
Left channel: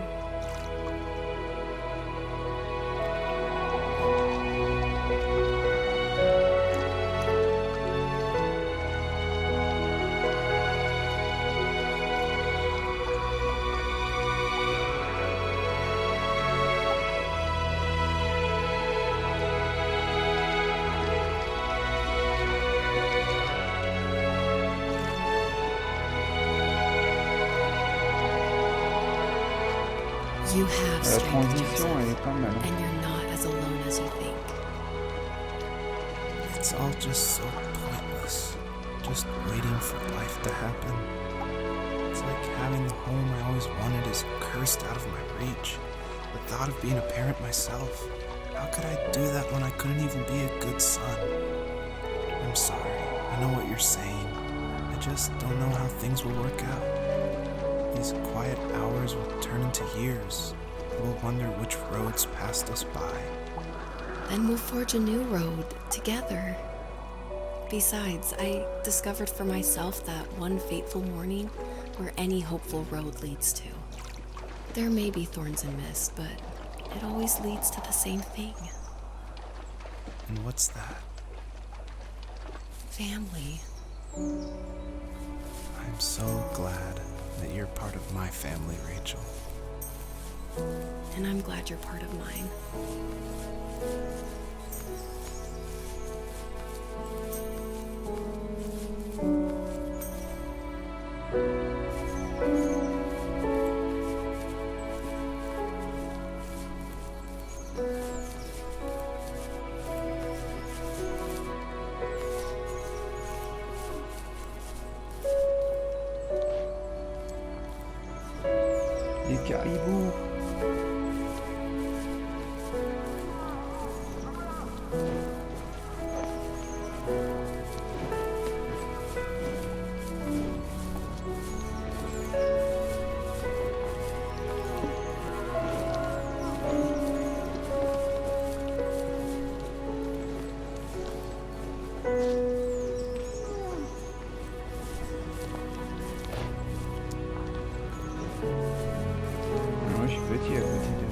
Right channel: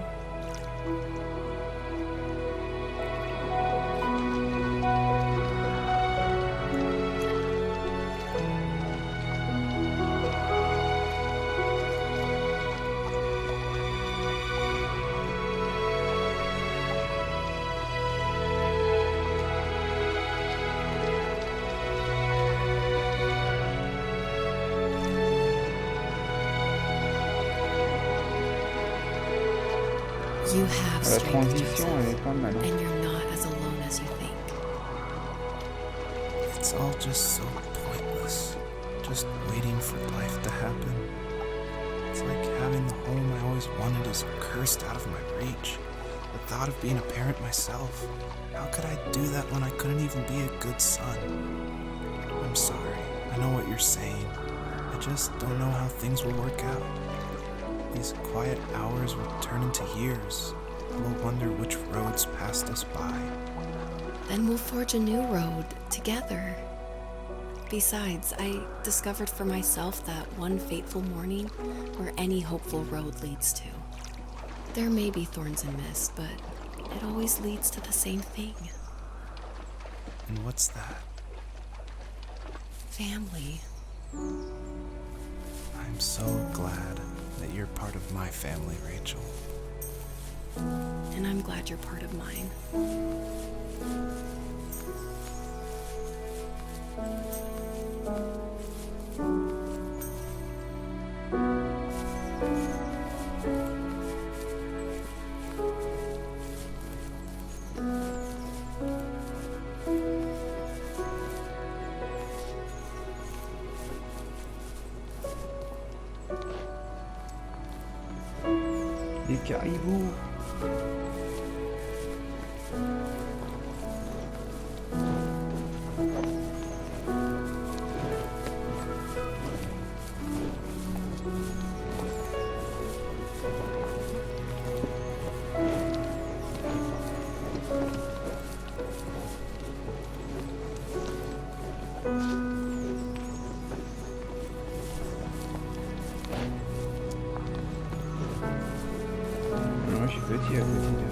You have La strength, transition, elle Joseph, est pas mal. Hein. and you're not as alone as you think. It's all just so pointless. Just waiting for life to happen. It's like having the home I always wanted is cursed out of my reach. The thought of being a parent myself. How could I do that when I couldn't even be a good son? I'm sorry. I know what you're saying. I just don't know how things will work out. These quiet hours will turn into years. We'll wonder which roads passed us by. Then we'll forge a new road together. Besides, I discovered for myself that one fateful morning where any hopeful road leads to. There may be thorns and mist, but it always leads to the same thing. And what's that? Family. I'm so glad that you're part of my family, Rachel. And I'm glad you're part of mine. Les caribous. Moi, je suis petit à côté de...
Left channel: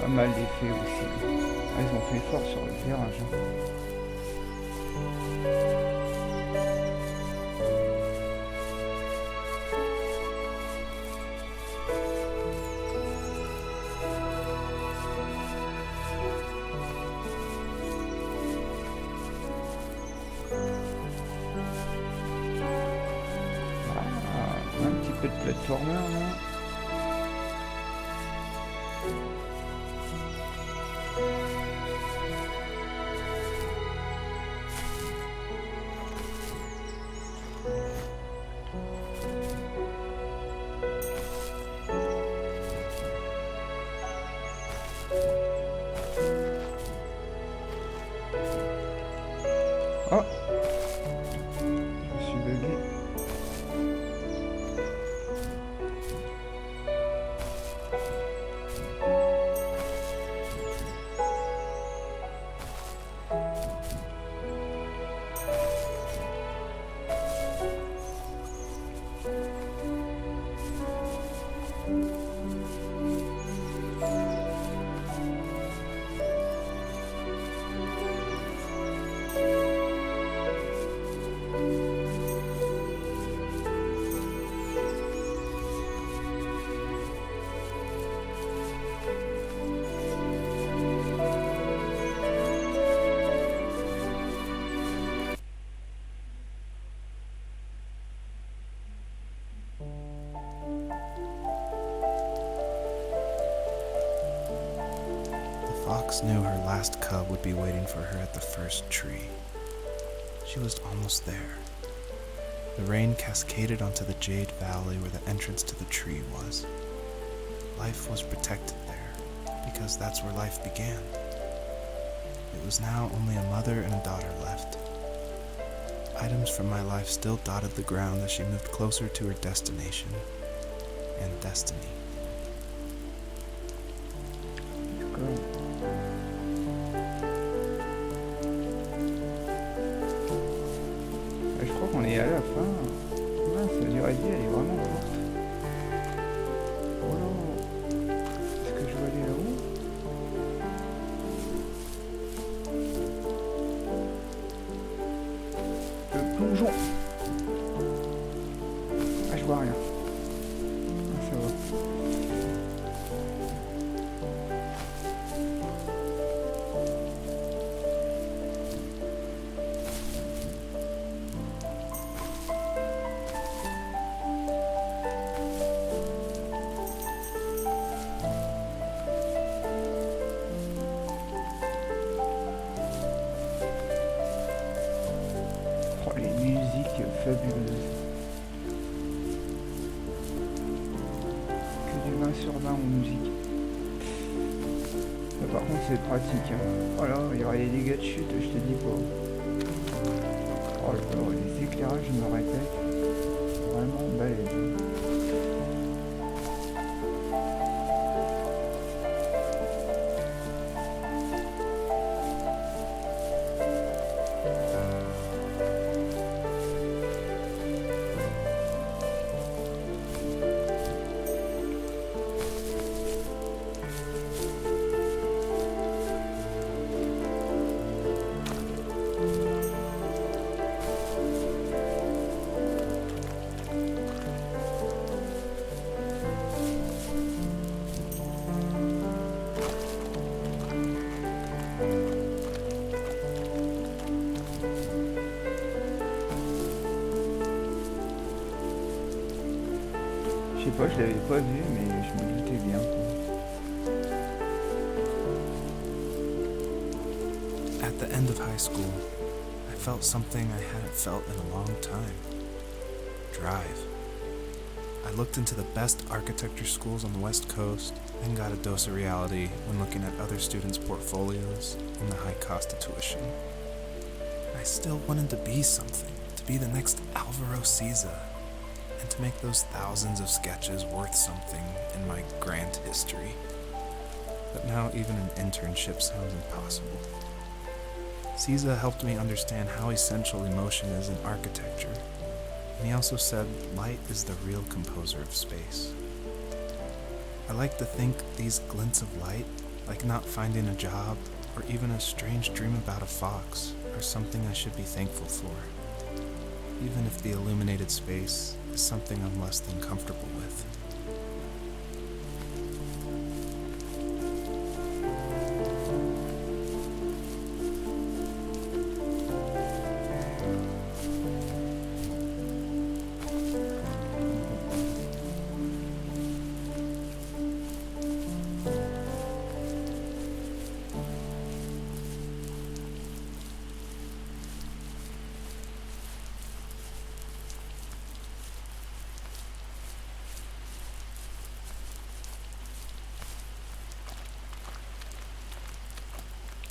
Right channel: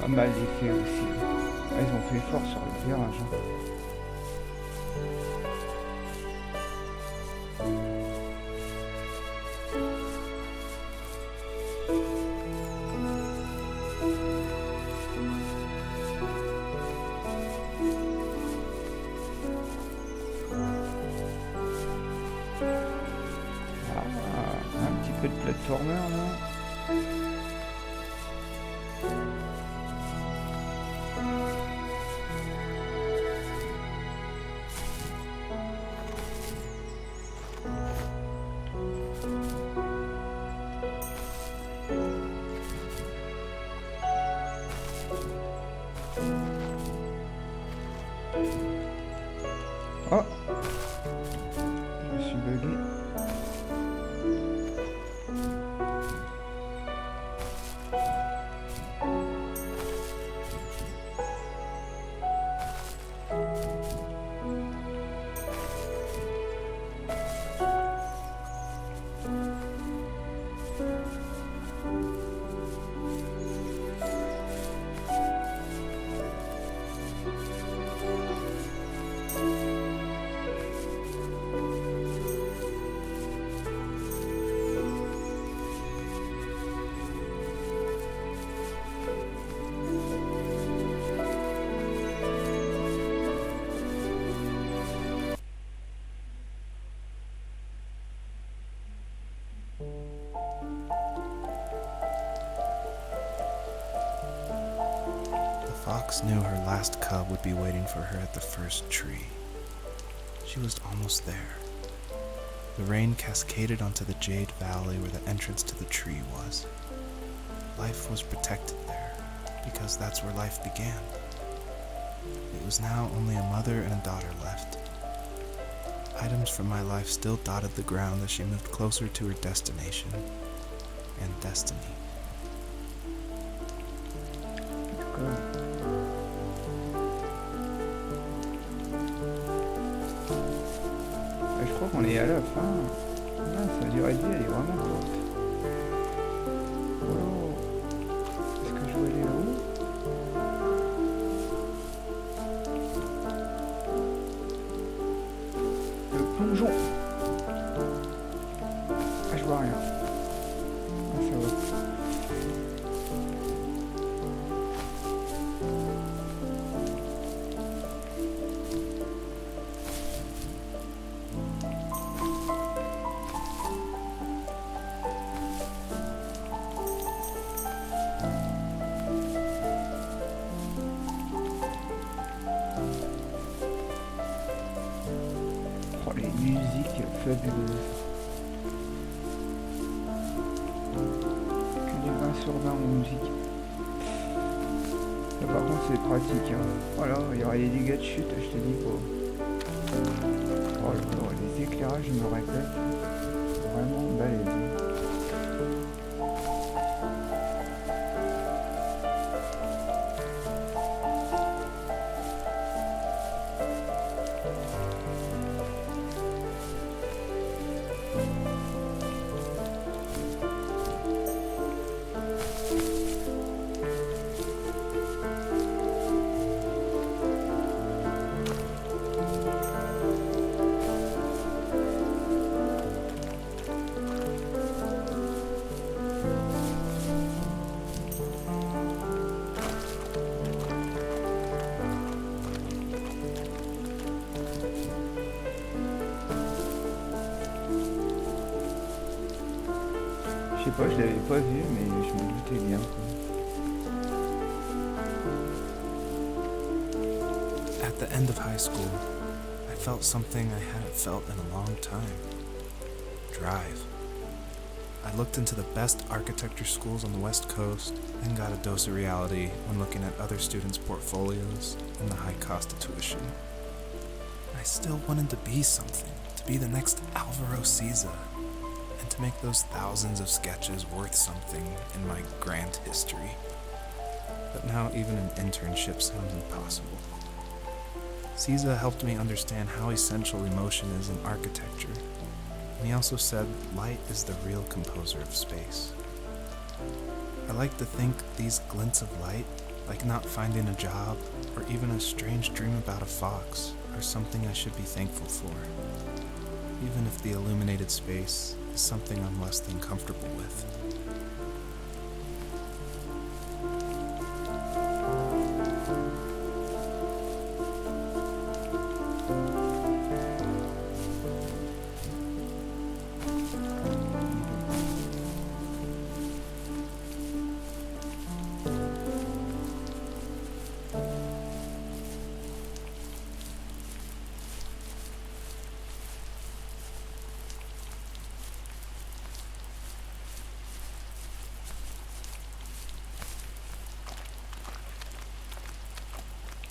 Pas mal d'effets aussi. Ah, ils ont fait fort sur le virage. Hein. Ah, un petit peu de platformer là. Oh, je suis bugué. The fox knew her last cub would be waiting for her at the first tree. She was almost there. The rain cascaded onto the Jade Valley where the entrance to the tree was. Life was protected there, because that's where life began. It was now only a mother and a daughter left. Items from my life still dotted the ground as she moved closer to her destination and destiny. D'accord. Je crois qu'on est à la fin. Ah, sa durée de vie, elle est vraiment courte. Oh là, est-ce que je vais aller là-haut? Le plongeon. Ah, je vois rien. Ah, ça va. Oh, les musiques fabuleuses. Que du 20 sur 20 en musique. Là, par contre, c'est pratique. Hein. Oh là, il y aurait des dégâts de chute, je te dis pas. Oh là là, les éclairages, je me répète. Vraiment balèze. Hein. Je sais pas, je l'avais pas vu, mais je me doutais bien. At the end of high school, I felt something I hadn't felt in a long time. Drive. I looked into the best architecture schools on the West Coast and got a dose of reality when looking at other students' portfolios and the high cost of tuition. I still wanted to be something, to be the next Alvaro Siza, and to make those thousands of sketches worth something in my grand history. But now even an internship sounds impossible. Siza helped me understand how essential emotion is in architecture, and he also said light is the real composer of space. I like to think these glints of light, like not finding a job or even a strange dream about a fox, are something I should be thankful for, even if the illuminated space is something I'm less than comfortable with.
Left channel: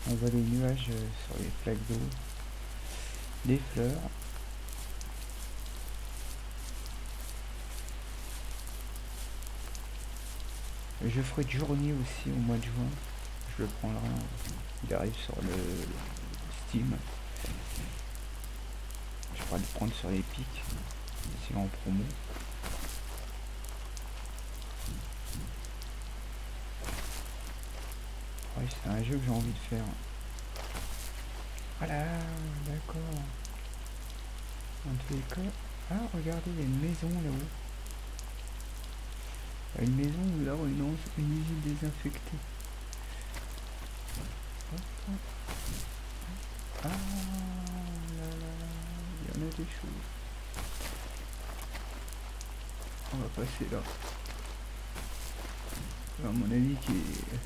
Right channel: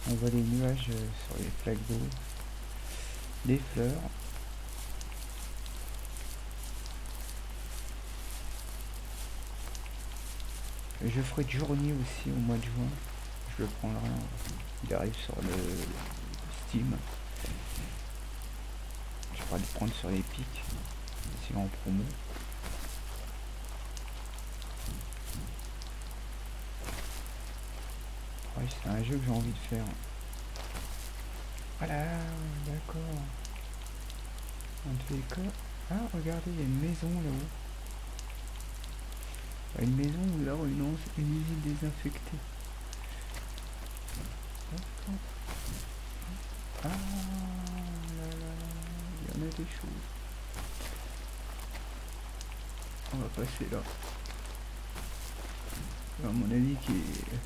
On voit les nuages sur les flaques d'eau, des fleurs. Je ferai Journey aussi au mois de juin. Je le prendrai. Il arrive sur le Steam. Je pourrais le prendre sur Epic. S'il est en promo. Ouais, c'est un jeu que j'ai envie de faire. Voilà, d'accord. En tous les cas. Ah, regardez, il y a une maison là-haut. Une maison ou là, une usine désinfectée. Hop, hop. Ah là là, il y en a des choses. On va passer là. À mon avis qui est...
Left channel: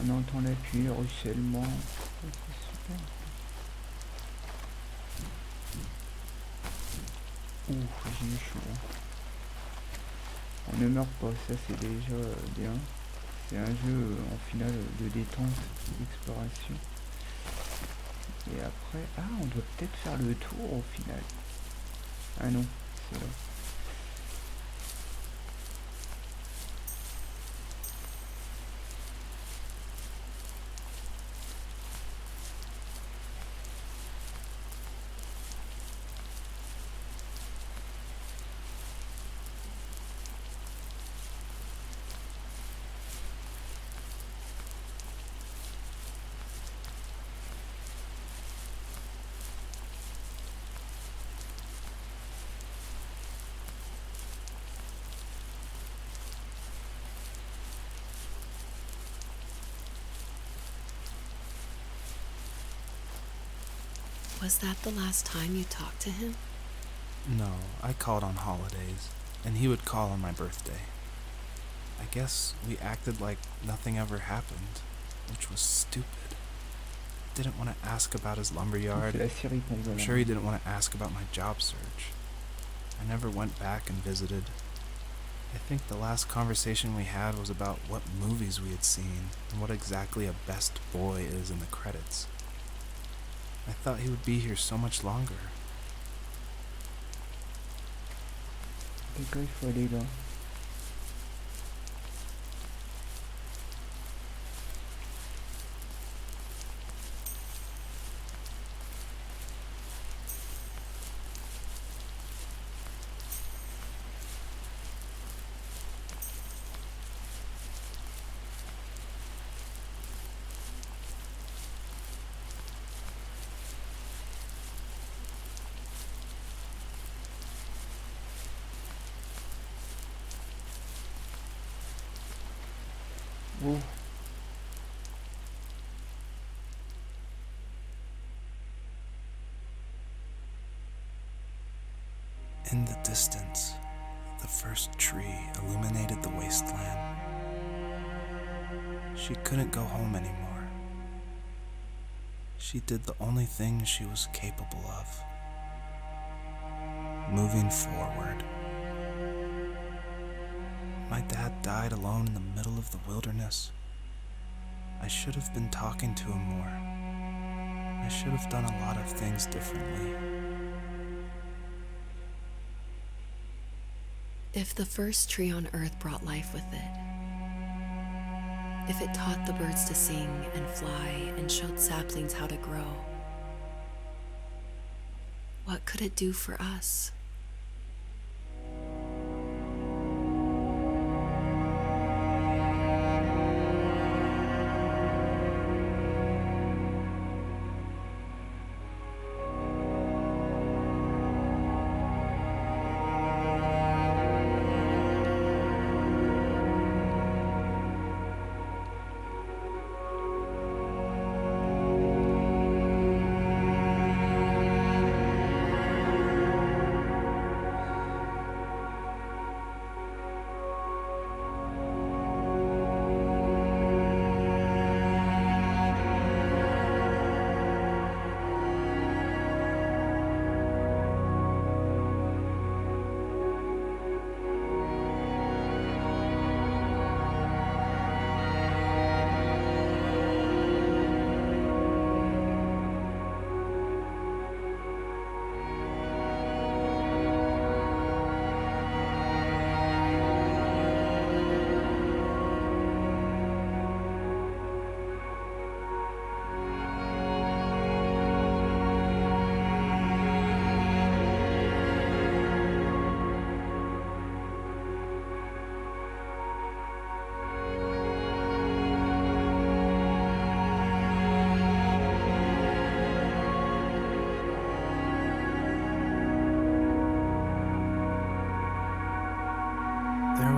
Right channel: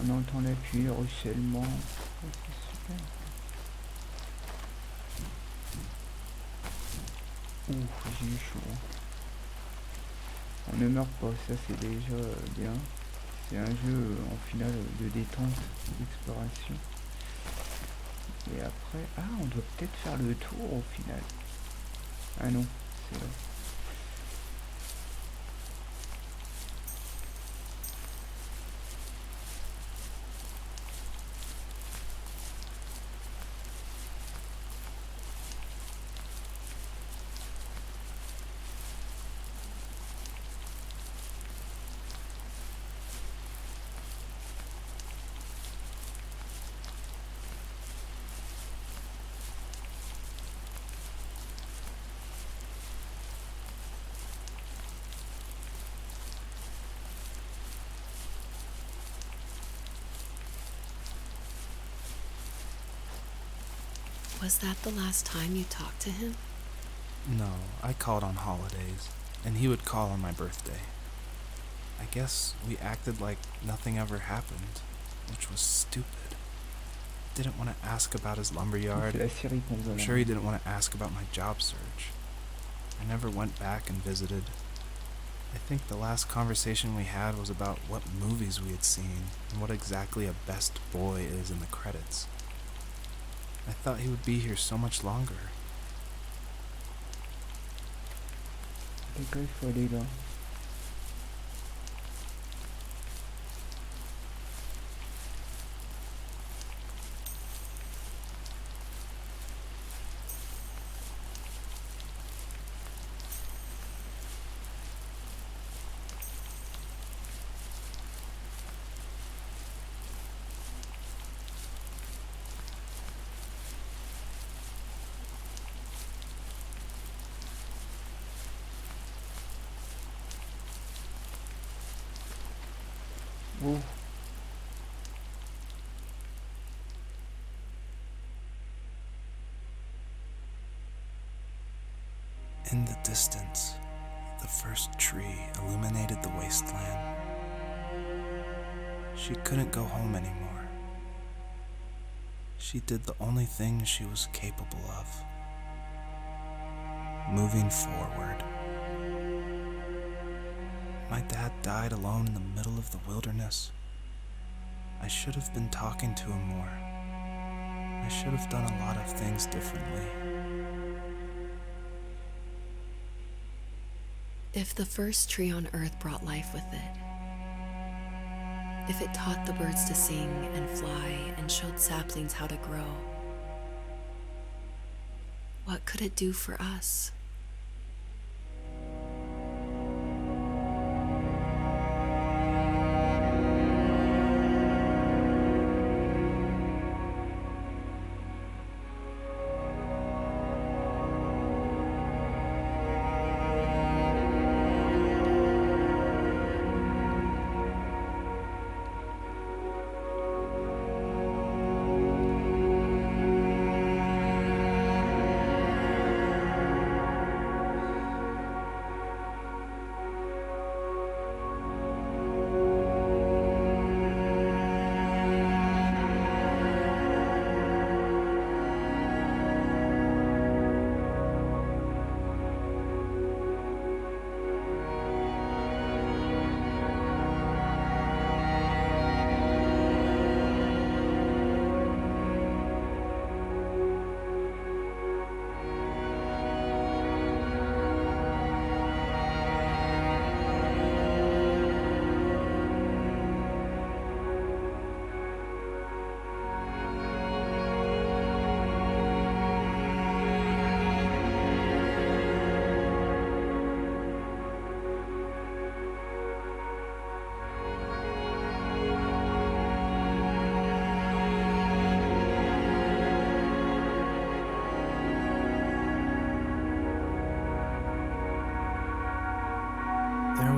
On entend la pluie, le ruissellement. Oh, c'est super. Ouh, j'ai eu chaud. On ne meurt pas, ça c'est déjà bien. C'est un jeu en finale de détente, d'exploration. Et après... Ah, on doit peut-être faire le tour au final. Ah non, c'est là. Was that the last time you talked to him? No, I called on holidays, and he would call on my birthday. I guess we acted like nothing ever happened, which was stupid. Didn't want to ask about his C'est lumberyard. la Syrie qu'on voit I'm là. sure he didn't want to ask about my job search. I never went back and visited. I think the last conversation we had was about what movies we had seen and what exactly a best boy is in the credits. I thought he would be here so much longer. Quelqu'un, il faut aller là. Oh, In the distance, the first tree illuminated the wasteland. She couldn't go home anymore. She did the only thing she was capable of. Moving forward. My dad died alone in the middle of the wilderness. I should have been talking to him more. I should have done a lot of things differently. If the first tree on Earth brought life with it, if it taught the birds to sing and fly and showed saplings how to grow, what could it do for us?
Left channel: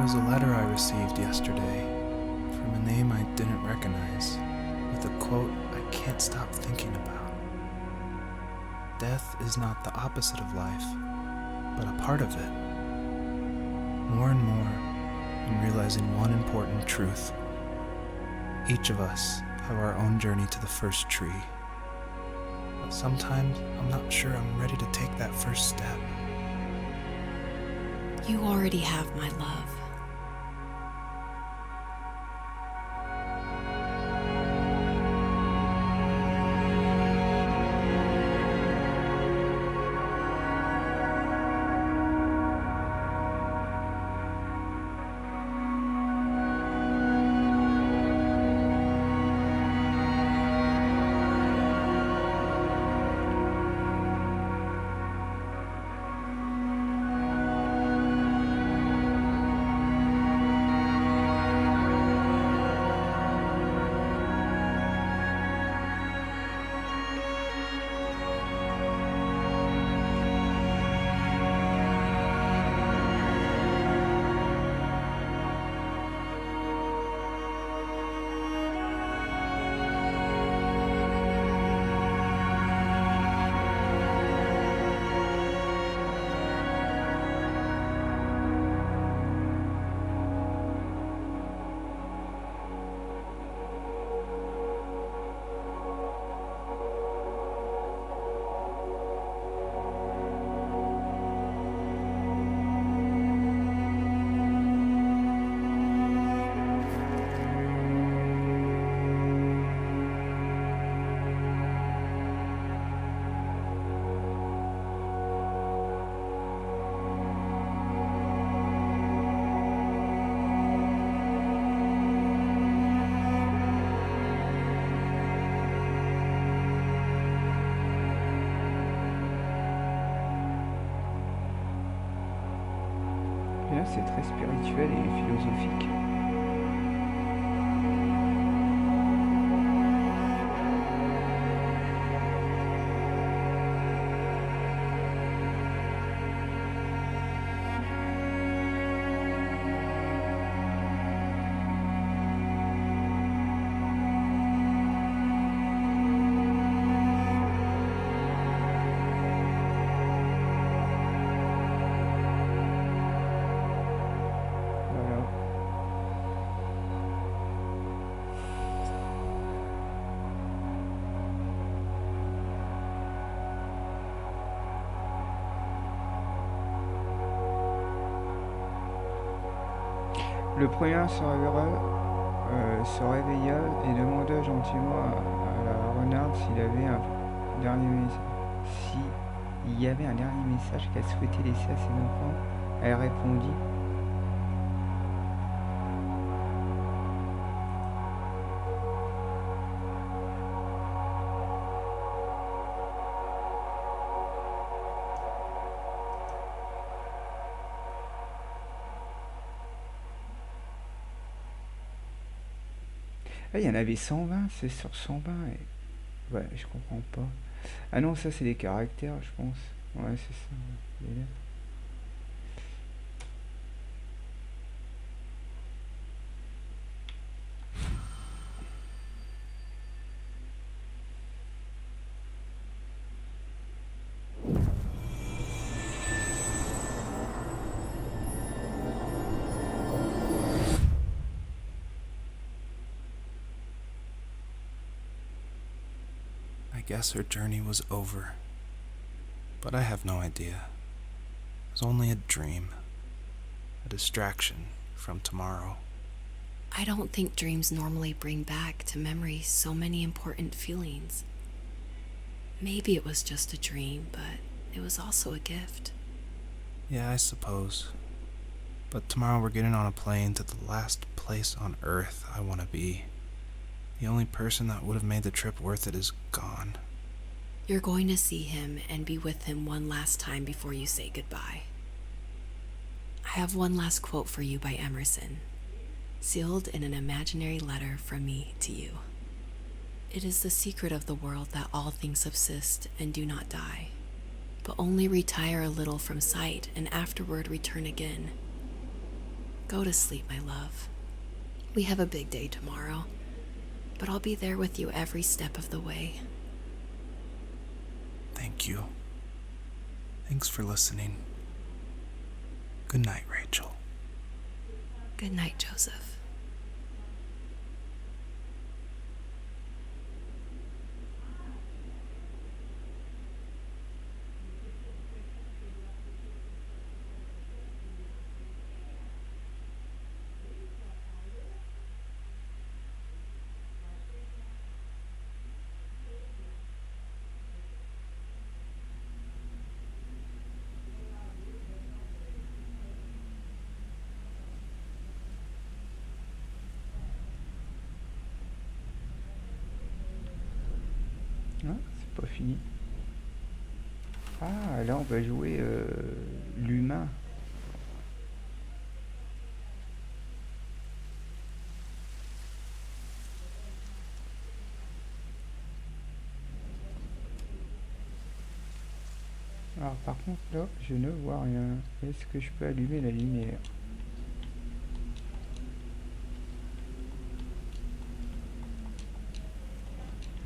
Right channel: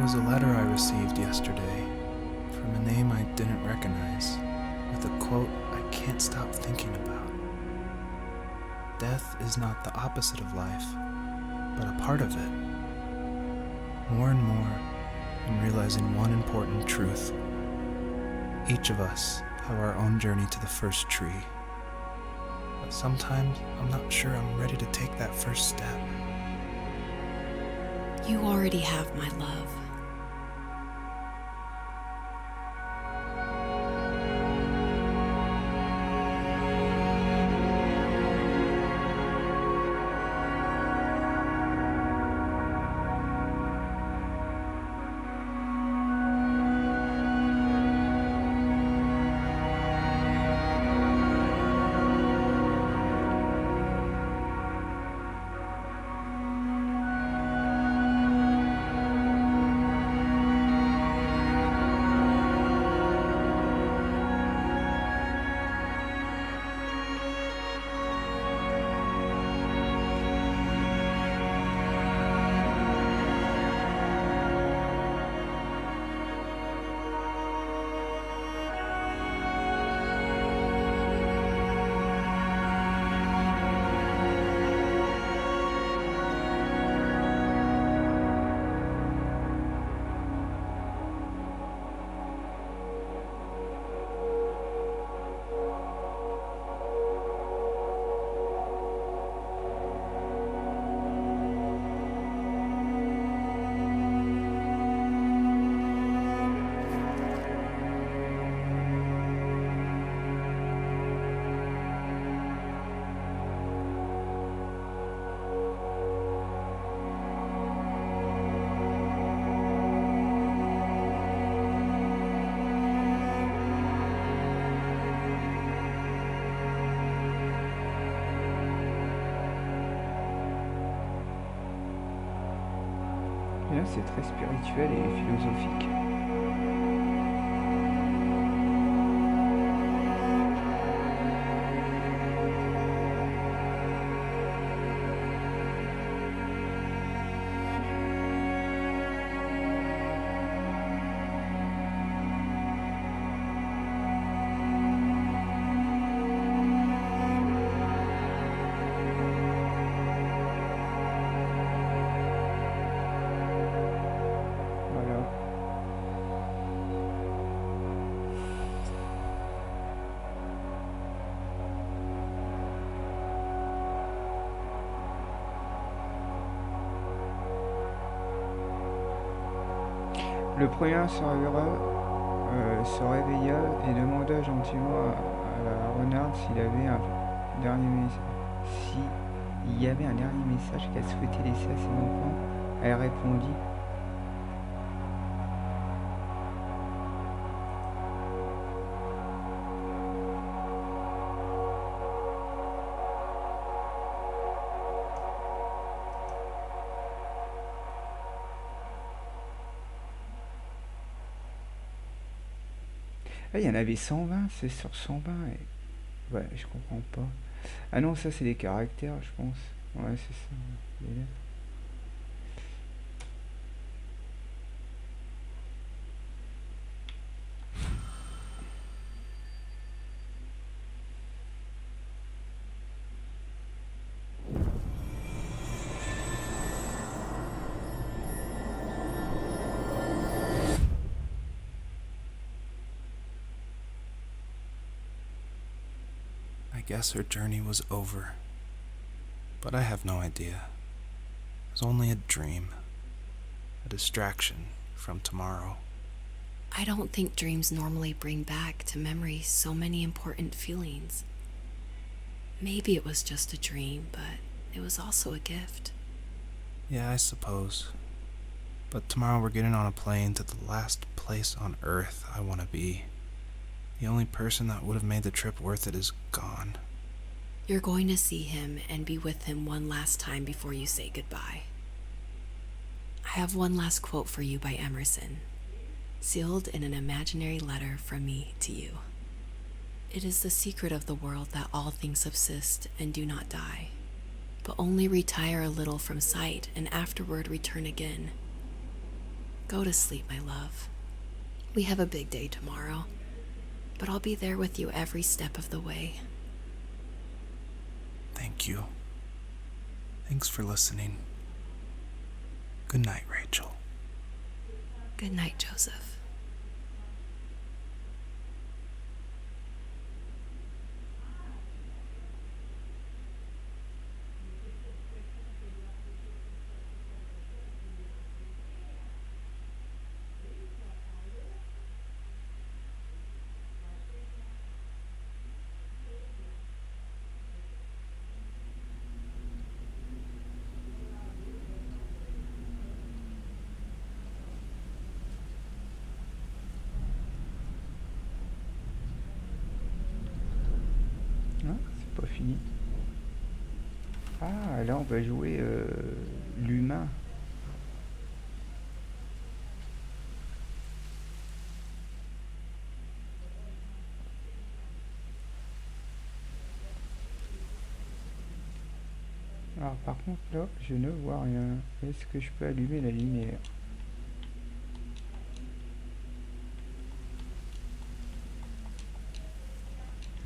was a letter I received yesterday from a name I didn't recognize, with a quote I can't stop thinking about. Death is not the opposite of life, but a part of it. More and more, I'm realizing one important truth. Each of us have our own journey to the first tree. But sometimes I'm not sure I'm ready to take that first step. You already have my love. Et là, c'est très spirituel et philosophique. Voilà. Le premier se réveilla et demanda gentiment à la renarde s'il avait un dernier s'il y avait un dernier message qu'elle souhaitait laisser à ses enfants. Elle répondit: ah, il y en avait 120, c'est sur 120. Ouais, je comprends pas. Ah non, ça c'est des caractères, je pense. Ouais, c'est ça. Les lettres. I guess her journey was over. But I have no idea. It was only a dream. A distraction from tomorrow. I don't think dreams normally bring back to memory so many important feelings. Maybe it was just a dream, but it was also a gift. Yeah, I suppose. But tomorrow we're getting on a plane to the last place on Earth I want to be. The only person that would have made the trip worth it is gone. You're going to see him and be with him one last time before you say goodbye. I have one last quote for you by Emerson, sealed in an imaginary letter from me to you. It is the secret of the world that all things subsist and do not die, but only retire a little from sight and afterward return again. Go to sleep, my love. We have a big day tomorrow, but I'll be there with you every step of the way. Thank you. Thanks for listening. Good night, Rachel. Good night, Joseph. Ah, c'est pas fini. Ah, là on va jouer l'humain. Alors par contre là, je ne vois rien. Est-ce que je peux allumer la lumière?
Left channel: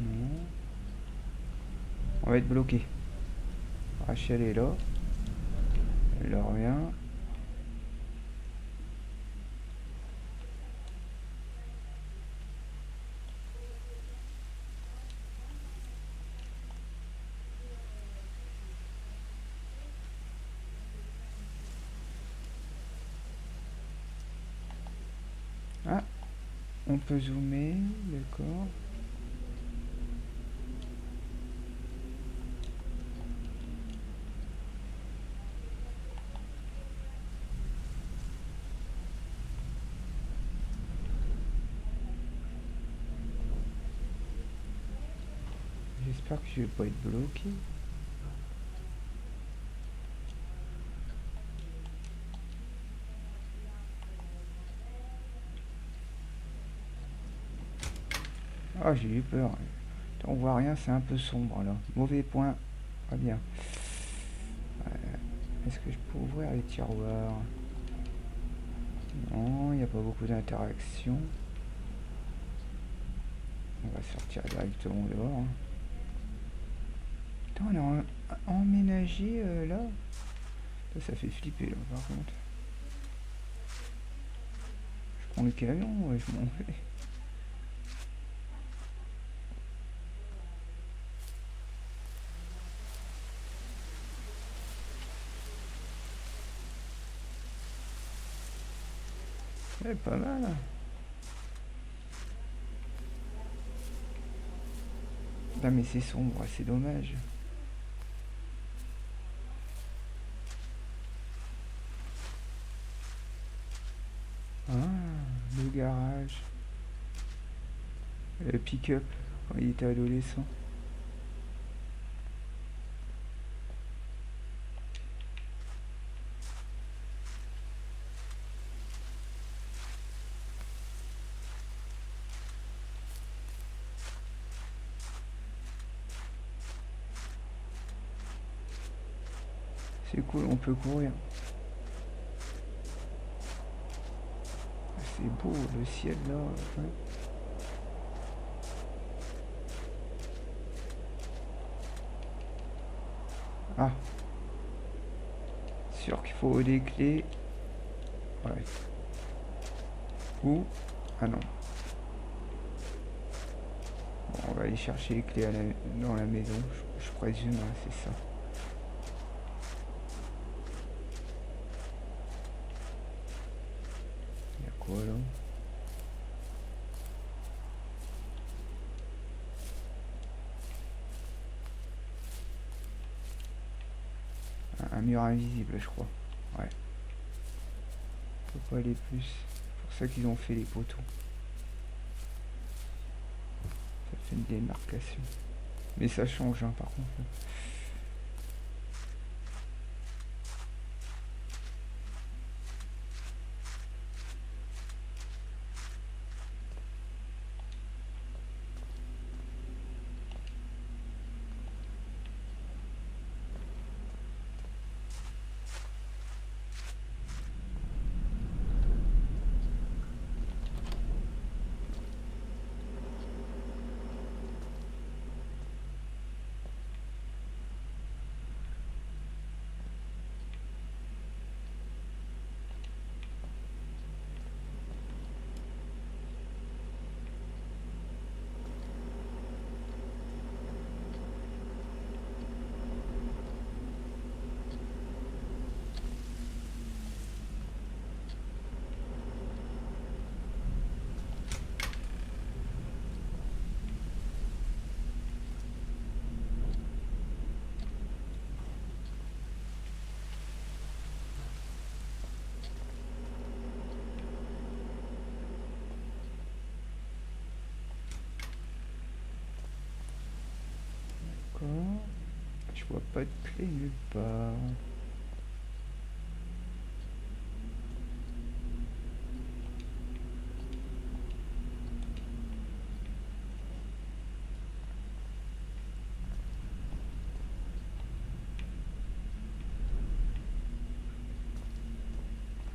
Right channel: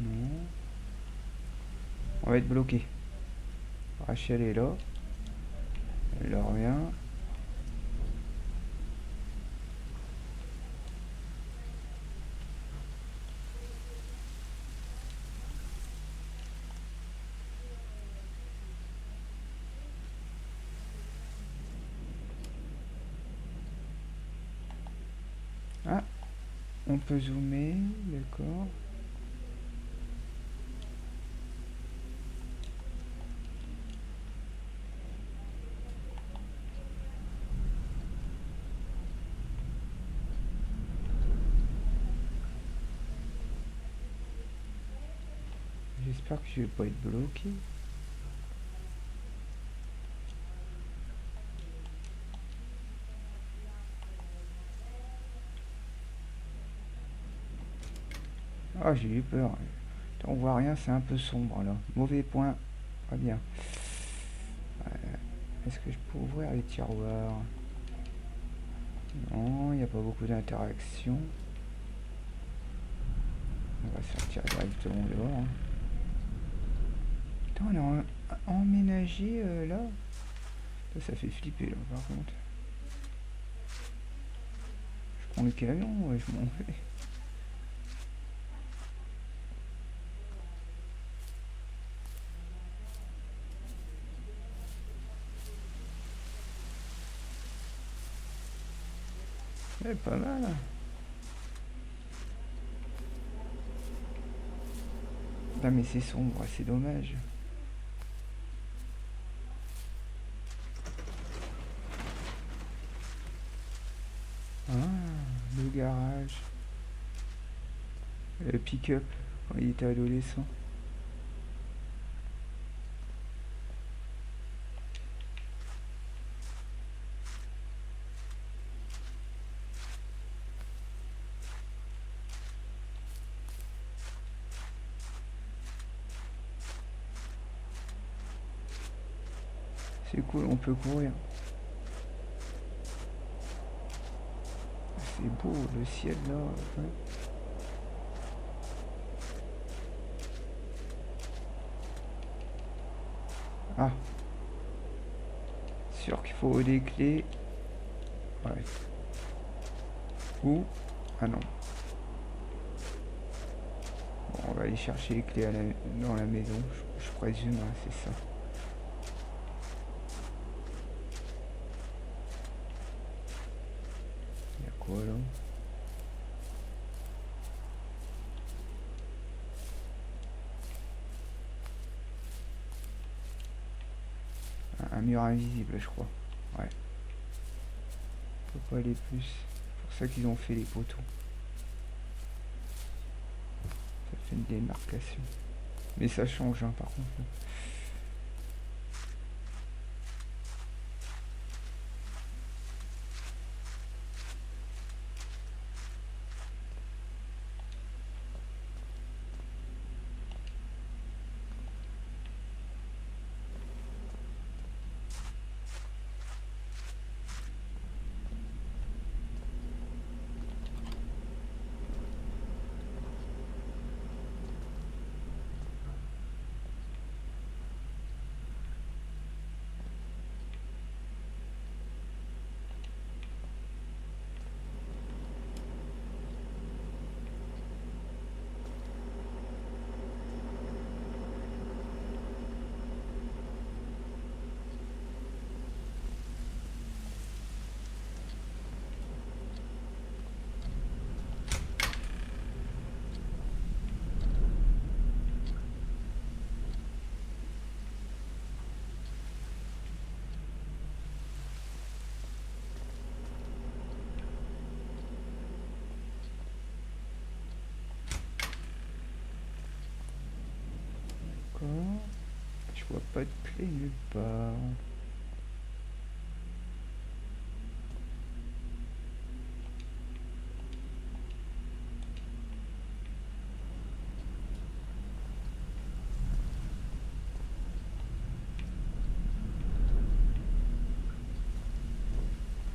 Non. On va être bloqué. Rachel est là. Elle a rien. Ah, on peut zoomer, d'accord. J'espère que je vais pas être bloqué. Ah, j'ai eu peur. On voit rien, c'est un peu sombre là. Mauvais point. Pas bien. Est-ce que je peux ouvrir les tiroirs? Non, il n'y a pas beaucoup d'interactions. On va sortir directement dehors. Hein. Putain, on a emménagé là. Ça fait flipper là par contre. Je prends le camion, ouais, je m'en vais. Ouais, pas mal. Non mais c'est sombre, c'est dommage. Ah, le garage. Le pick-up quand il était adolescent. C'est cool, on peut courir. C'est beau le ciel là. Ouais. Ah. Sûr qu'il faut des clés. Ouais. Ou. Ah non. Bon, on va aller chercher les clés dans la maison. Je présume, hein, c'est ça. Il y a quoi là? Un mur invisible, je crois. Ouais. Faut pas aller plus. C'est pour ça qu'ils ont fait les poteaux. Ça fait une démarcation. Mais ça change, hein, par contre. D'accord. Je vois pas de clé nulle part.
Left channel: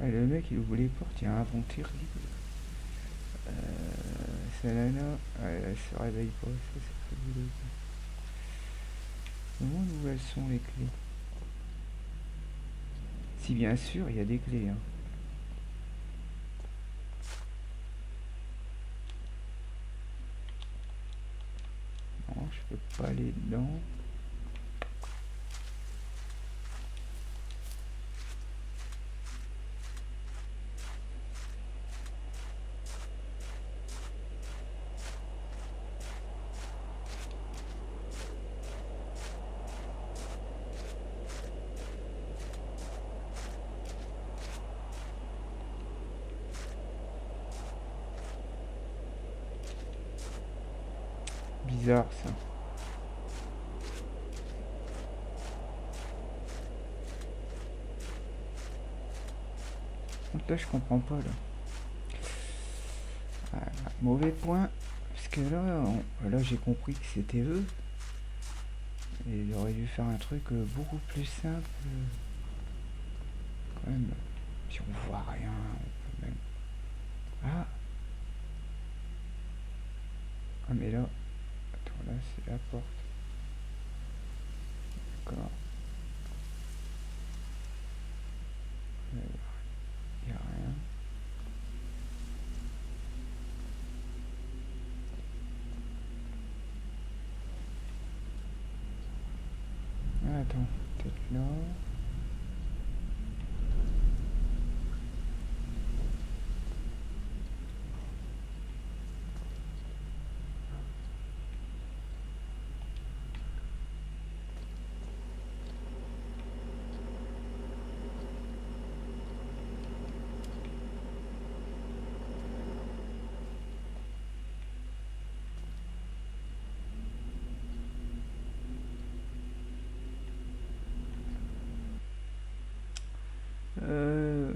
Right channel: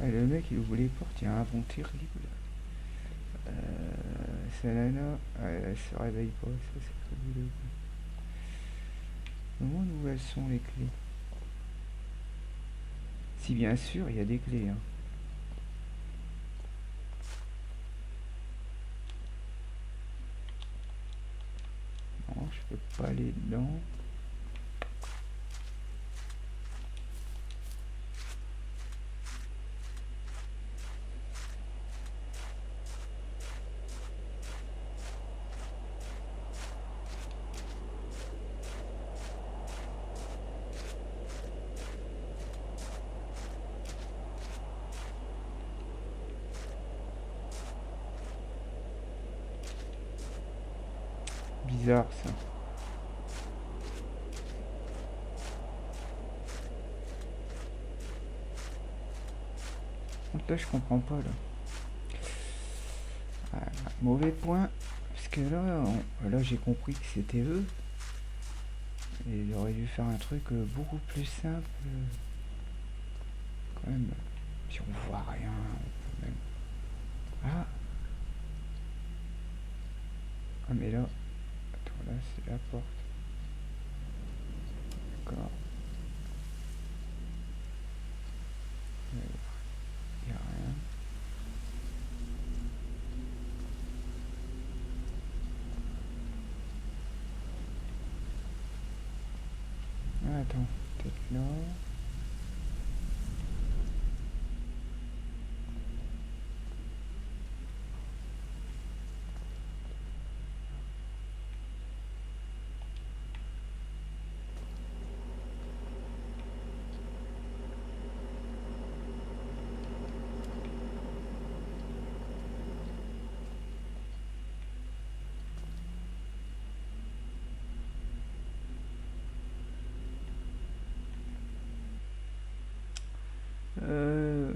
Ah, le mec il ouvre les portes, il y a un vent terrible. Sa nana, elle se réveille pas, ça c'est fabuleux. Je me demande où elles sont les clés. Si bien sûr il y a des clés. Hein. Non, je peux pas aller dedans. Bizarre ça. Donc là je comprends pas là. Ah, mauvais point. Parce que là j'ai compris que c'était eux. Et il aurait dû faire un truc beaucoup plus simple. Quand même. Si on voit rien, on peut même. Ah. Ah mais là. Attends, là c'est la porte. D'accord. Il n'y a rien. Ah, attends, peut-être là.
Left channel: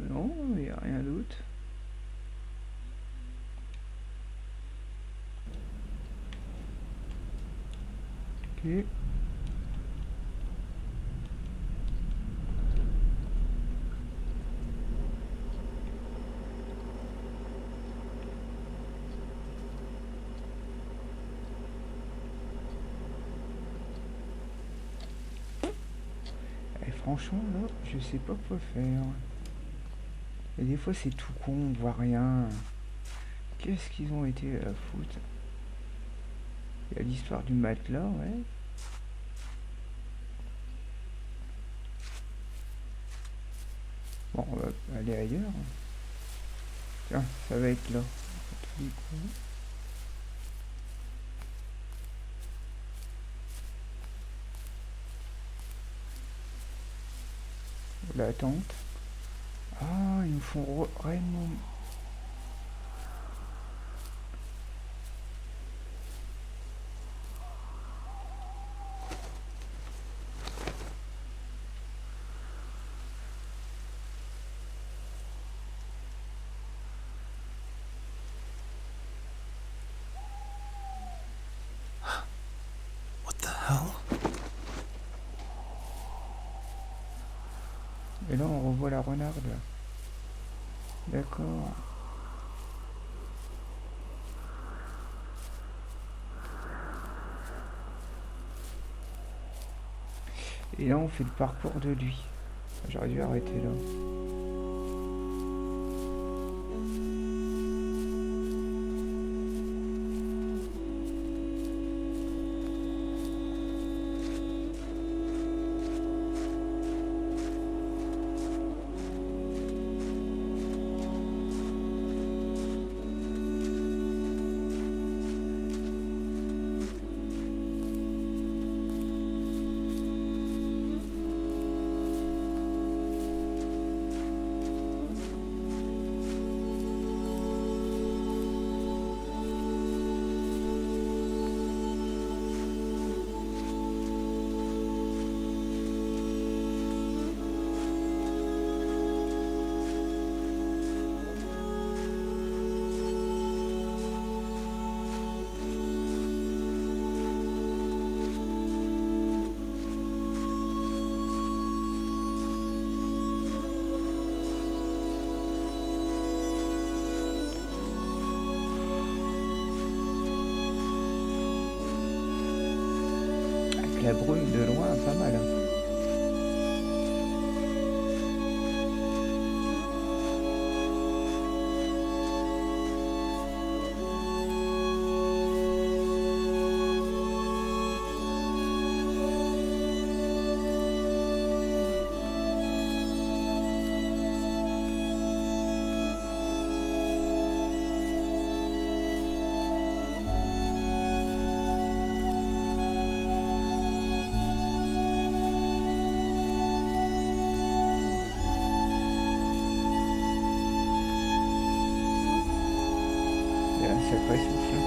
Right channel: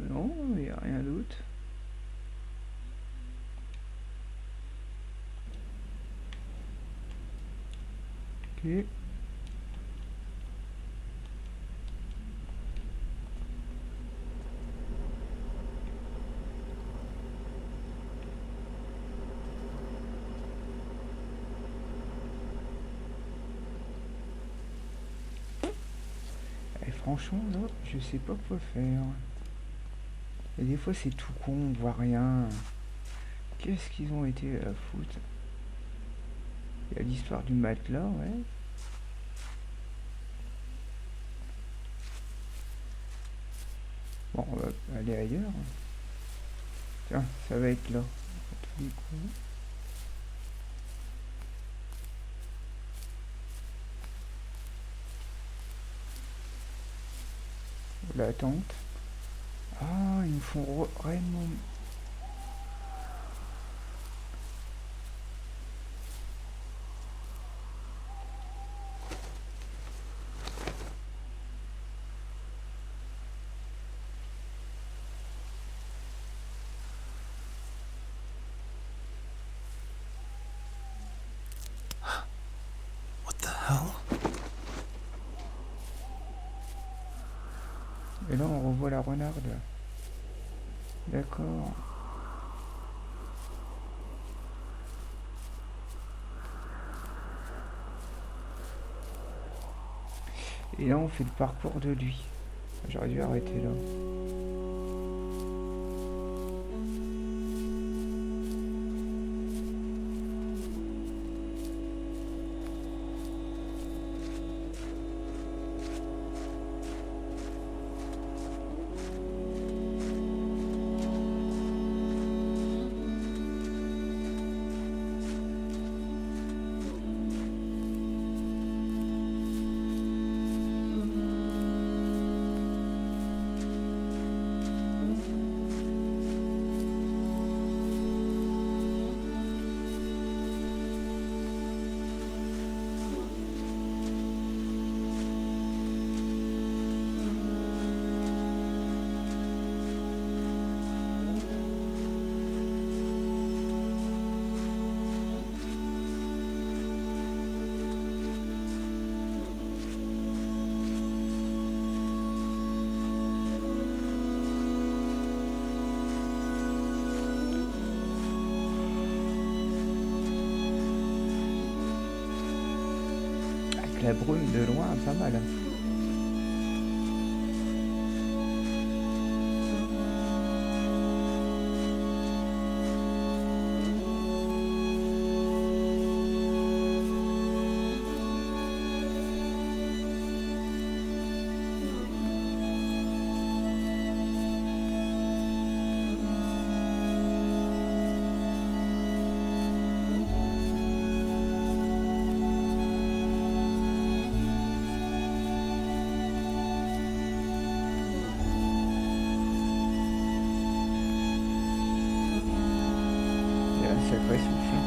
Non, il n'y a rien d'autre. Ok. Et franchement, là, je sais pas quoi faire. Et des fois, c'est tout con, on voit rien. Qu'est-ce qu'ils ont été à foutre? Il y a l'histoire du matelas, ouais. Bon, on va aller ailleurs. Tiens, ça va être là. À tous les coups. L'attente. Ah, ils nous font réellement. What the hell? Et là, on revoit la renarde. D'accord. Et là, on fait le parcours de lui. J'aurais dû arrêter là. la brume de loin, pas mal. Il y a un sacré souffle.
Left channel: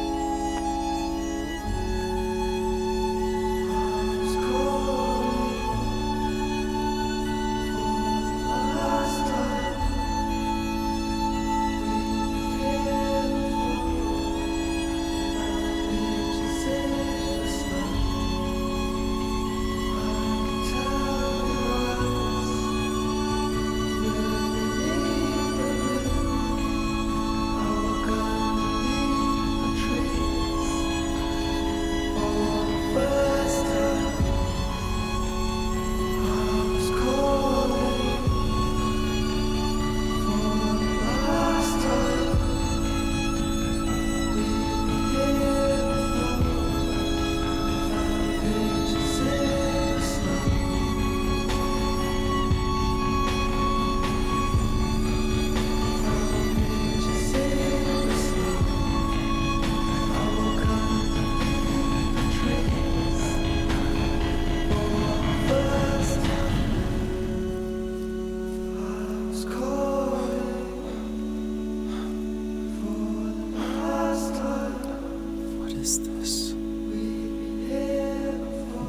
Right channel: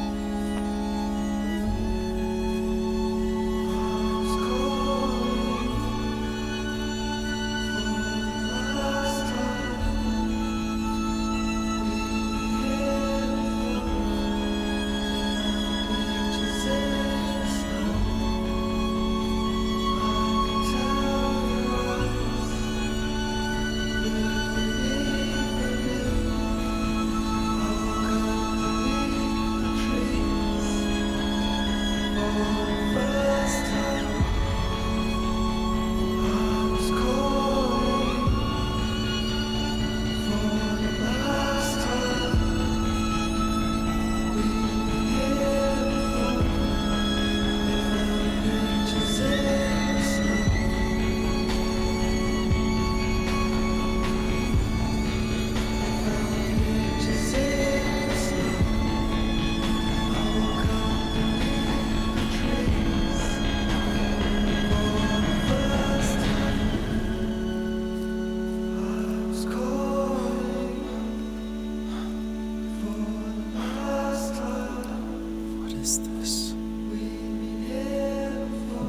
What is this?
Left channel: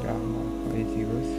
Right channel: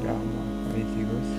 Clairement, on était gosses.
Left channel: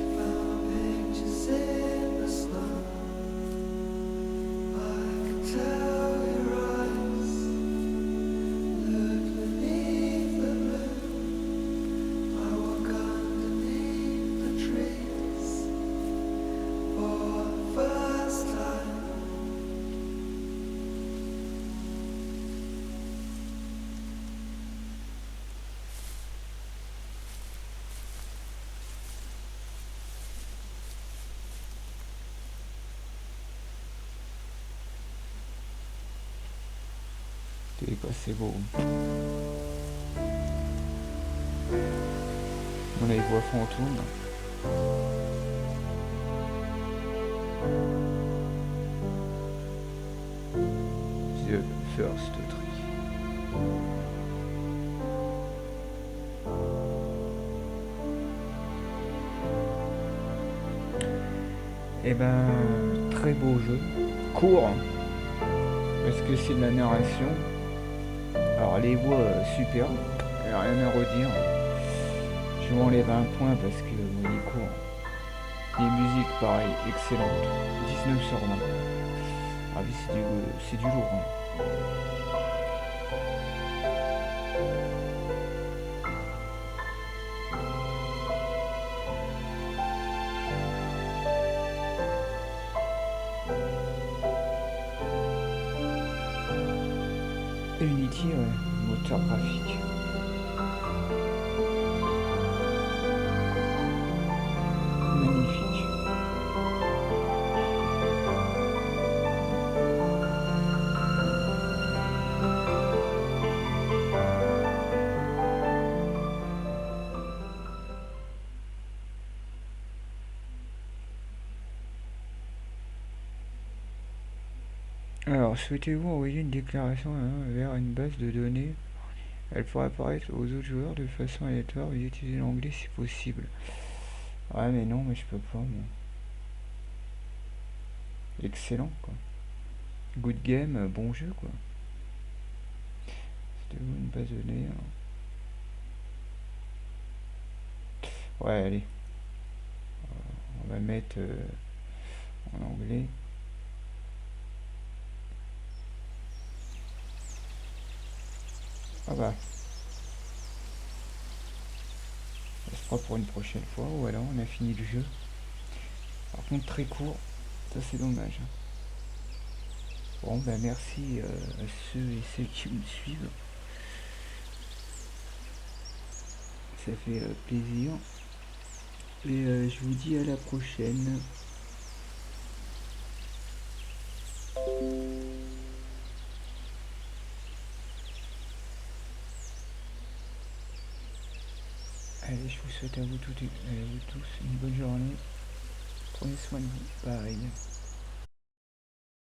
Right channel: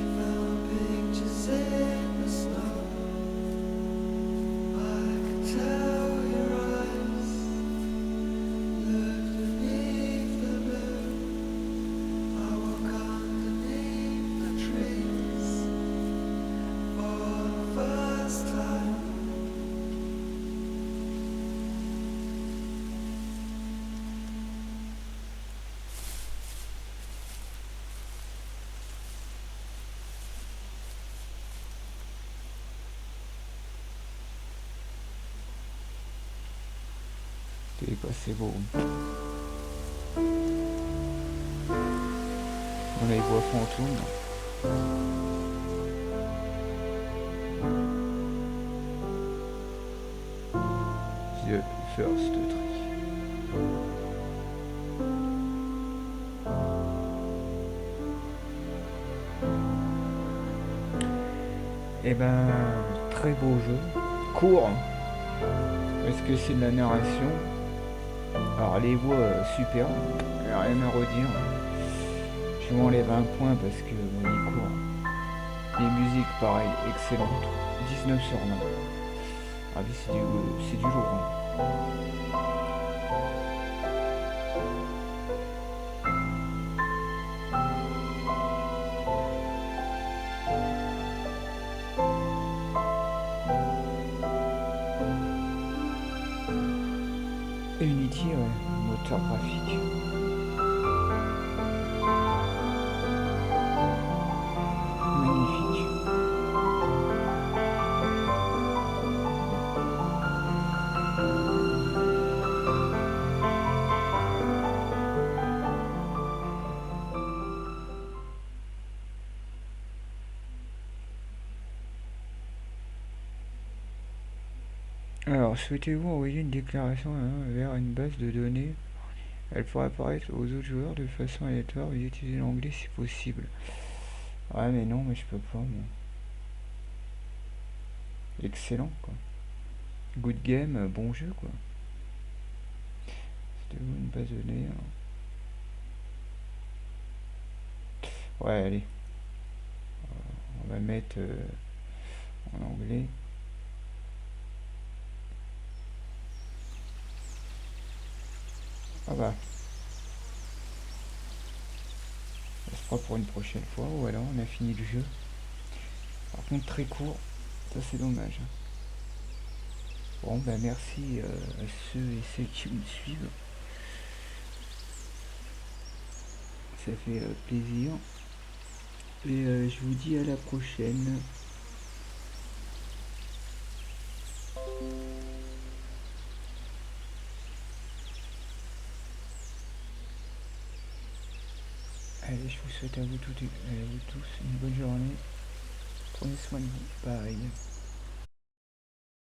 C'était quoi, c'est beau. On a les voix fantômes. The First Tree. Eh ben, très beau jeu. Court. Est-ce que c'est de la narration? Alors les voix superbes, rien à redire. Je vous enlève un point parce que bon, il est court. Les musiques pareil, excellentes. 19 sur 20. Ah oui, c'est du lourd. Hein. Unity, ouais, moteur graphique. Magnifique. Alors, souhaitez-vous envoyer une déclaration vers une base de données? Elle pourra apparaître aux autres joueurs de façon aléatoire. Veuillez utiliser l'anglais si possible. Ouais, mais non, mais je peux pas. Moi. Excellent, quoi. Good game, bon jeu, quoi. Souhaitez-vous une base de données? Ouais, allez. On va mettre en anglais. Ah bah. Ça se fera pour une prochaine fois. Voilà, on a fini le jeu. Par contre, très court. Ça, c'est dommage. Bon, bah merci à ceux et celles qui me suivent. Ça fait plaisir. Et je vous dis à la prochaine. Allez, je vous souhaite à vous tous une bonne journée. Prenez soin de vous. Bye.